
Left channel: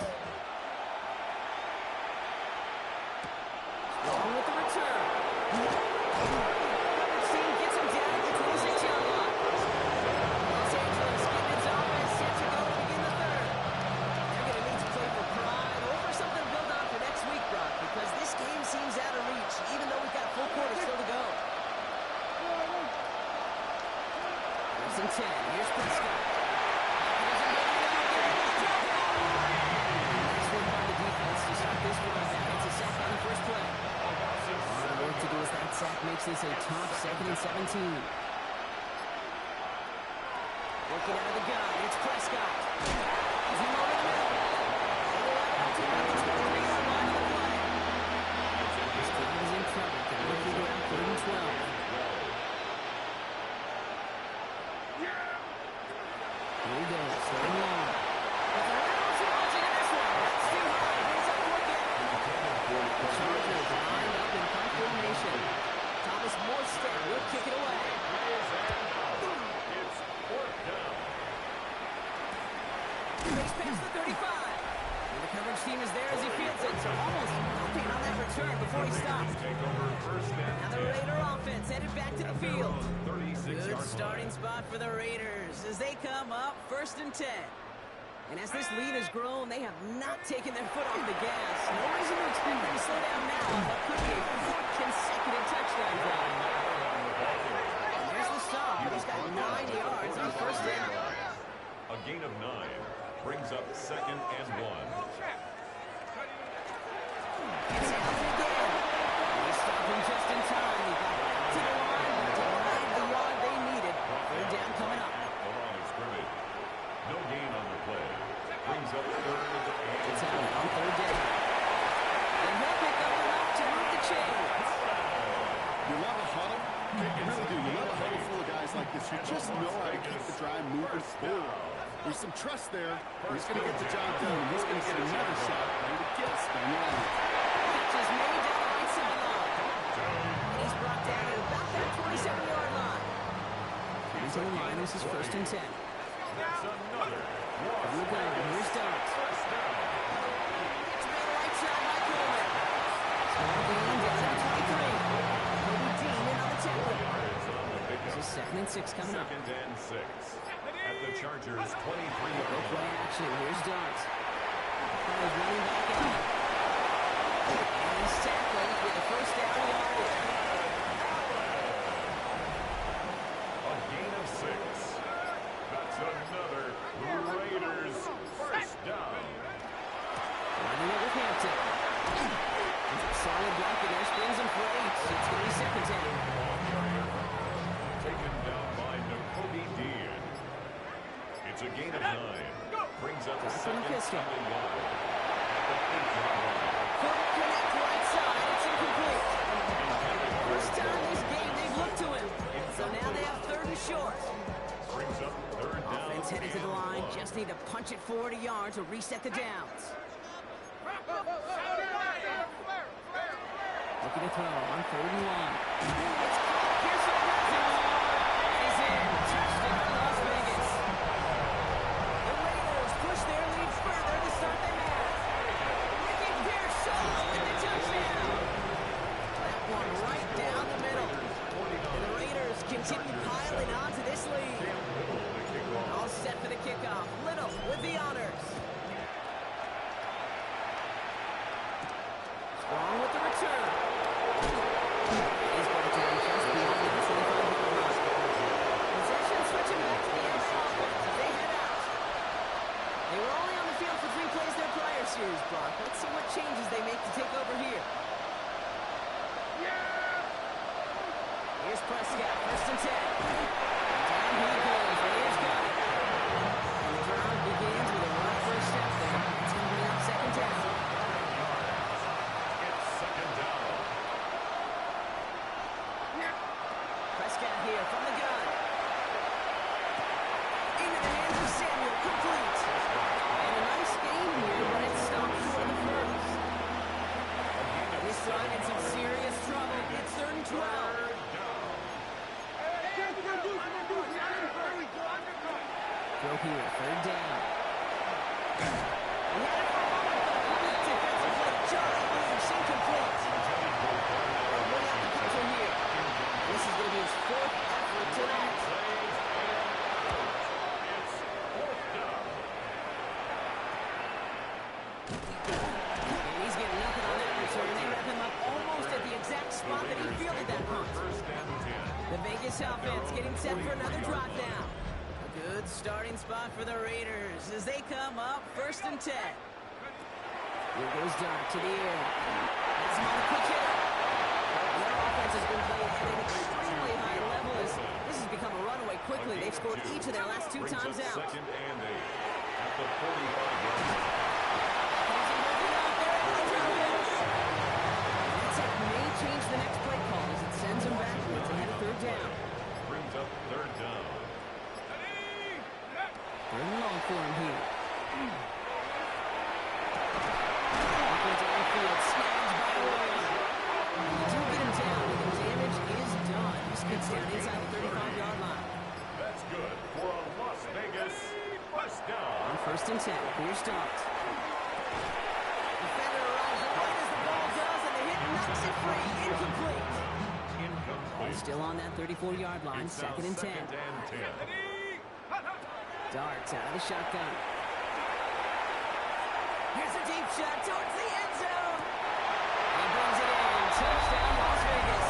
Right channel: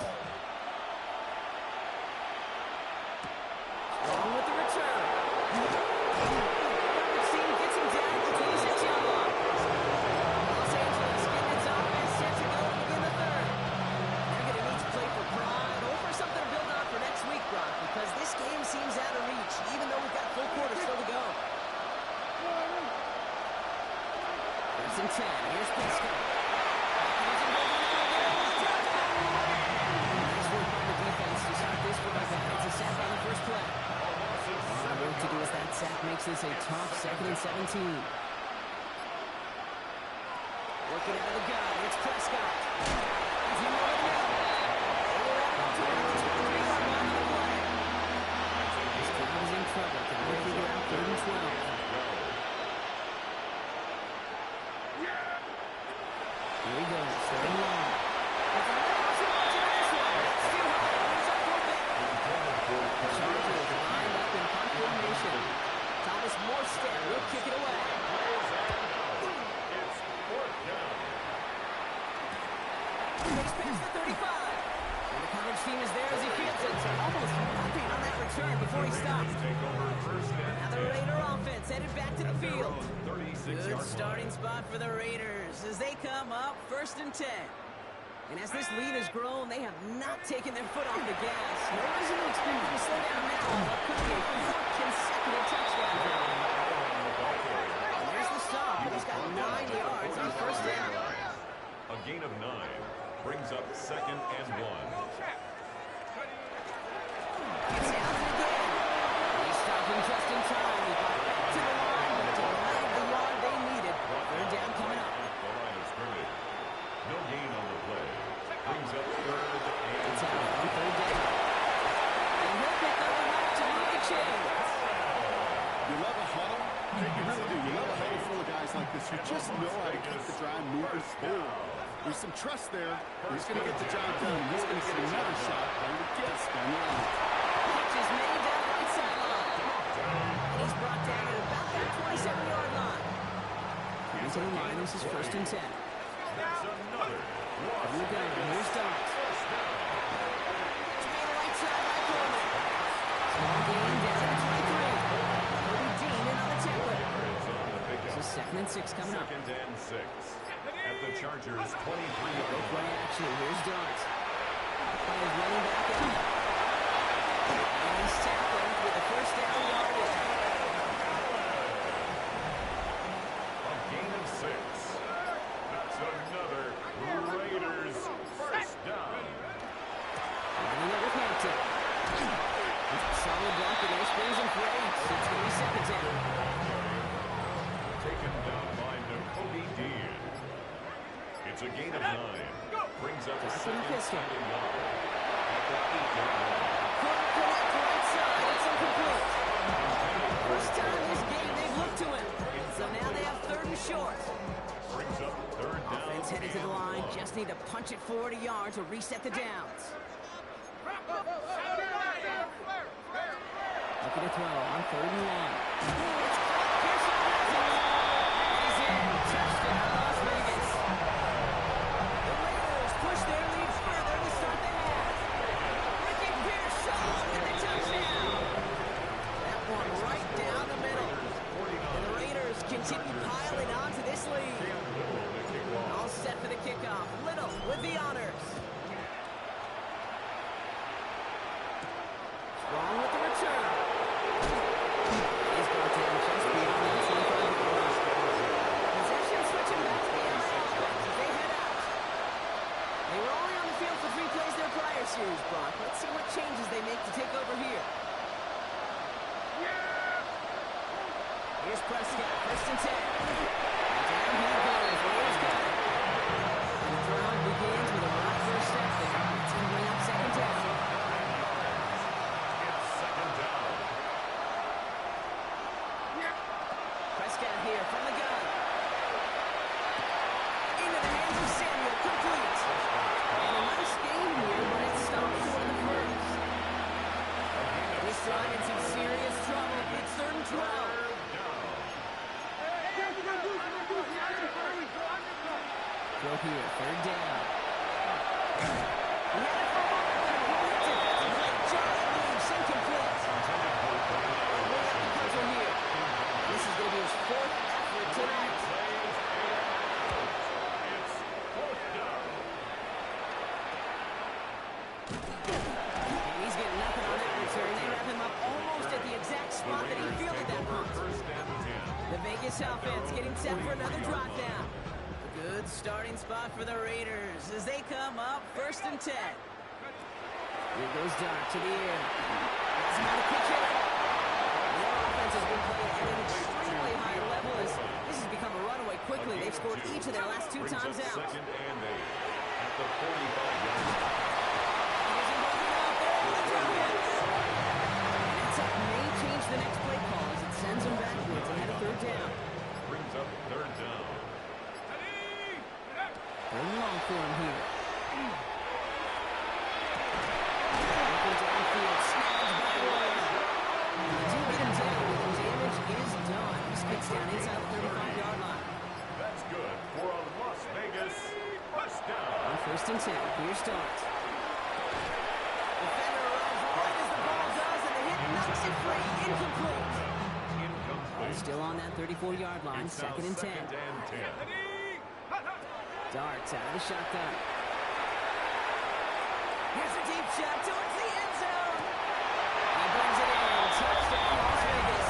Strong with the return. Coverage team gets him down at the 26-yard line. Los Angeles getting its offense set to go to begin the 3rd. They're going to need to play for pride or for something to build on for next week, Brock, because this game seems out of reach, even though we've got a full quarter still to go. 1st and 10. Here's Prescott. Nice work by the defense to start this drive out. It's a sack on the first play. A lot of work to do as that sack makes this a tough 2nd and 17. Working out of the gun, it's Prescott. Zoom over the middle. They will have it up to around the 23-yard line on the play. This crowd is in trouble. Can they figure out 3rd and 12? Here he goes, 3rd and long. But the Raiders are watching this one. That's too high. Brings up 4th down. The Chargers lined up in punt formation. Thomas Morstead will kick it away. It's 4th down. Makes past the 35. And the coverage team is there as he fields it. So almost nothing on that return before he stops. Take over 1st and Now the 10. Raider offense headed back to the At their field. own 36-yard Good line. starting spot for the Raiders as they come up 1st and 10. And as this lead has grown, they have not taken their foot off the gas. No reason to expect them to slow down now on what could be a 4th consecutive touchdown drive. And there's the stop, but he's got 9 yards on 1st down. A gain of 9 brings up 2nd and 1. It's Allen again. He's stopping just in time. He got back to the line, but denied the yard they needed. 3rd down coming up. The line of scrimmage. No gain on the play. Brings up 3rd and It's Allen on 3rd down. And he'll pick up enough to move the chains. You love a huddle? You really do. You love a huddle full of guys like this who just know how to keep the drive moving forward. There's some trust there. He's going to get the job done. He's going to get another shot, I would guess, down the line. Catch is made down the right sideline. And he's brought down at about that 27-yard line. Into the line, this is 1st and 10. That's another. From the gun, here's Dart. First down. It's made right side by Coleman. Small gain down to the 23. Kobe Dean in on the tackle. Yards on the pickup. So is 2nd and 6 coming up. 2nd and 6. At the Chargers' 23-yard Go play line. action. Here's Dart. Players running back out. And he's tackled with a first down yardage. A gain of 6. That's another Raiders first down. Running it with Hampton. Solid block and there springs him for 8. It's going to be 2nd down. Taken down by Nakobe Dean. It's a gain of 9. Brings up a second and a yard. At the 8-yard line. Couldn't connect right side. It's incomplete. First time this game they've looked to him. So now they have 3rd and short. Brings up 3rd down. Offense headed to the line. Just need to punch it forward a yard to reset the downs. Looking to throw on 3rd and 1. It's caught. Pearson has it. He's in. Touchdown, Las Vegas. The Raiders push their lead further to start the half. Ricky Pearson with the touchdown. That one right down the middle. And the Raiders continue piling on to this lead. All set for the kickoff. Little with the honors. Strong with the return. He's brought down just beyond the 25-yard line. Possession switching back to the LA offense as they head out. They were only on the field for 3 plays their prior series, Brock. Let's see what changes they make to take over here. Here's Prescott, 1st and 10. And down he goes. Raiders got it. And the drive begins with a rough first step there. It's going to bring up 2nd down. It's 2nd down. Prescott here from the gun. Into the hands of Samuel, complete. And a nice game here, but it stopped short of the first. This drive in some serious trouble. It's 3rd and 12. Throw here, 3rd down. He had it for a moment, but a complete defensive play. Charlie moves, incomplete. Way out the puncher here. This is going to be his 4th effort tonight. It's 4th down. And he's getting nothing on that return. They wrap him up almost at the exact spot that he fielded that punt. 1st and 10. The Vegas offense getting set for another drive down. A good starting spot for the Raiders as they come up 1st and 10. Here goes Dart to the air. Has him on a quick hitter. And their offense has been playing at an extremely high level as this has become a runaway quickly. They've scored each of their last 2 times out. 2nd and 8 at the 45-yard line. Isn't moving up. They're able to drop it. And that tech may change the next play call as it sends them backwards ahead of 3rd down. Brings up 3rd down. 3rd and long for him here. Looking downfield, snagged by Royal. They do get him down, but the damage is done. He spits down inside the 35-yard line. That's good for a Las Vegas first down. On 1st and 10, here's Dart. Defender arrives right as the ball does, and the hit knocks it free. Incomplete. Incomplete. Still on that 34-yard line, It's now 2nd and 10. 2nd and 10. Darts out of the shotgun. Here's a deep shot towards the end zone. He brings it in. Touchdown, Las Vegas.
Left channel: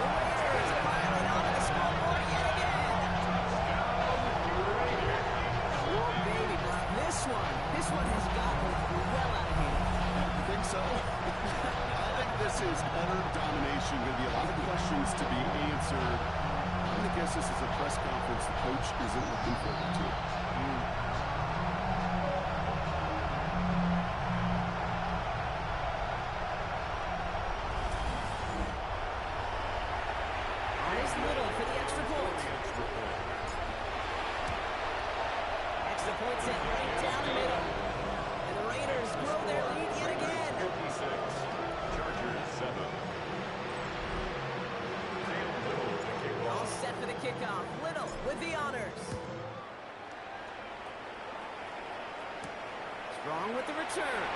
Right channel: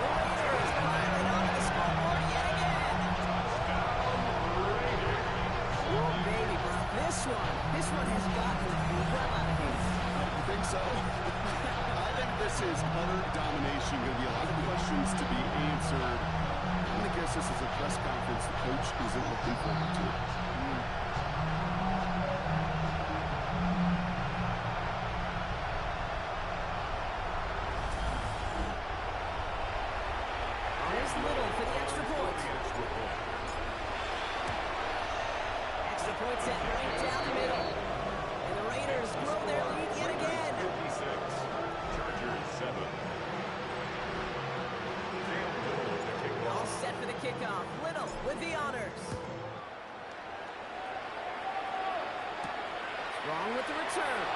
The Raiders piling onto the scoreboard yet again. Oh, baby, Brock. This one has gotten well out of hand. You think so? I think this is utter domination. Going to be a lot of questions to be answered. I'm going to guess this is a press conference the coach isn't looking forward to. Honest Little for the extra point. Extra point set right down the middle. And the Raiders grow their lead yet again. 56. Chargers 7. Little to kick All off. set for the kickoff. Little with the honors. Strong with the return.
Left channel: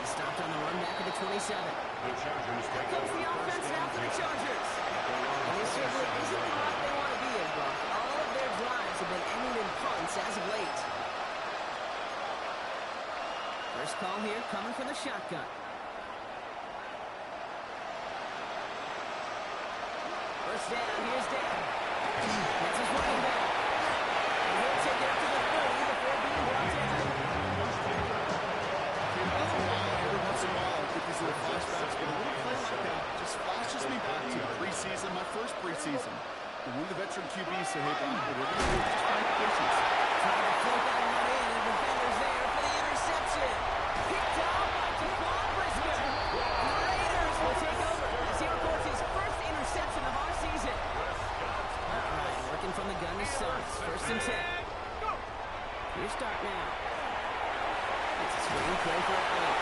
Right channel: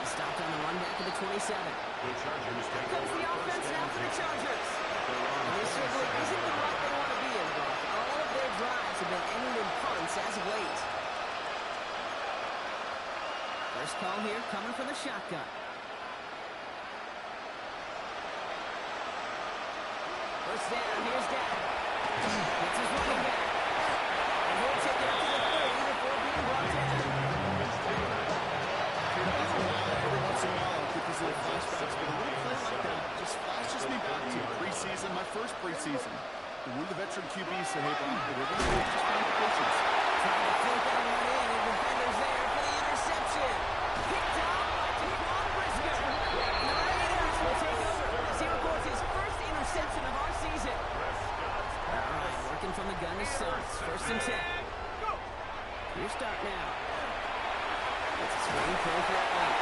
He Stopped on the run back at the 27. The Chargers take Comes over the offense first now and for the 10. Chargers. At their own And this certainly 27 isn't the yard route line. they want to be in, Brock. All of their drives have been ended in punts as of late. First call here coming from the shotgun. First down, here's Dak. Gets his running back. And he'll take it up to the 30 before being brought down. Every once in a while, I get these little flashbacks, but a little play like that just flashes me back to the preseason, my first preseason. And one of the veteran QBs said, hey, Brock, whatever you do, just find the patience. Trying to float that one in, and defenders there for the interception. Picked off by Jaquan Brisker. The Raiders will take over as he records his first interception of our season. All right, working from the gun to starts. First and 10. Here start now. It's a screen play for Allen.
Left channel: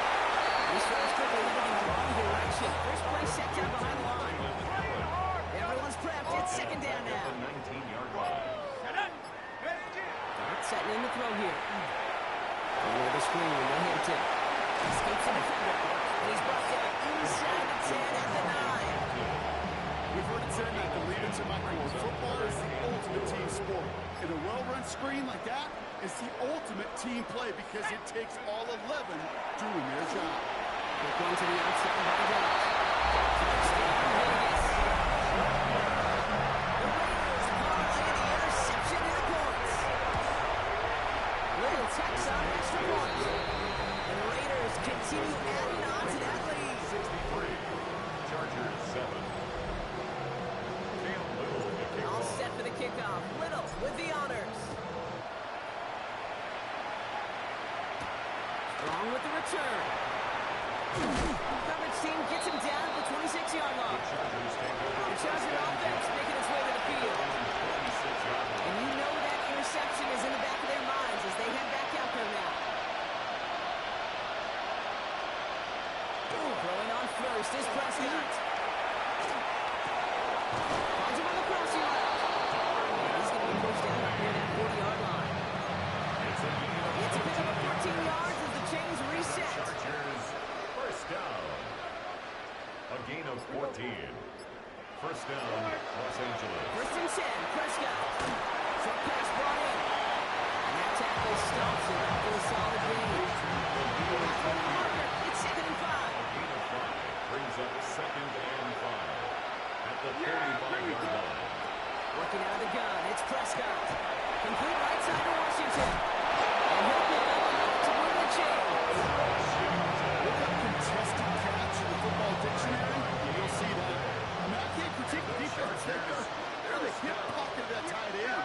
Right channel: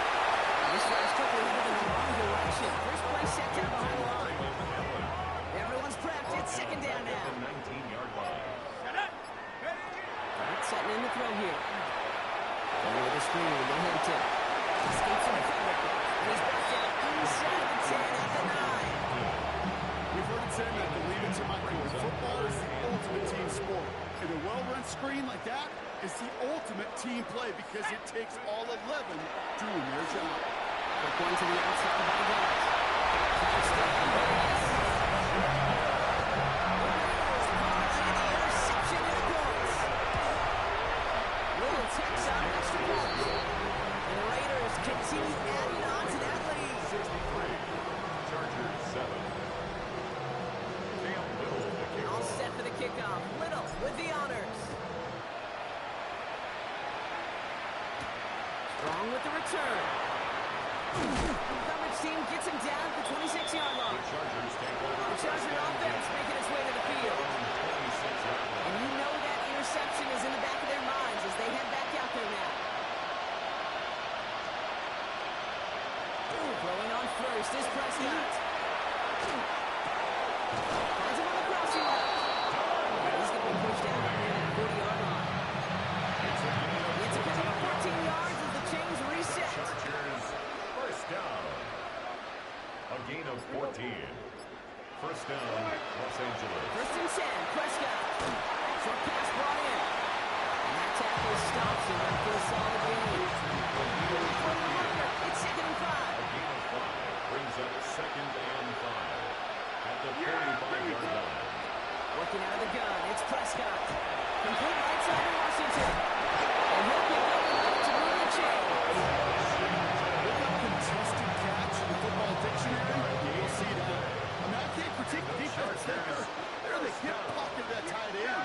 This drive's quickly headed in the wrong direction. First play set down behind the line. Everyone's prepped. It's second down now. At the 19-yard line. Dart setting in the throw here. Going with the screen to Hampton. Escapes the defender. And he's brought down inside the 10 at the 9. We've heard it said, and I believe it to my core. Football is the ultimate team sport. And a well-run screen like that is the ultimate team play because it takes all 11 doing their job. Quick one to the outside by Dart. Touchdown, Vegas. The Raiders parlay the interception into points. Little tacks on an extra point. And the Raiders continue adding on to that lead. 63. Chargers 7. Cam Little to kick All off. set for the kickoff. Little with the honors. Strong with the return. Coverage team gets him down at the 26-yard line. The Chargers take over. The Charger offense making its way to the field. 26-yard line. And you know that interception is in the back of their minds as they head back out there now. Throwing on first is Prescott. Finds him on the crossing route. And he's going to be pushed out up near that 40-yard line. It's a gain of It's a pickup of 14 yards as the chains reset. Chargers first down. A gain of 14. First down, Los Angeles. First and 10, Prescott. Short pass brought in. And that tackle stops him after a solid gain. From the marker, it's second and 5. A gain of 5 brings up second and 5 at the 45-yard line. Working out of the gun, it's Prescott. Complete right side to Washington. And he'll pick up enough to move the chains. Look up contested catch in the football dictionary, you'll see that. I mean, I can't critique the defense. They're the hip pocket of that tight end.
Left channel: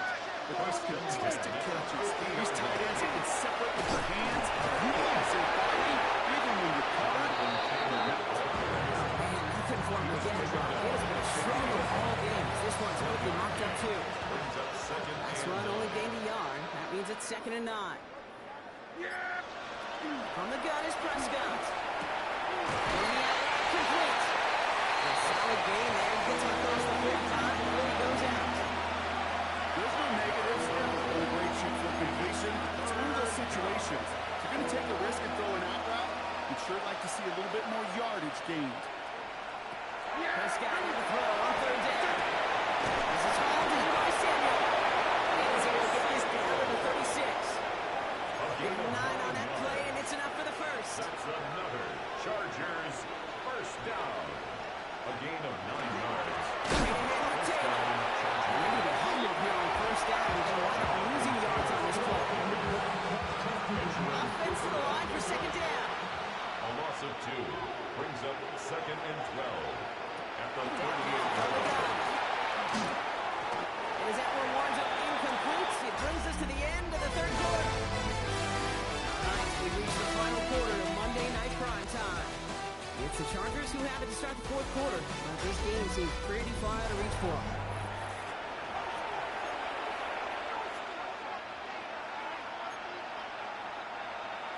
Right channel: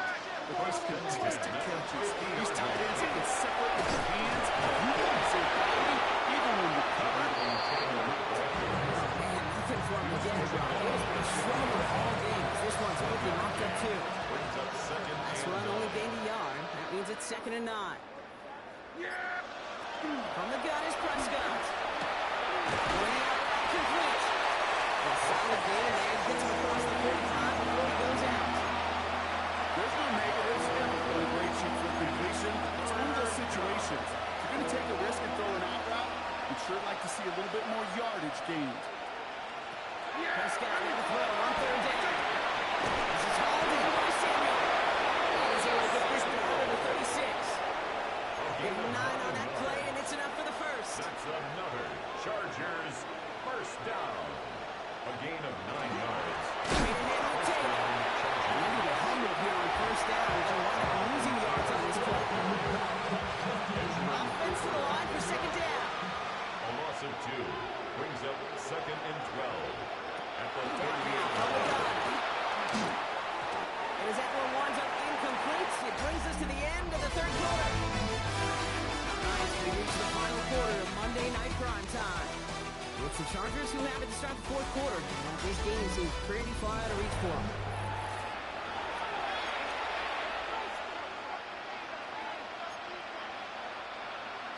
But those contested catches, these tight ends that can separate with their hands, you guys are body, even when you're covered. Oh, man, nothing for him again, Brock. It has been a struggle all game. This one's quickly marked up, too. Brings up second Last and run only 9. gained a yard. That means it's second and 9. From the gun is Prescott. Going out route complete. A solid gain there. Gets him across the 45 before he goes out. There's no negatives on a great shoot for completion. It's one of those situations. If you're going to take a risk and throw an out route, you'd sure like to see a little bit more yardage gained. Prescott near the throw on third down. This is hauled in by Samuel. And he's able to get this down to the 36. Get 9 on that play, and it's enough for the first. That's another Chargers first down. A gain of 9 yards. Straight ahead with First Taylor. down, We Chargers. need to humble here on first down. We're going to wind up losing yards on this play. Offense to the line for second down. A loss of 2 brings up second and 12 at the Now from the 38-yard line. gun. And as that one winds up incomplete, it brings us to the end of the third quarter. All right, so we reach the final quarter of Monday Night Prime Time. It's the Chargers who have it to start the fourth quarter, but this game seems pretty far out of reach for them.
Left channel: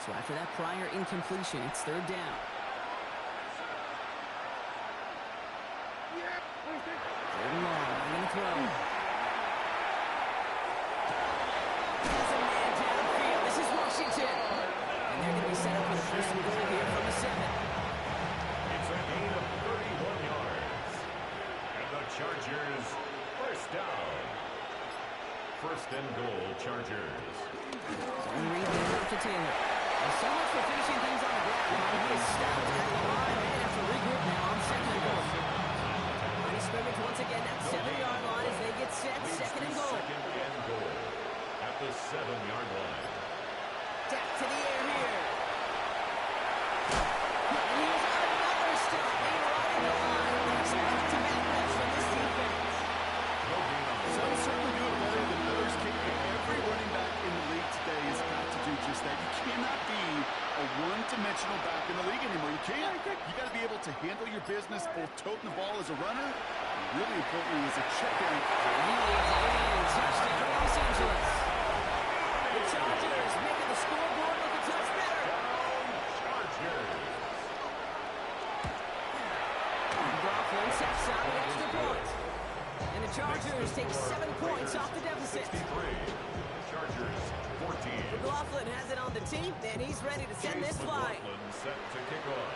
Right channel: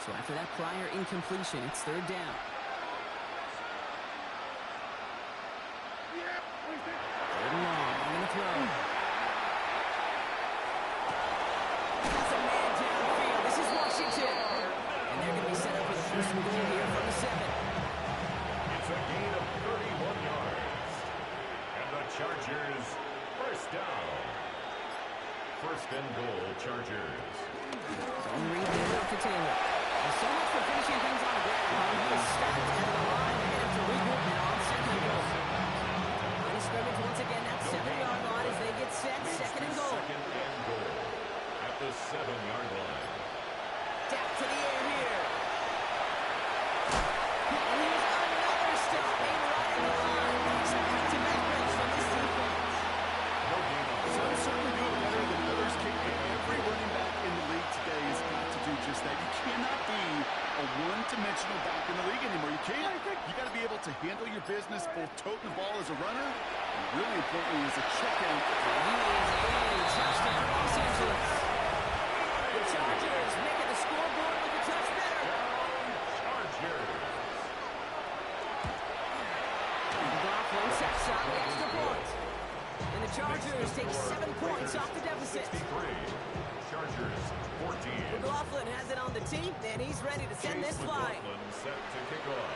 So after that prior incompletion, it's third down. Third and long, I'm going to throw. Has a man downfield. This is Washington. And they're going to be set up for the first and goal here from the 7. It's a gain of 31 yards. And the Chargers, first down. First and goal, Chargers. Zone read hand off to Taylor. And so much for finishing things on the ground. He is stopped at the line. They're going to have to regroup now on second and goal. Line of scrimmage once again. That 7-yard line as they get set. Second and goal. Second and goal at the 7-yard line. Deck to the air here. And here's another stop made right in the line. Back-to-back reps from this defense. No gain on the Some certainly do it better than others. Every running back in the league today has got to do just that. You cannot be a one-dimensional back in the league anymore. You can't. You got to be able to handle your business, both toting the ball as a runner, and really importantly as a check down. He is in. Touchdown, Los Angeles. The Chargers making the scoreboard look a touch better. Chargers. Brooklyn sets on the extra point. And the Chargers take 7 points off the deficit. 63. Chargers 14. McLaughlin has it on the team, and he's ready to send this flying. McLaughlin set to kick off.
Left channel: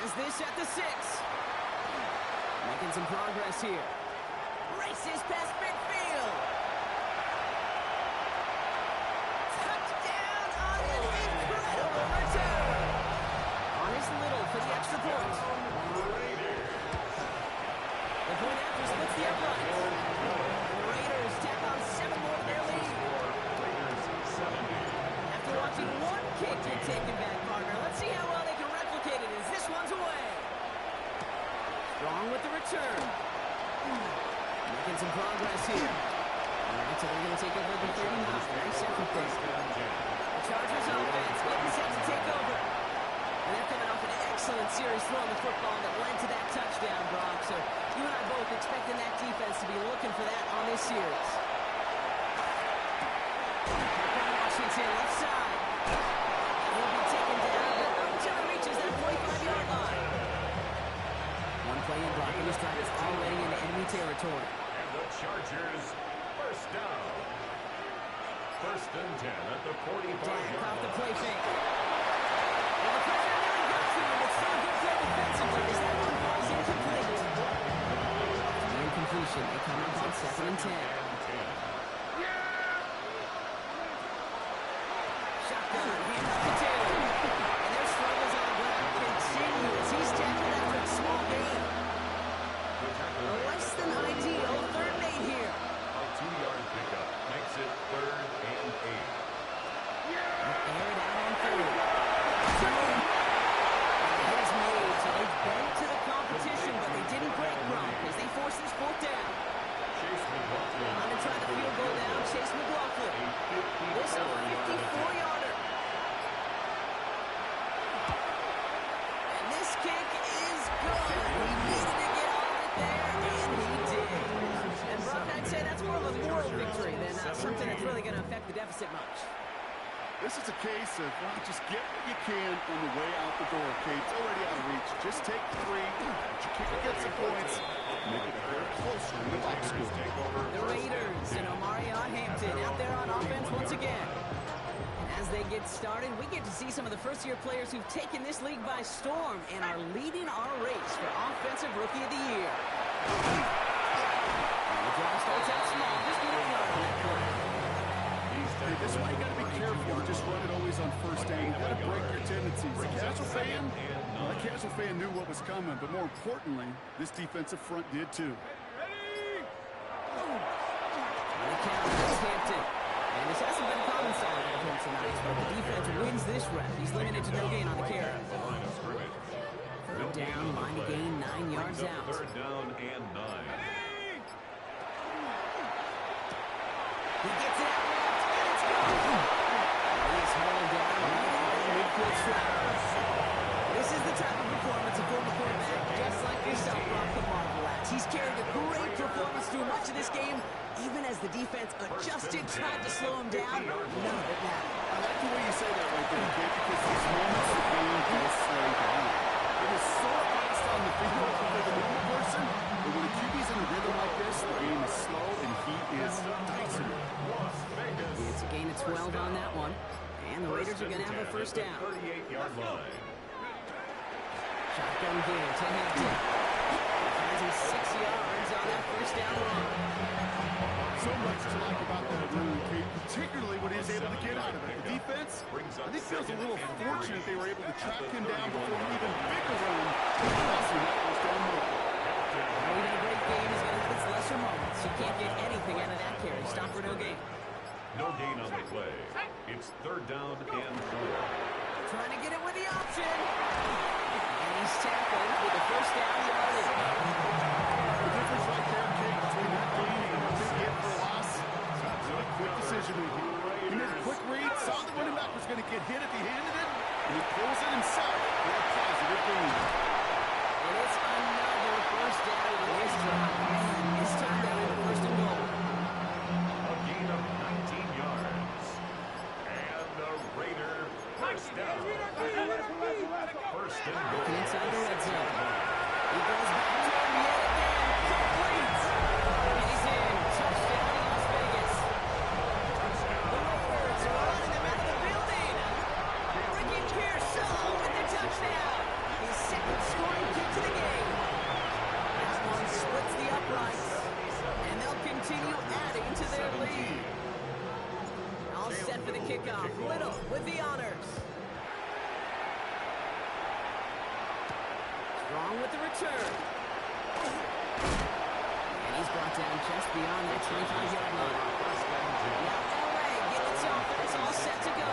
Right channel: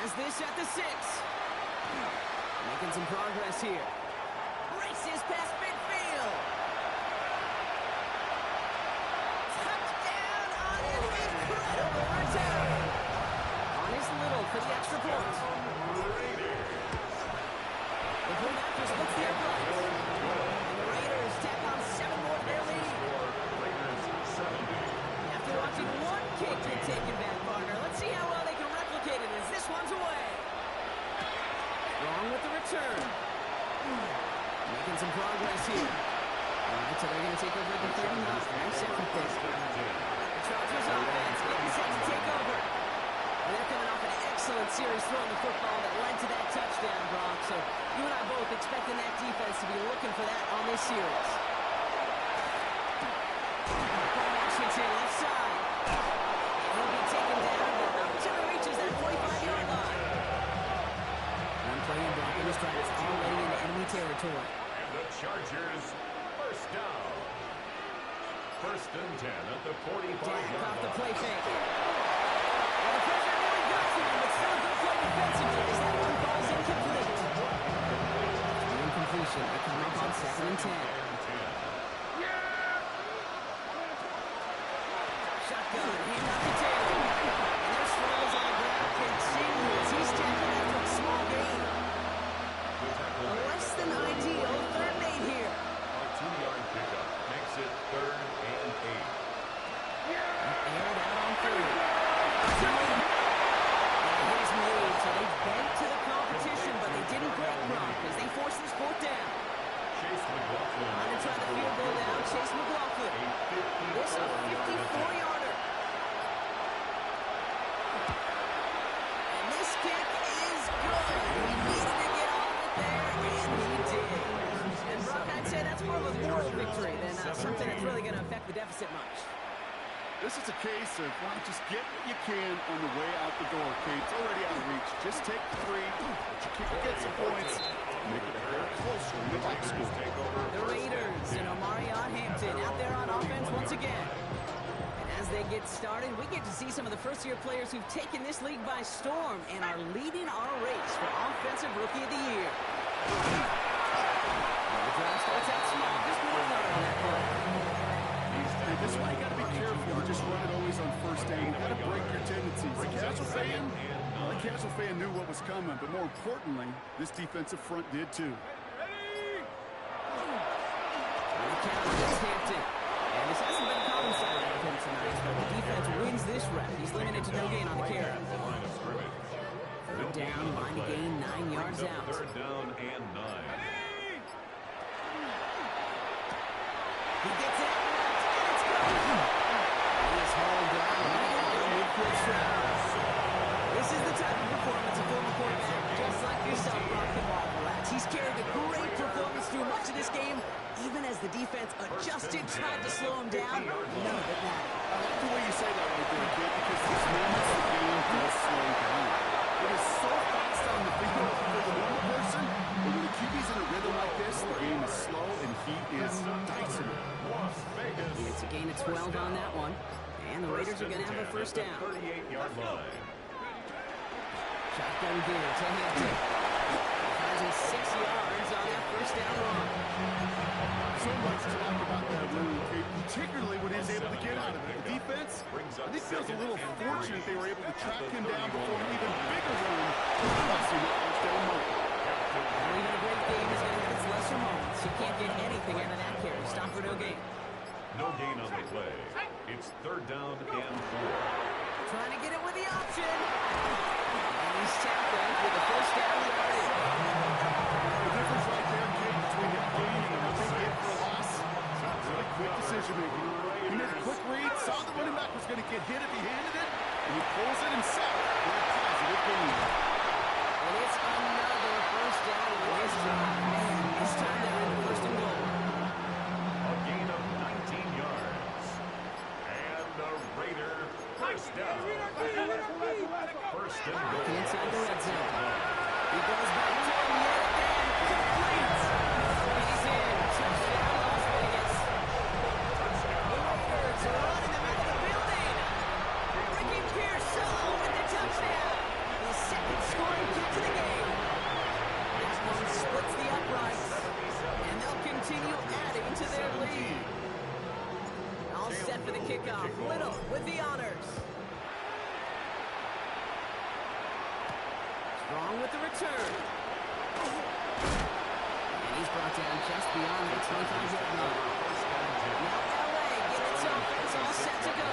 Has this at the 6. Making some progress here. Races past midfield. Touchdown on an incredible return. On his little for the extra point. The point after splits the uprights. And the Raiders tack on 7 more to their lead. Raiders 70. After watching one kick get taken back, partner, let's see how well they can replicate it as this one's away. Strong with the return. Making some progress here. All right, so they're going to take over at the 39. Nice effort there. The Chargers offense getting set to take over. And they're coming off an excellent series throwing the football that led to that touchdown, Brock. So you and I both expecting that defense to be looking for that on this series. Washington left side. And he'll be taken down, but not until it reaches that 45-yard line. One play in, Brock, and this drive is already into enemy territory. And the Chargers, first down. First and 10 at the 45-yard Off the line. play fake. Well, the pressure nearly got to him, but still a good play defensively as that one falls incomplete. The incompletion, they come up on second and 10. Shotgun, hand off to Taylor. And their struggles on the ground continue as he's tackled after a small gain. A less than ideal 3rd and 8 here. A 2-yard pickup makes it 3rd and 8. Air it out on 3rd. And the hit is made, so they've bent to the competition, but they didn't break Gronk as they force this 4th down. Chase McLaughlin. On to try the field goal down, Chase McLaughlin. This a 54-yarder. And this kick is good. He needed to get all of it there, and he did. And Brock, I'd say that's more of a moral victory than something that's really going to affect the deficit much. This is a case of, well, just get what you can on the way out the door, Kate. It's already out of reach. Just take the 3, let your kicker get some points, make it a hair closer in the box score. The Raiders and Omarion Hampton out there on offense once again. And as they get started, we get to see some of the first-year players who've taken this league by storm and are leading our race for Offensive Rookie of the Year. And the drive starts out small, just 1 yard on that play. Hey, this is why you got to be careful. You just run it always on first down. You got to break your tendencies. The casual fan knew what was coming, but more importantly, this defensive front did too. The count is Hampton. And this hasn't been common side of him tonight, but the defense wins this rep. He's limited to no gain on the carry. Third down, line to gain 9 yards out. 3rd down and 9. He gets it out left, and it's gone. He is hauled down right at the midfield strip. This is the type of performance a former quarterback, just like yourself, Brock, can marvel at. He's carried a great performance through much of this game, even as the defense adjusted, tried to slow him down. None of it mattered. I like the way you say that right there, Kate, because these moments the game does slow down. It is so fast on the field for the normal person, but when the QB's in a rhythm like this, the game is slow and he is dicing it. It's a gain of 12 on that one. And the Raiders are going to have a first down. 38-yard line. Shotgun give to Hampton. Finds him 6 yards on that first down run. So much to like about that run, Kate, particularly when he was able to get out of it. The defense, I think, feels a little fortunate they were able to track him down before an even bigger run. Crossing that first down moment. Now, even a great game is going to have its lesser moments. You can't get anything out of that carry. Stop for no gain. No gain on the play. It's 3rd down and 4. Trying to get it with the option. And he's tackled with the first down yardage. The difference right there, Kate, between that gain and a big hit for a loss. Really quick decision-making. He made a quick read, saw the running back was going to get hit if he handed it, and he pulls it himself for a positive gain. And it's another first down on this drive. Man, this time they're in first and goal. A gain of 19 yards. And the Raider first down. First and goal. Inside the red zone. He goes back to him yet again. Complete. And he's in. Touchdown, Las Vegas. The Raiders are running them out of the building. Ricky Pearsall with the touchdown. His second scoring kick to the game. That one splits the uprights. And they'll continue adding to their lead. All set for the kickoff. Little with the honors. Strong with the return. And he's brought down just beyond the 25-yard line. Now LA getting its offense all set to go.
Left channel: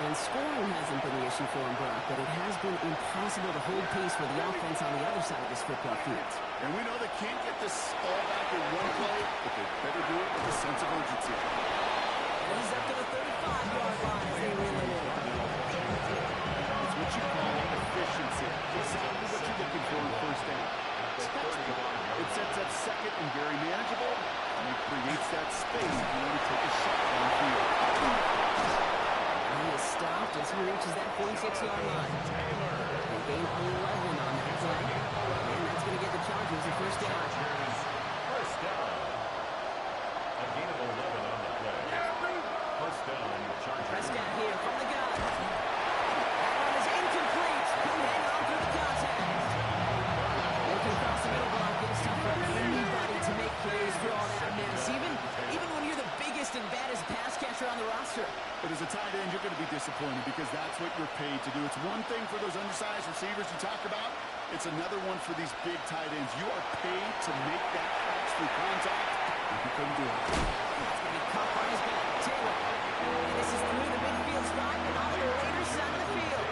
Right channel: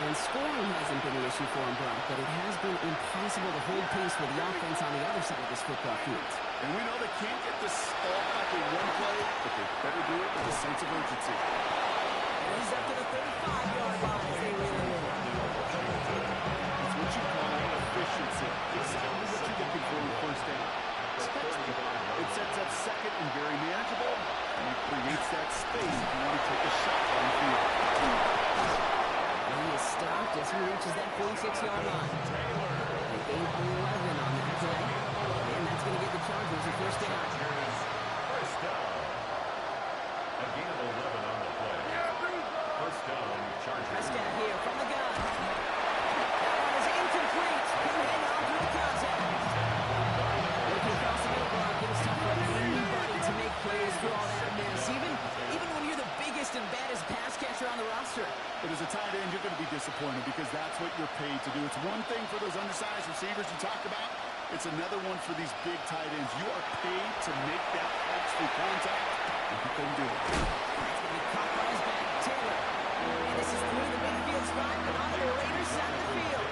And scoring hasn't been the issue for him, Brock, but it has been impossible to hold pace with the offense on the other side of this football field. And we know they can't get this all back in one play, but they better do it with a sense of urgency. And he's up to the 35-yard line as they reel it in. It's what you call efficiency. Exactly what you're looking for in first down. It sets up second and very manageable, and it creates that space if you want to take a shot downfield. And he is stopped as he reaches that 46-yard line. They gain 11 on that play, and that's going to get the Chargers a first down. First down. A gain of 11 on the play. First down, Chargers. Prescott here from the gun. That one is incomplete. Couldn't hang on through the contact. Looking across the middle block, it's tough for anybody to make plays through all that mess, even when you're the biggest and baddest pass catcher on the roster. But as a tight end, you're going to be disappointed because that's what you're paid to do. It's one thing for those undersized receivers you talk about. It's another one for these big tight ends. You are paid to make that catch through contact, and you couldn't do it. It's going to be caught by his back, Taylor. And this is through the midfield stripe and onto the Raiders side of the field.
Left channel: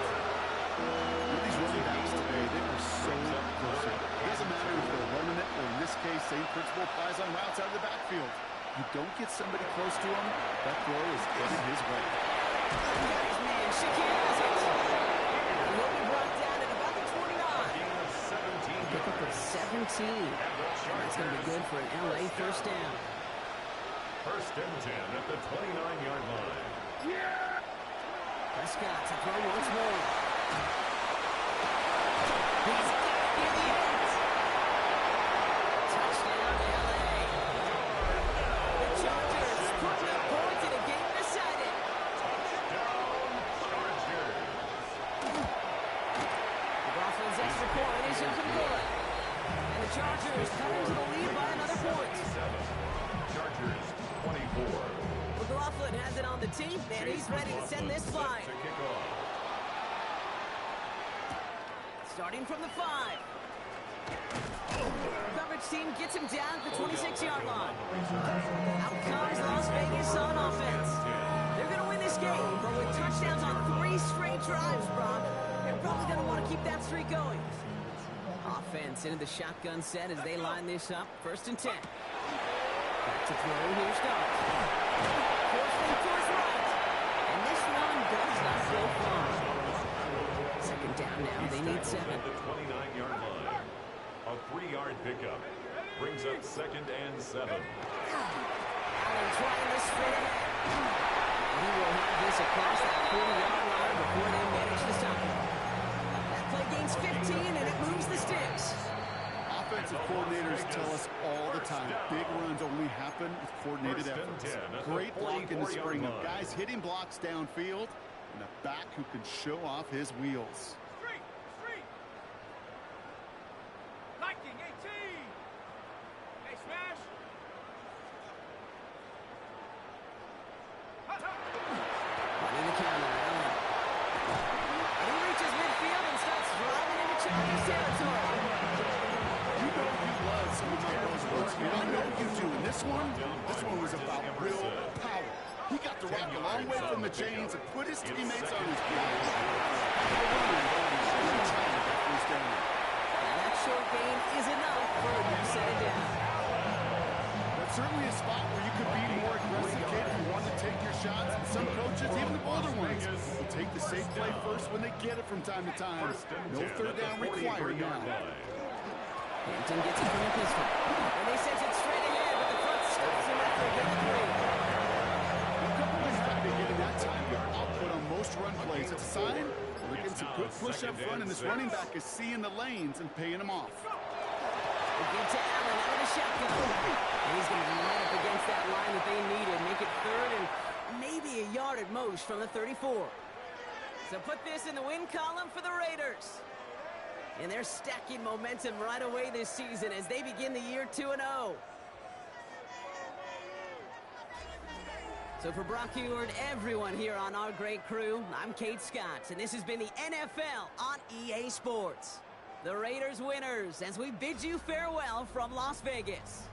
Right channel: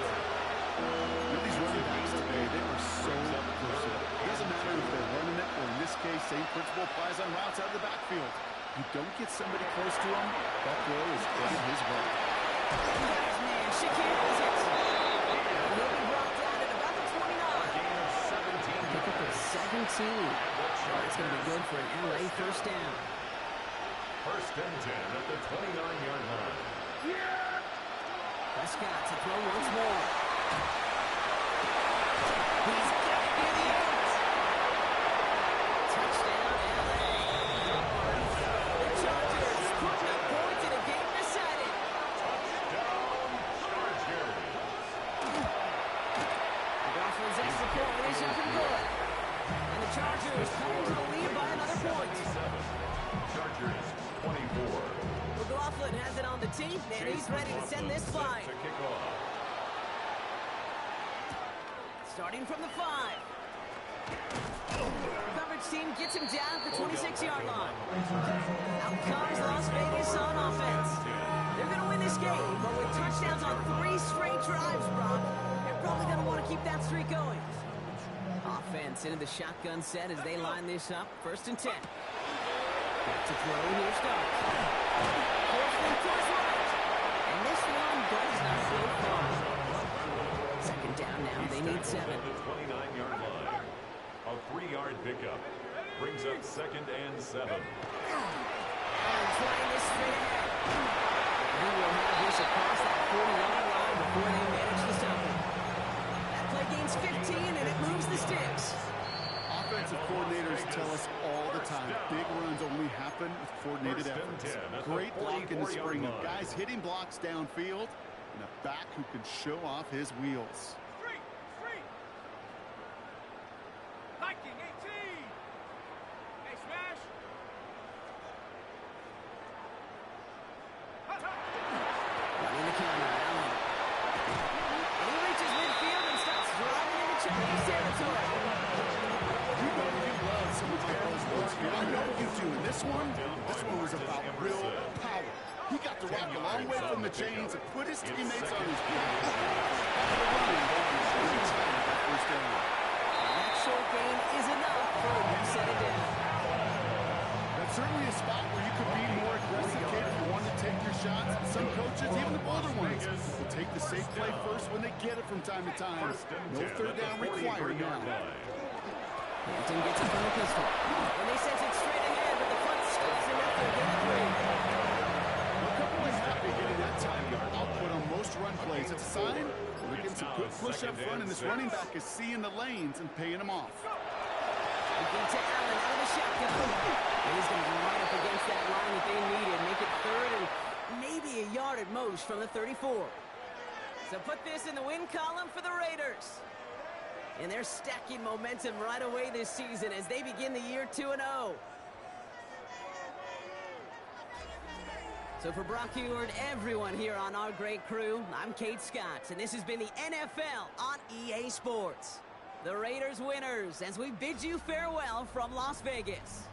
These running backs today, they are so versatile. It doesn't matter if they're running it, or in this case, same principle applies on routes out of the backfield. You don't get somebody close to him, that throw is headed his way. Got his man, Shakir has it. And he'll be brought down at about the 29. Gain of 17 Pick up at 17. It's going to be good for an LA first down. First and 10 at the 29-yard line. Prescott to throw once more. He's got it near the 8. Touchdown, LA. The Chargers putting up points in a game decided. Touchdown, Chargers. McLaughlin's extra point is up and good. And the Chargers come into the lead by another point. 77. Chargers 24. McLaughlin has it on the team, and he's ready to send this flying. To kick off. Starting from the 5. Coverage team gets him down at the 26-yard line. Out comes Las Vegas on offense. They're going to win this game, but with touchdowns on 3 straight drives, Brock, they're probably going to want to keep that streak going. Offense into the shotgun set as they line this up. First and 10. Back to throw. Here starts. Horseman to his right. And this one does not go far. Second down now. They need 7. At the 29-yard line. A 3-yard pickup. Brings up second and 7. Allen trying this straight ahead. And he will have this across that 40-yard line before they manage to stop him. That play gains 15, and it moves the sticks. Offensive coordinators tell us all the time, big runs only happen with coordinated efforts. Great block in the spring of guys hitting blocks downfield, and a back who can show off his wheels. Street! Viking 18! Hey, smash! Running the counter, Allen. And he reaches midfield and starts driving into Chargers territory. You know you love some of my buzzwords here. I know you do. And this one was about real power. He got the rock a long way from the chains and put his teammates on his back. And that short gain is enough for a new set it down. That's certainly a spot where you could be more aggressive, kid, if you want to take your shots. Some coaches, even the bolder ones, will take the safe play first when they get it from time to time. No third down required now. Hampton gets it from the pistol. And they send it straight ahead, but the front stops him after a gain of 3. A couple is happy getting that type of output on most run plays. It's a sign we're getting some good push up front, and this running back is seeing the lanes and paying them off. They give to Allen out of the shotgun. And he's going to be right up against that line that they needed. Make it third and maybe a yard at most from the 34. So put this in the win column for the Raiders. And they're stacking momentum right away this season as they begin the year 2-0. So for Brock Eward, everyone here on our great crew, I'm Kate Scott, and this has been the NFL on EA Sports. The Raiders winners as we bid you farewell from Las Vegas.